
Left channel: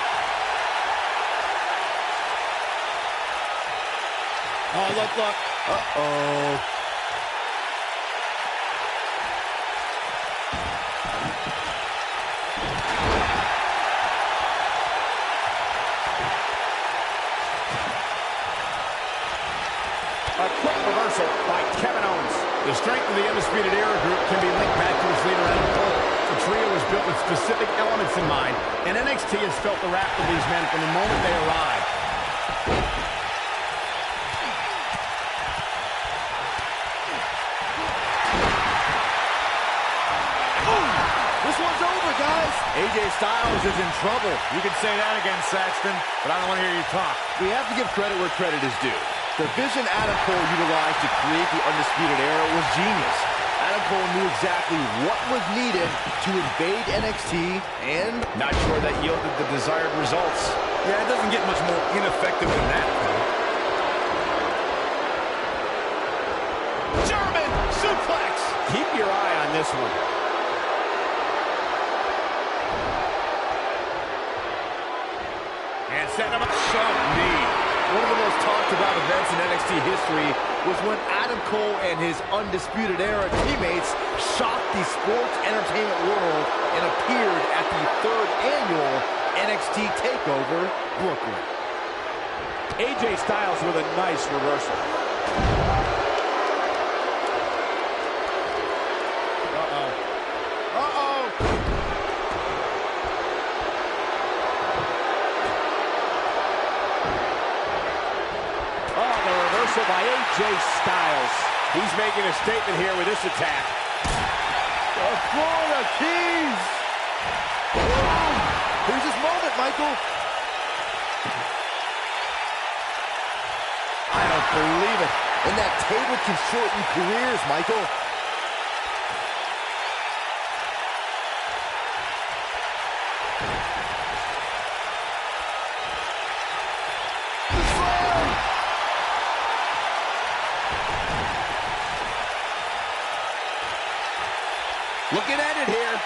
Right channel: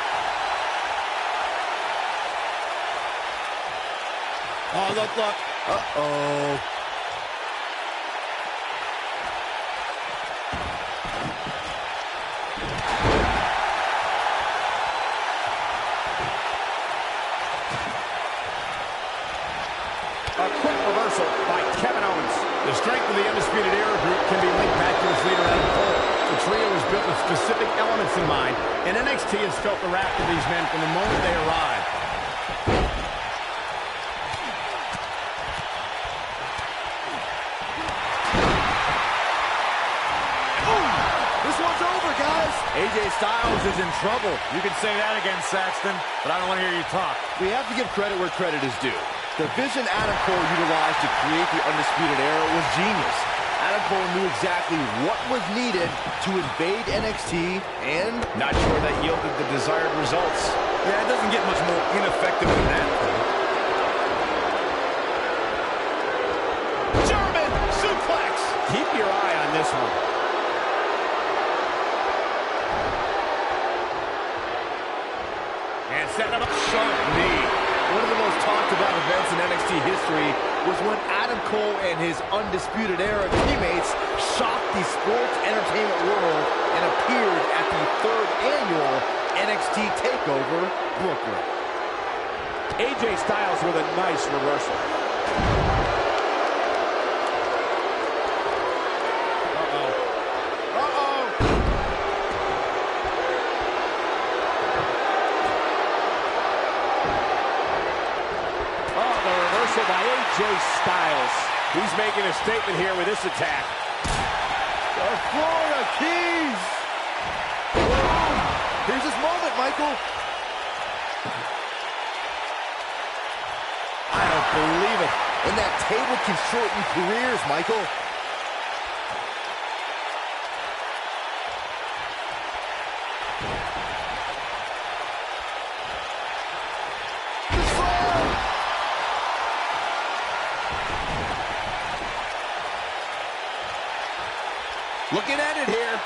Oh, look. Uh-oh. A quick reversal by Kevin Owens. The strength of the Undisputed Era group can be linked back to its leader, Adam Cole. The trio was built with specific elements in mind, and NXT has felt the wrath of these men from the moment they arrived. This one's over, guys. AJ Styles is in trouble. You can say that again, Saxton, but I don't want to hear you talk. We have to give credit where credit is due. The vision Adam Cole utilized to create the Undisputed Era was genius. Adam Cole knew exactly what was needed to invade NXT, and Not sure that yielded the desired results. Yeah, it doesn't get much more ineffective than that, Cole. German suplex. Keep your eye on this one. And set him up. Sharp knee. one of the most talked about events in NXT history was when Adam Cole and his Undisputed Era teammates shocked the sports entertainment world and appeared at the 3rd annual NXT TakeOver Brooklyn. AJ Styles with a nice reversal. By AJ Styles. He's making a statement here with this attack. The Florida Keys! Boom! Here's his moment, Michael. I don't believe it. And that table can shorten careers, Michael. Looking at it here.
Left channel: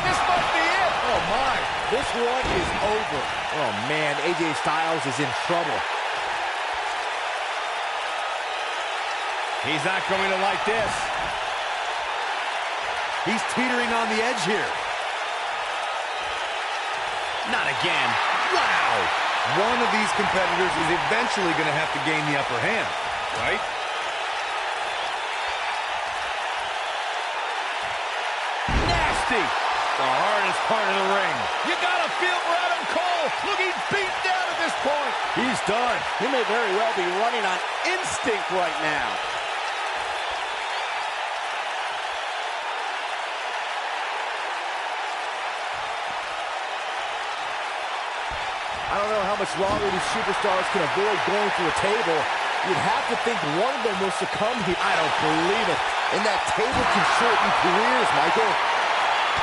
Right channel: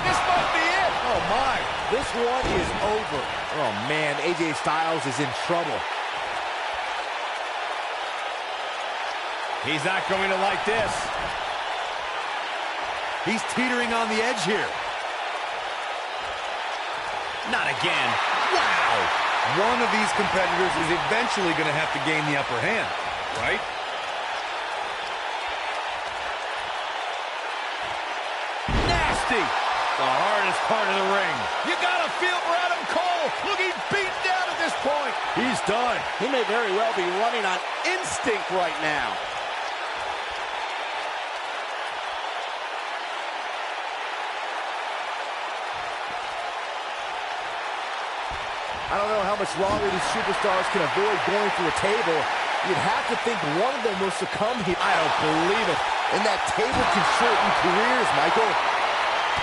This might be it. Oh, my. This one is over. Oh, man. AJ Styles is in trouble. He's not going to like this. He's teetering on the edge here. Not again. Wow. One of these competitors is eventually going to have to gain the upper hand, right? nasty. The hardest part of the ring. You gotta feel for Adam Cole. Looking beat down at this point. He's done. He may very well be running on instinct right now. I don't know how much longer these superstars can avoid going through a table. You'd have to think one of them will succumb here. I don't believe it. And that table can shorten careers, Michael.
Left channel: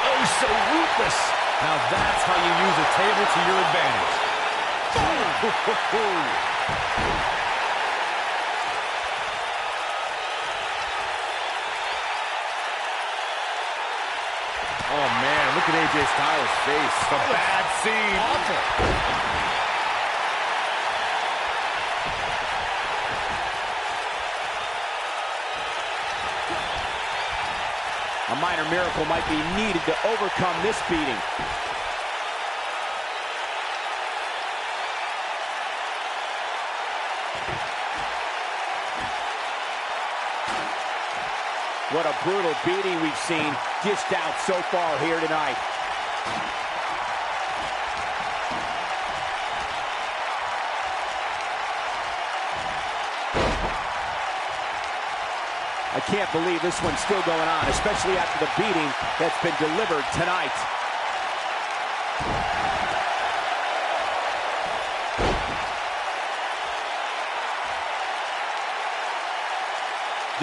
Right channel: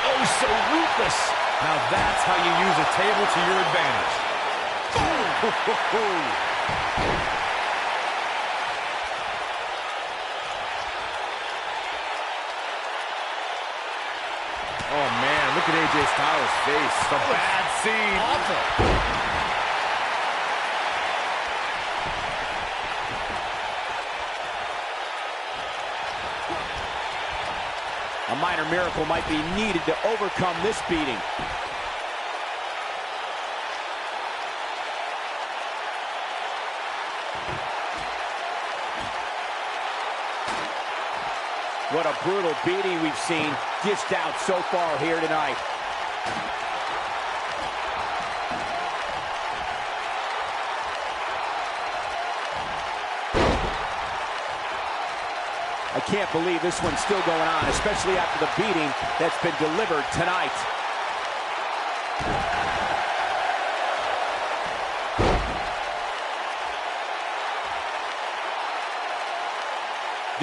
Oh, so ruthless. Now that's how you use a table to your advantage. Oh, man, look at AJ Styles' face. It's a bad scene. Awful. A minor miracle might be needed to overcome this beating. What a brutal beating we've seen dished out so far here tonight. I can't believe this one's still going on, especially after the beating that's been delivered tonight.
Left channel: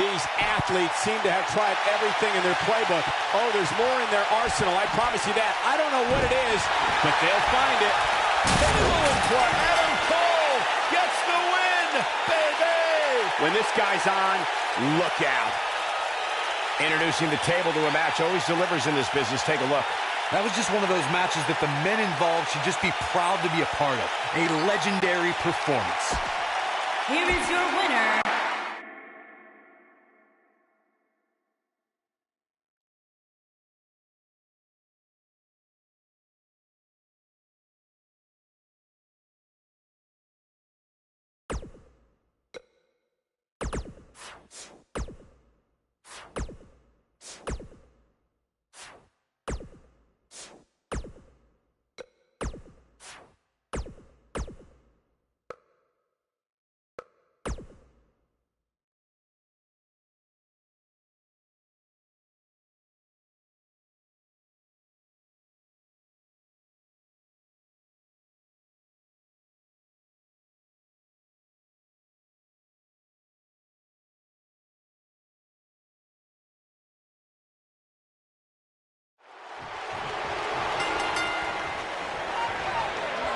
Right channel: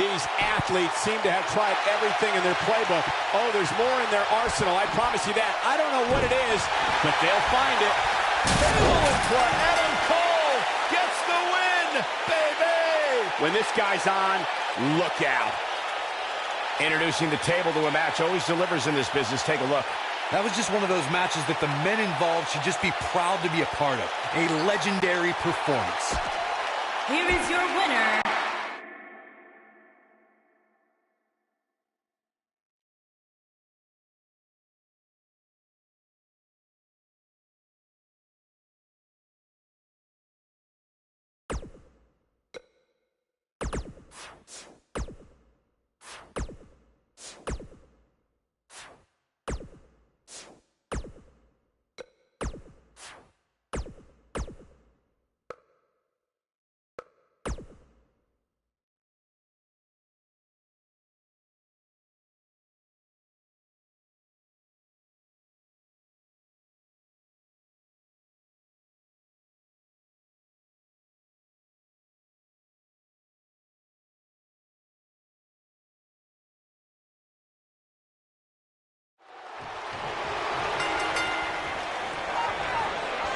These athletes seem to have tried everything in their playbook. Oh, there's more in their arsenal, I promise you that. I don't know what it is, but they'll find it. Table in play. Adam Cole gets the win, baby. When this guy's on, look out. Introducing the table to a match always delivers in this business. Take a look. That was just one of those matches that the men involved should just be proud to be a part of. A legendary performance. Here is your winner,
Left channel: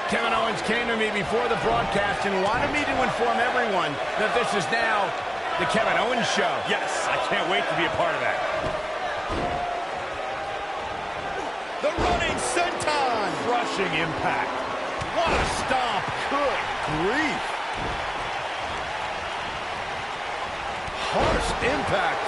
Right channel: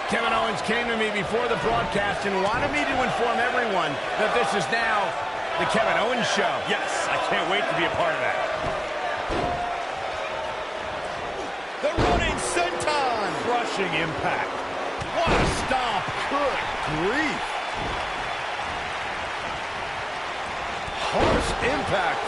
Kevin Owens came to me before the broadcast and wanted me to inform everyone that this is now the Kevin Owens Show. Yes, I can't wait to be a part of that. The running senton. Crushing impact. What a stomp. Good grief. Harsh impact.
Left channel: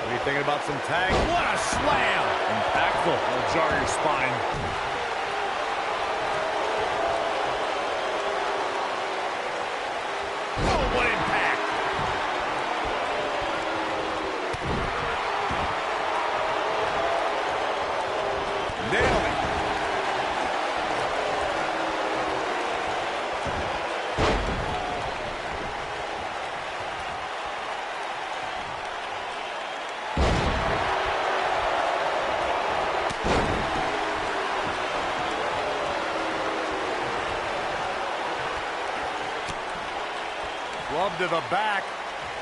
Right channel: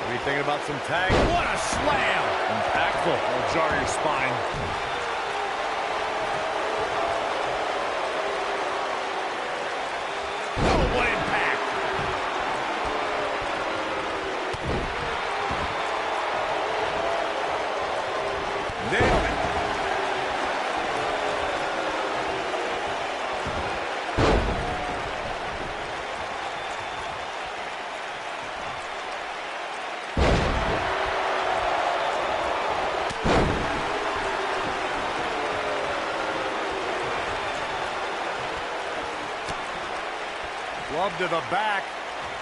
What are you thinking about some tag? What a slam. Impactful. It'll jar your spine. Oh, what impact. Nailed it. Club to the back.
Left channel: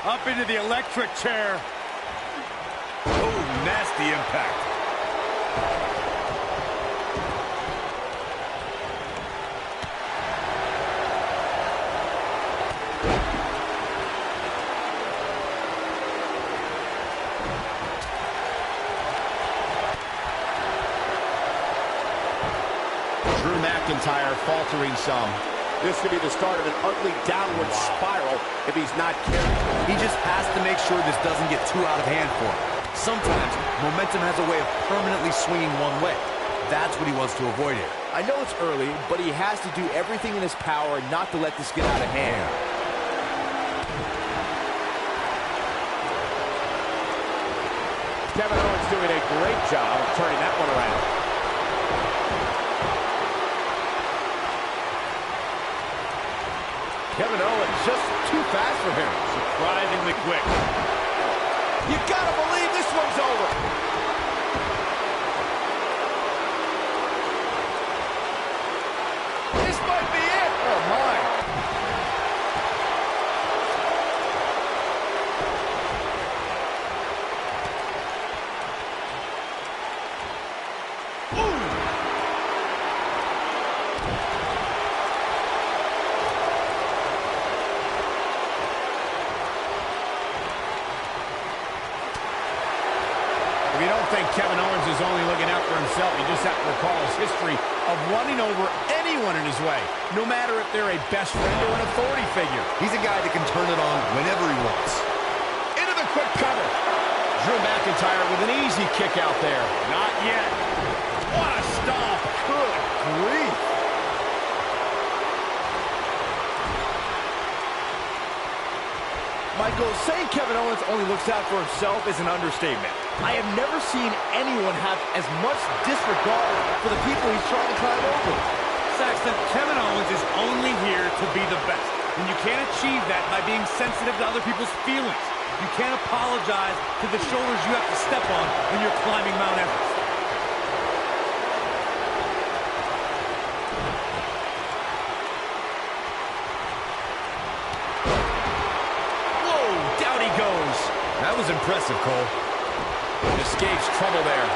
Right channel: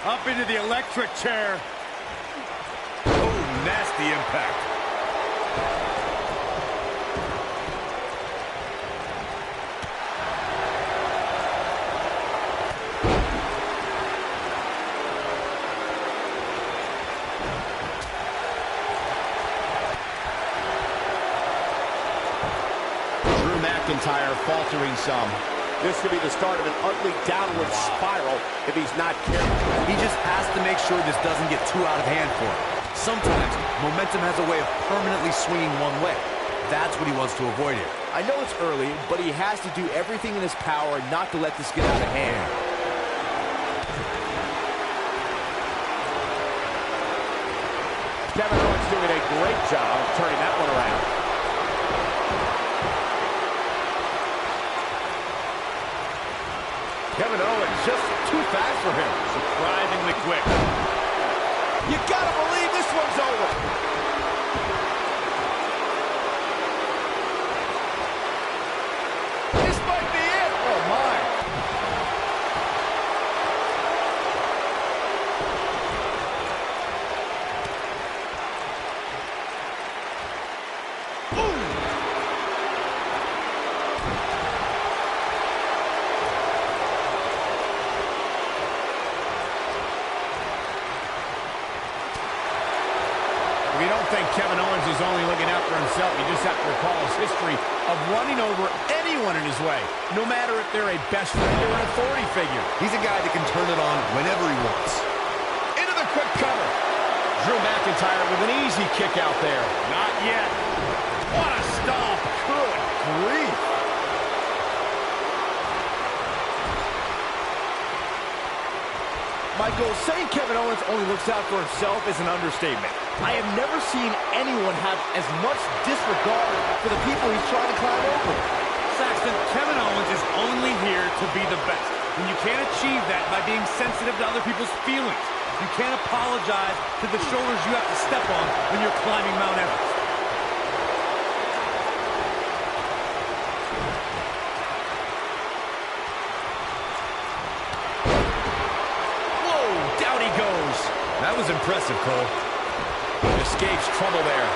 Up into the electric chair. Oh, nasty impact. Drew McIntyre faltering some. This could be the start of an ugly downward spiral if he's not careful. He just has to make sure this doesn't get too out of hand for him. Sometimes momentum has a way of permanently swinging one way. that's what he wants to avoid here. I know it's early, but he has to do everything in his power not to let this get out of hand. Kevin Owens doing a great job of turning that one around. Kevin Owens just too fast for him. Surprisingly quick. You gotta believe this one's over. This might be it. Oh, my. If you don't think Kevin Owens is only looking out for himself, you just have to recall his history of running over anyone in his way, no matter if they're a best friend or an authority figure. He's a guy that can turn it on whenever he wants. Into the quick cover. Drew McIntyre with an easy kick out there. Not yet. What a stomp. Good grief. Michael, saying Kevin Owens only looks out for himself is an understatement. I have never seen anyone have as much disregard for the people he's trying to climb over. Saxton, Kevin Owens is only here to be the best. And you can't achieve that by being sensitive to other people's feelings. You can't apologize to the shoulders you have to step on when you're climbing Mount Everest. That was impressive, Cole. Escapes trouble there.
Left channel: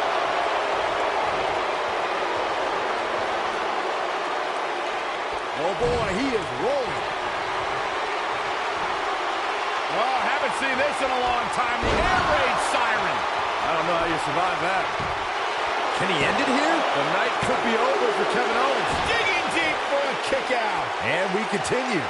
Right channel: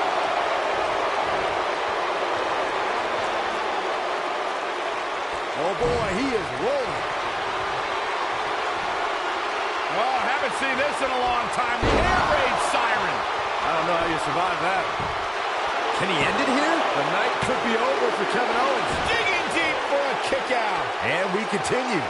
Oh, boy, he is rolling. Oh, haven't seen this in a long time. The air raid siren. I don't know how you survive that. Can he end it here? The night could be over for Kevin Owens. Digging deep for a kick out. And we continue.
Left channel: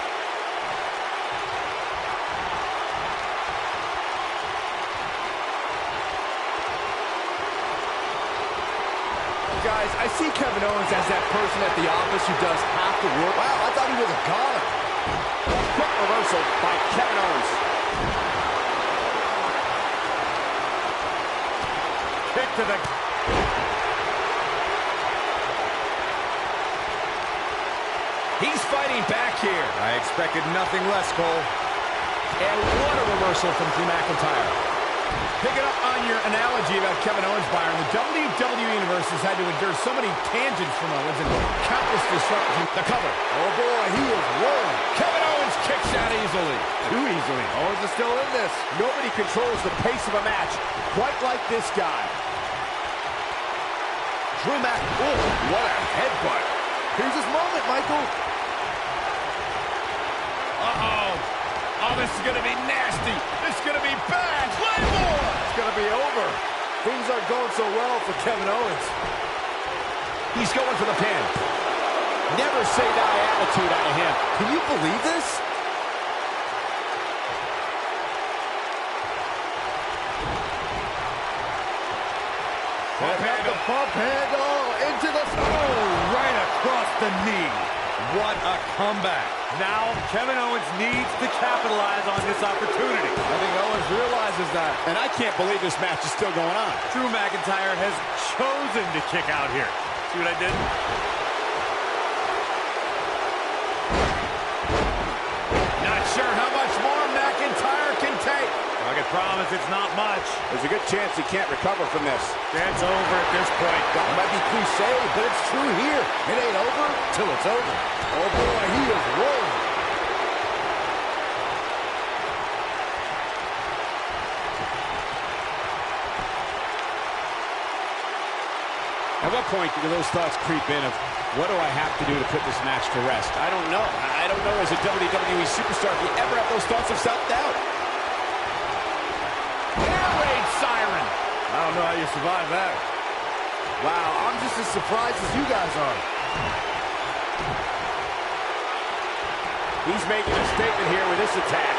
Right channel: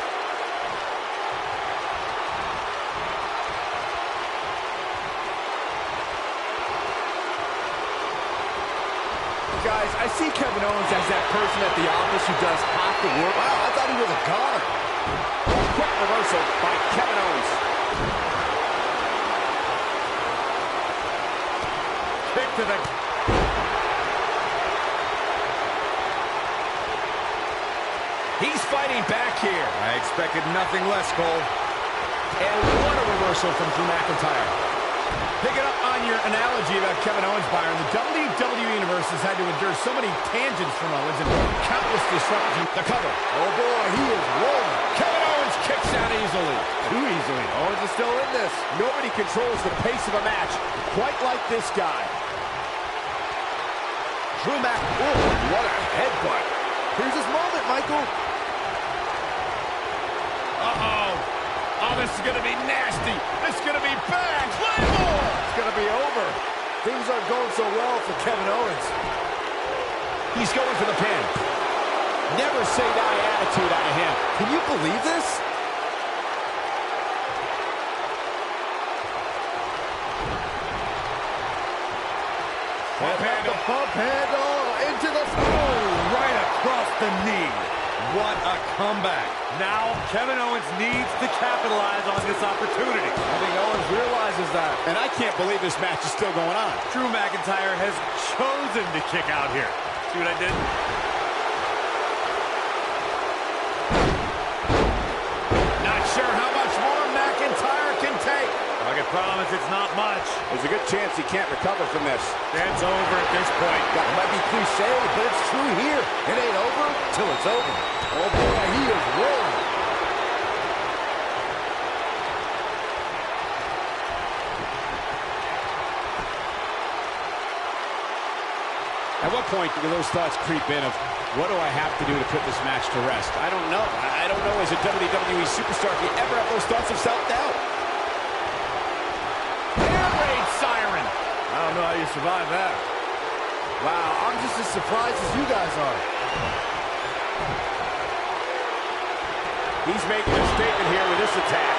Guys, I see Kevin Owens as that person at the office who does half the work. Wow, I thought he was a goner. A quick reversal by Kevin Owens. Kick to the... He's fighting back here. I expected nothing less, Cole. And what a reversal from Drew McIntyre. Picking up on your analogy about Kevin Owens, Byron, the WWE Universe has had to endure so many tangents from Owens and countless disruptions. The cover. Oh, boy, he is rolling. Kevin Owens kicks out easily. Too easily. Owens is still in this. Nobody controls the pace of a match quite like this guy. Drew Mac. Oh, what a headbutt. Here's his moment, Michael. Uh-oh. Oh, this is going to be nasty. This is going to be bad. Claymore! It's going to be over. Things aren't going so well for Kevin Owens. He's going for the pin. Never say die attitude out of him. Can you believe this? Bump handle. The bump handle into the... Oh, right across the knee. What a comeback. Now, Kevin Owens needs to capitalize on this opportunity. I think Owens realizes that. And I can't believe this match is still going on. Drew McIntyre has chosen to kick out here. See what I did? Not sure how much more McIntyre can take. I can promise it's not much. There's a good chance he can't recover from this. It's over at this point. That might be cliche, but it's true here. It ain't over till it's over. Oh, boy, he is rolling. At what point do those thoughts creep in of, what do I have to do to put this match to rest? I don't know. I don't know as a WWE superstar if you ever have those thoughts of self-doubt. Air raid siren. I don't know how you survive that. Wow, I'm just as surprised as you guys are. He's making a statement here with this attack.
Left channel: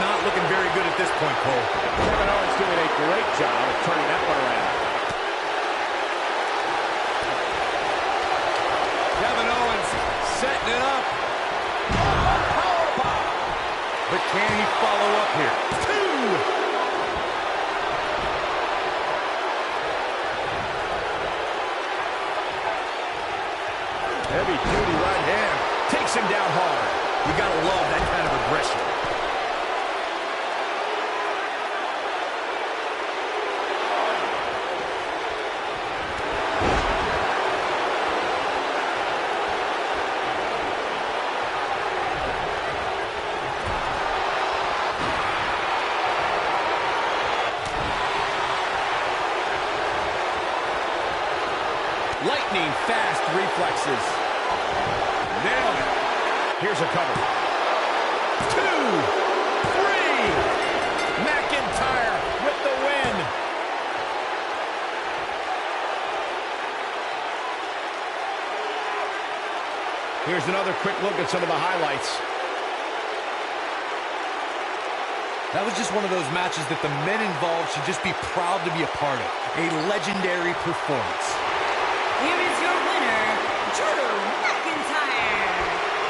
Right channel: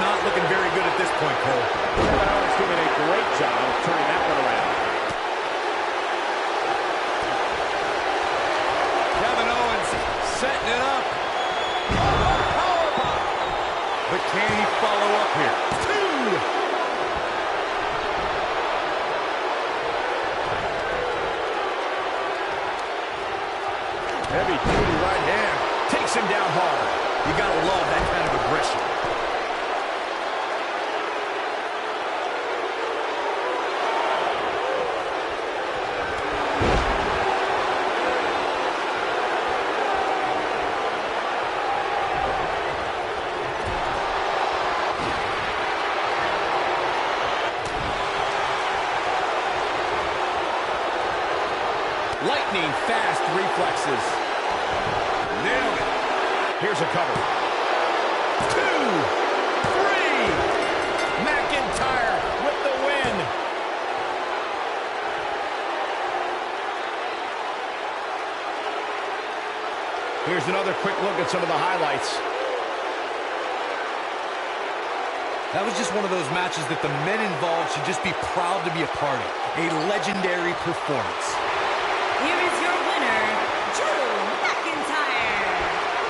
not looking very good at this point, Cole. Kevin Owens doing a great job of turning that one around. Kevin Owens setting it up. Powerbomb. But can he follow up here? 2. Heavy-duty right hand. Takes him down hard. You gotta love that kind of aggression. Lightning fast reflexes. Nailed it. Here's a cover. 2, 3. McIntyre with the win. Here's another quick look at some of the highlights. That was just one of those matches that the men involved should just be proud to be a part of. A legendary performance. Here is your winner, Drew McIntyre.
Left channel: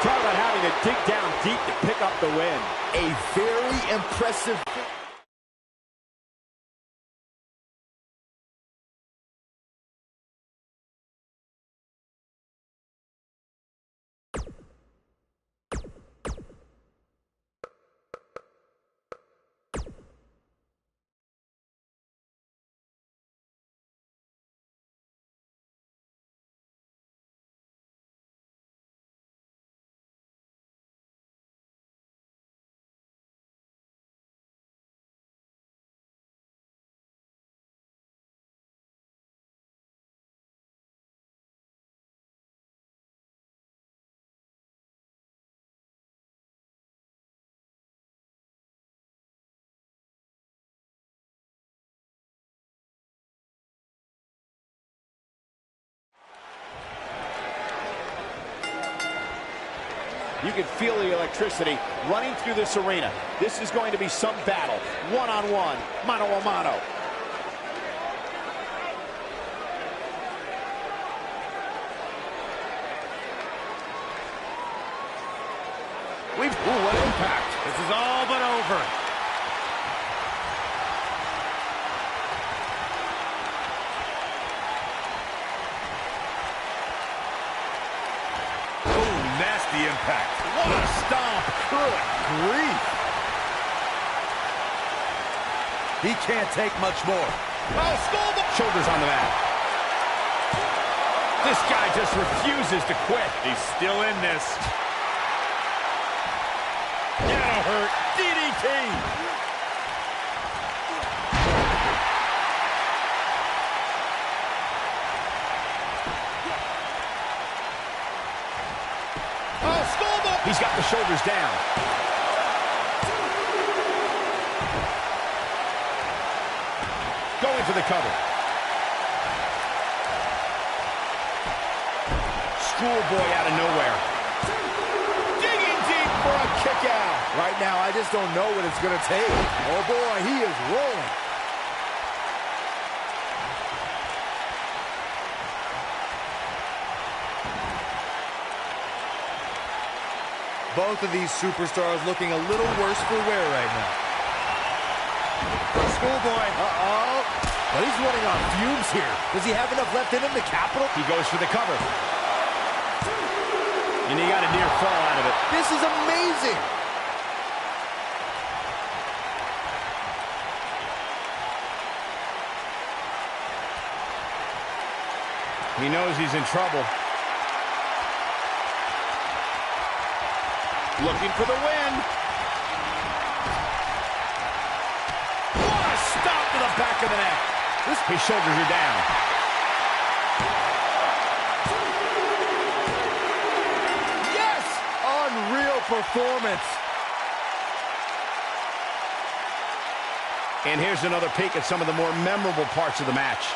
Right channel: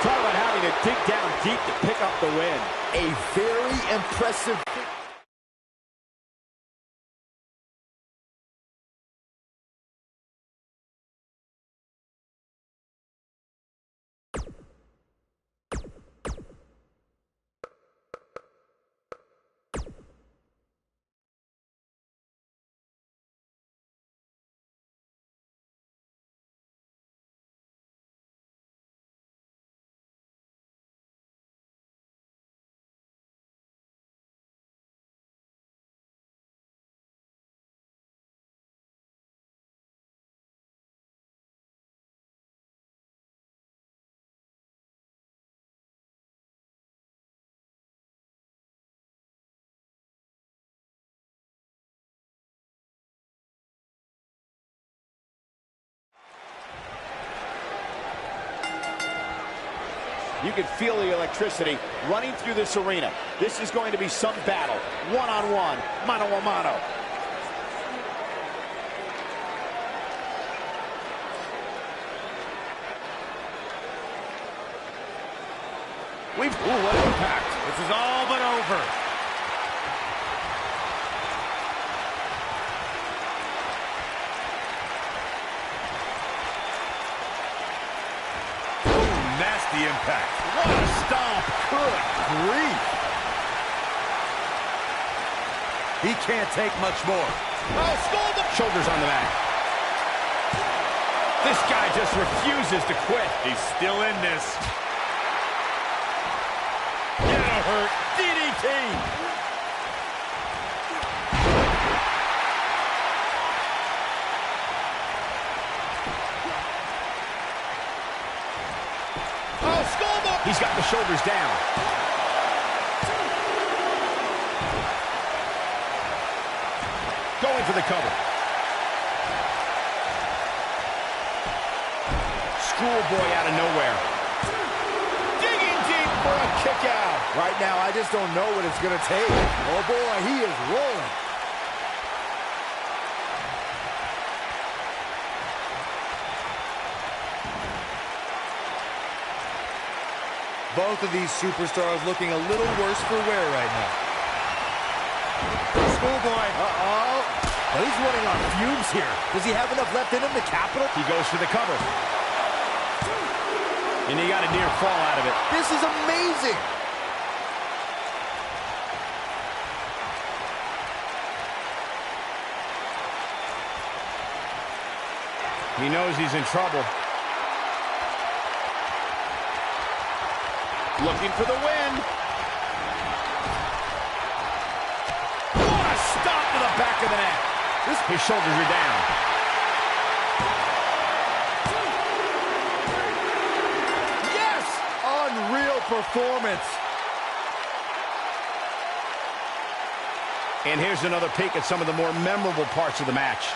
Talk about having to dig down deep to pick up the win. A very impressive. You can feel the electricity running through this arena. This is going to be some battle. One-on-one, mano-a-mano. Ooh, what impact. This is all but over. Nasty impact. What a stomp. Good grief. He can't take much more. Oh, schoolboy. Shoulders on the mat. This guy just refuses to quit. He's still in this. That'll hurt. DDT. Oh, schoolboy. He's got the shoulders down. Going for the cover. Schoolboy out of nowhere. Digging deep for a kick out. Right now, I just don't know what it's going to take. Oh, boy, he is rolling. Both of these superstars looking a little worse for wear right now. Schoolboy. Uh-oh. But he's running on fumes here. Does he have enough left in him to capital? He goes for the cover. And he got a near fall out of it. This is amazing. He knows he's in trouble. Looking for the win. What a stop to the back of the neck. His shoulders are down. Yes! Unreal performance. And here's another peek at some of the more memorable parts of the match.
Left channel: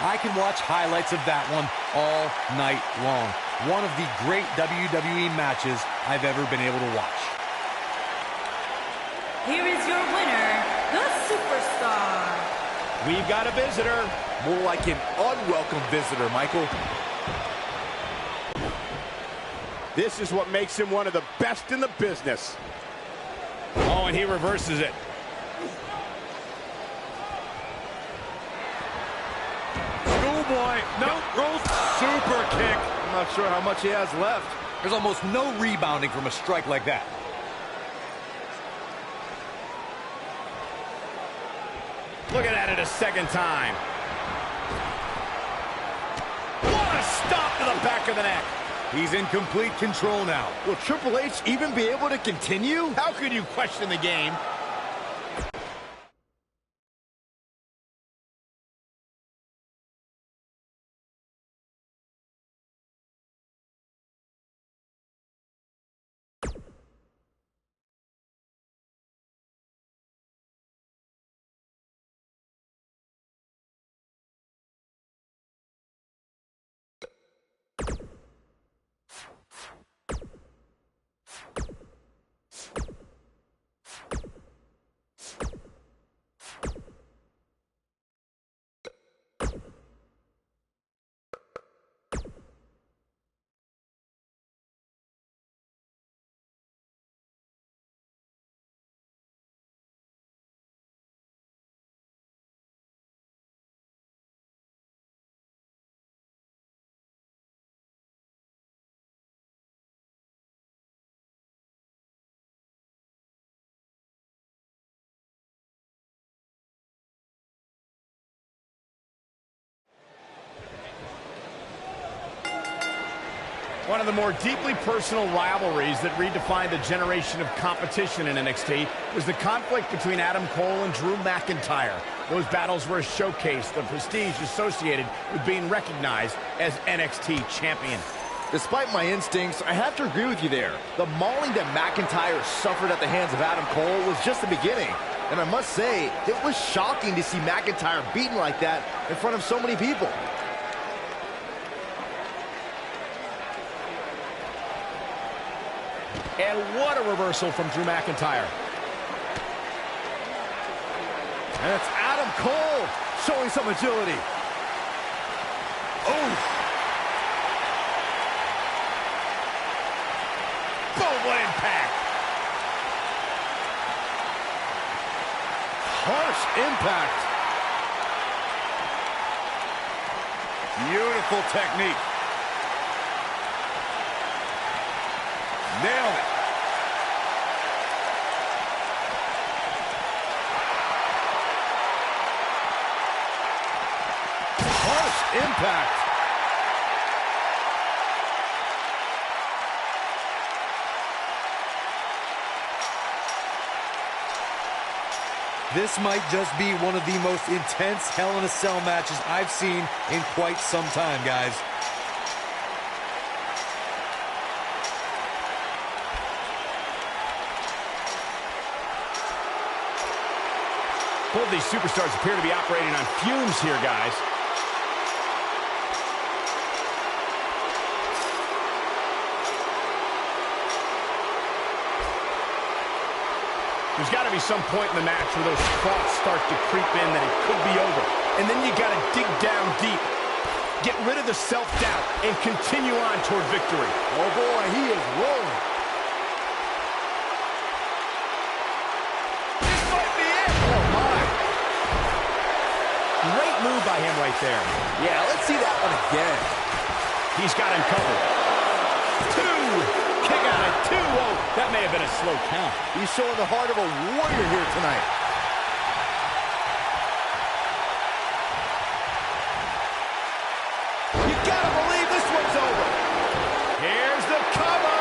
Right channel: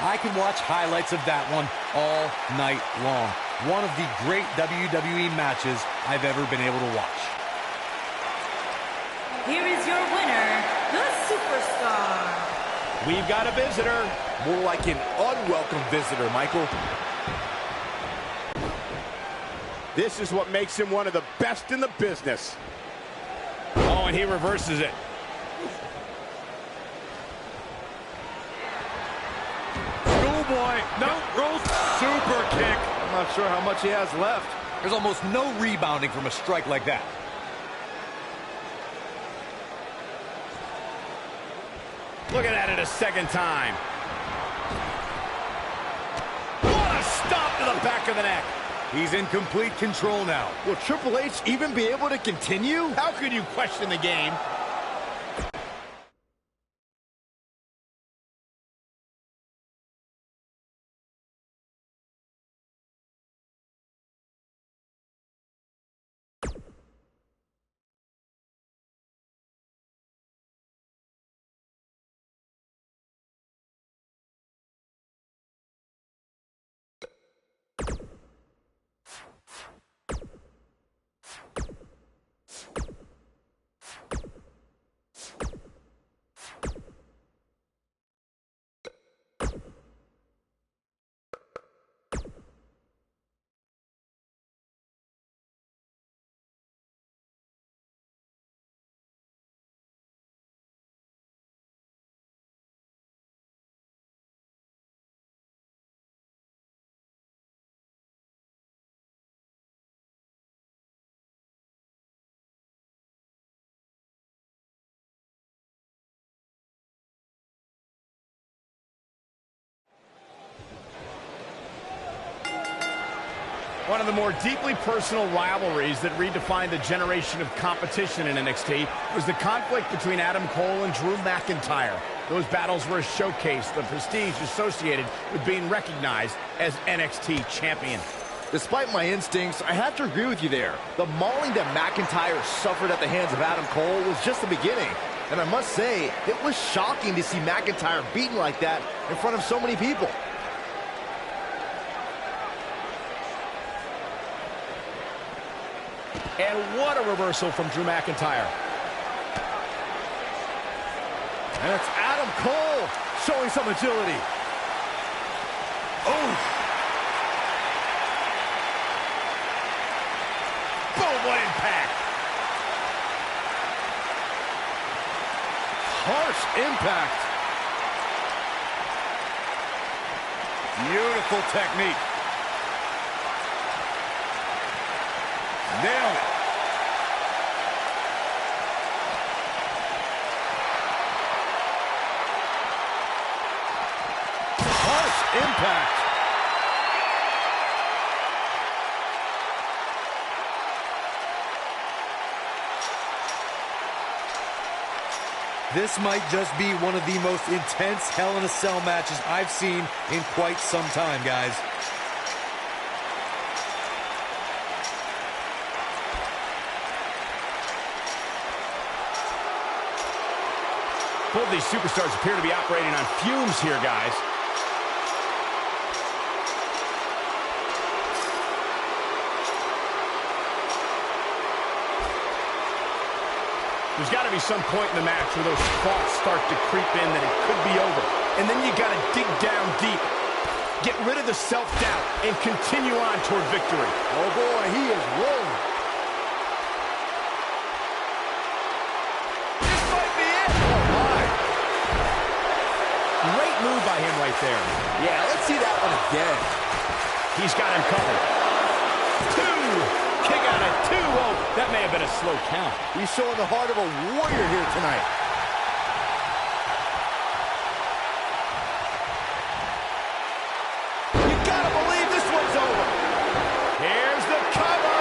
I can watch highlights of that one all night long. One of the great WWE matches I've ever been able to watch. here is your winner, the Superstar. We've got a visitor. More like an unwelcome visitor, Michael. This is what makes him one of the best in the business. Oh, and he reverses it. Schoolboy, no, super kick. I'm not sure how much he has left. There's almost no rebounding from a strike like that. Looking at it a second time. What a stop to the back of the neck. He's in complete control now. Will Triple H even be able to continue? How could you question the game? One of the more deeply personal rivalries that redefined the generation of competition in NXT was the conflict between Adam Cole and Drew McIntyre. Those battles were a showcase, the prestige associated with being recognized as NXT champion. Despite my instincts, I have to agree with you there. The mauling that McIntyre suffered at the hands of Adam Cole was just the beginning. And I must say, it was shocking to see McIntyre beaten like that in front of so many people. And what a reversal from Drew McIntyre. And it's Adam Cole showing some agility. Oh! Boom, what impact! Harsh impact. Beautiful technique. Nailed it. Harsh impact. This might just be one of the most intense Hell in a Cell matches I've seen in quite some time, guys. Both these superstars appear to be operating on fumes here, guys. There's got to be some point in the match where those thoughts start to creep in that it could be over. And then you got to dig down deep. Get rid of the self-doubt and continue on toward victory. Oh boy, he is rolling. This might be it. Oh my. Great move by him right there. Yeah, let's see that one again. He's got him covered. Two. Kick out at 2. Oh, that may have been a slow count. He's showing the heart of a warrior here tonight. You gotta believe this one's over. Here's the cover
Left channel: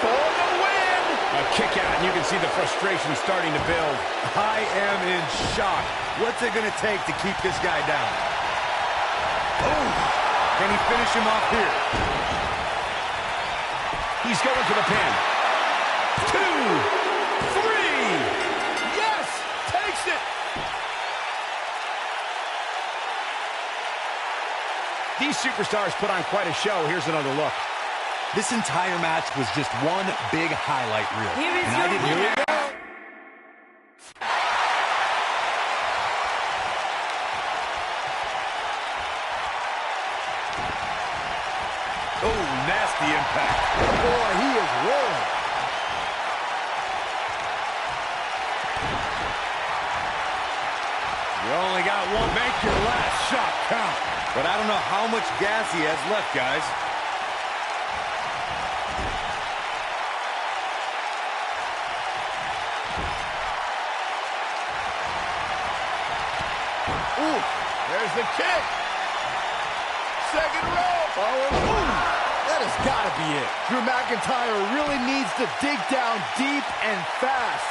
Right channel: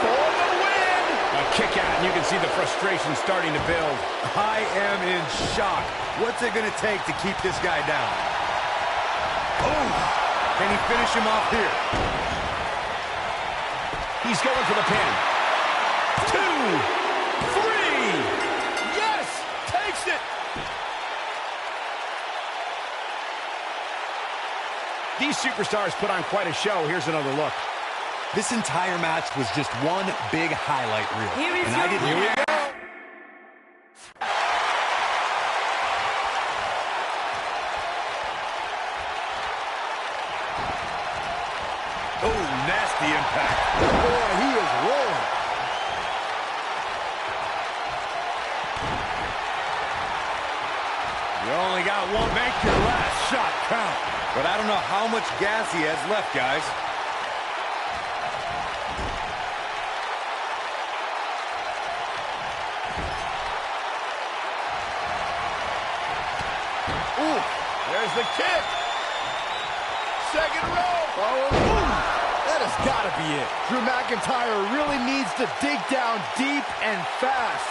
for the win. A kick out, and you can see the frustration starting to build. I am in shock. What's it going to take to keep this guy down? Oh, can he finish him off here? He's going for the pin. 2, 3. Yes! Takes it! These superstars put on quite a show. Here's another look. This entire match was just one big highlight reel. Here is and your I didn't winner, nasty impact. Boy, he is rolling. You only got one. Make your last shot count. But I don't know how much gas he has left, guys. Ooh, there's the kick. Second row. Ooh, that has got to be it. Drew McIntyre really needs to dig down deep and fast.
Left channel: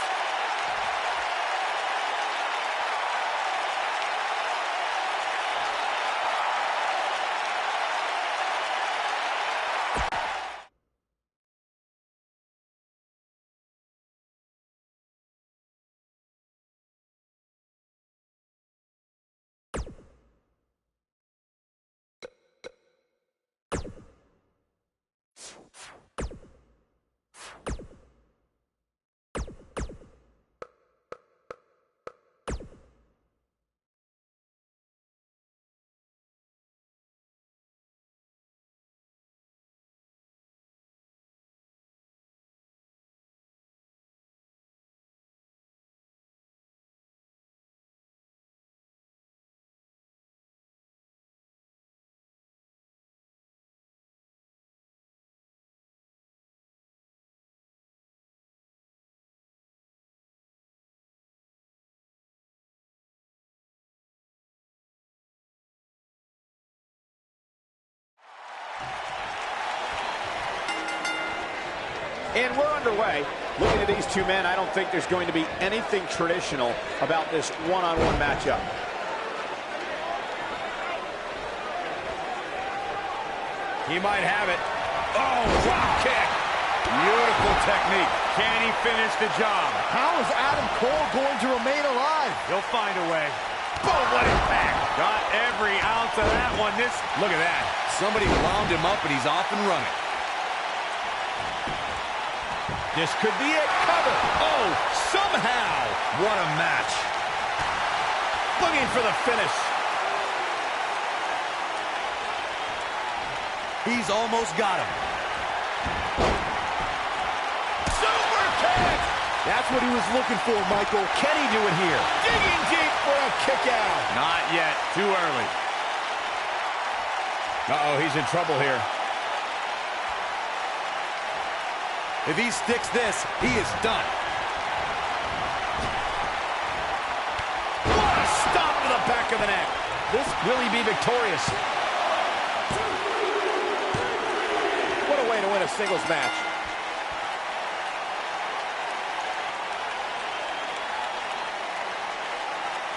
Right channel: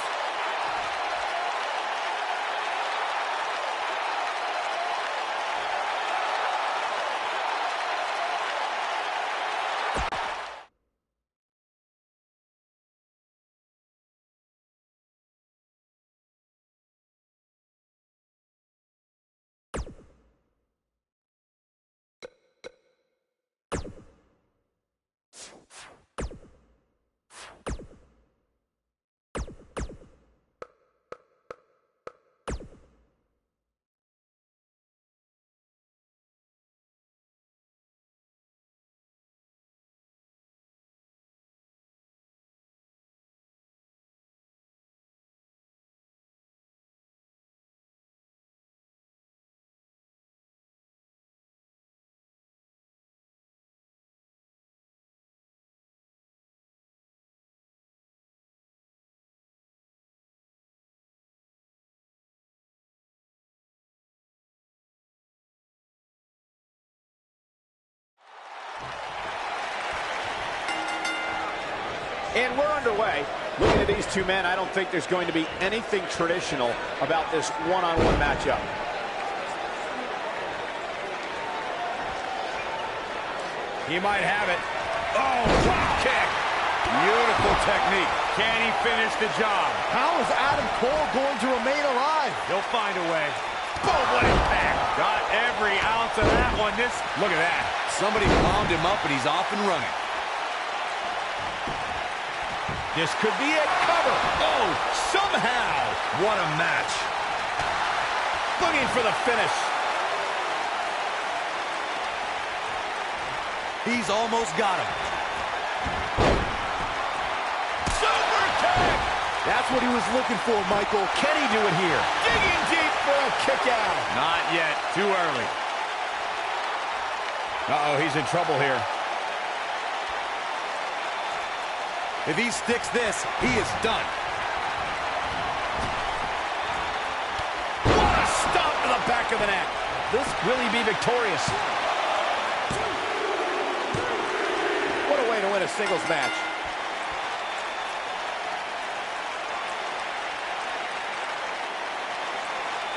And we're underway. Looking at these two men, I don't think there's going to be anything traditional about this one-on-one matchup. He might have it. Oh, drop kick. Beautiful technique. Can he finish the job? How is Adam Cole going to remain alive? He'll find a way. Boom, what impact. Got every ounce of that one. Look at that. Somebody wound him up and he's off and running. This could be it. Cover. Oh, somehow. What a match. Looking for the finish. He's almost got him. Super kick. That's what he was looking for, Michael. Can he do it here? Digging deep for a kick out. Not yet. Too early. Uh-oh, he's in trouble here. If he sticks this, he is done. What a stop to the back of the neck. Will he be victorious? What a way to win a singles match.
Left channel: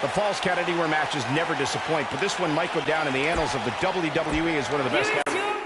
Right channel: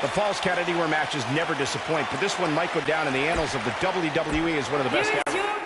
The Falls Count Anywhere matches never disappoint, but this one might go down in the annals of the WWE as one of the best Here is ever. your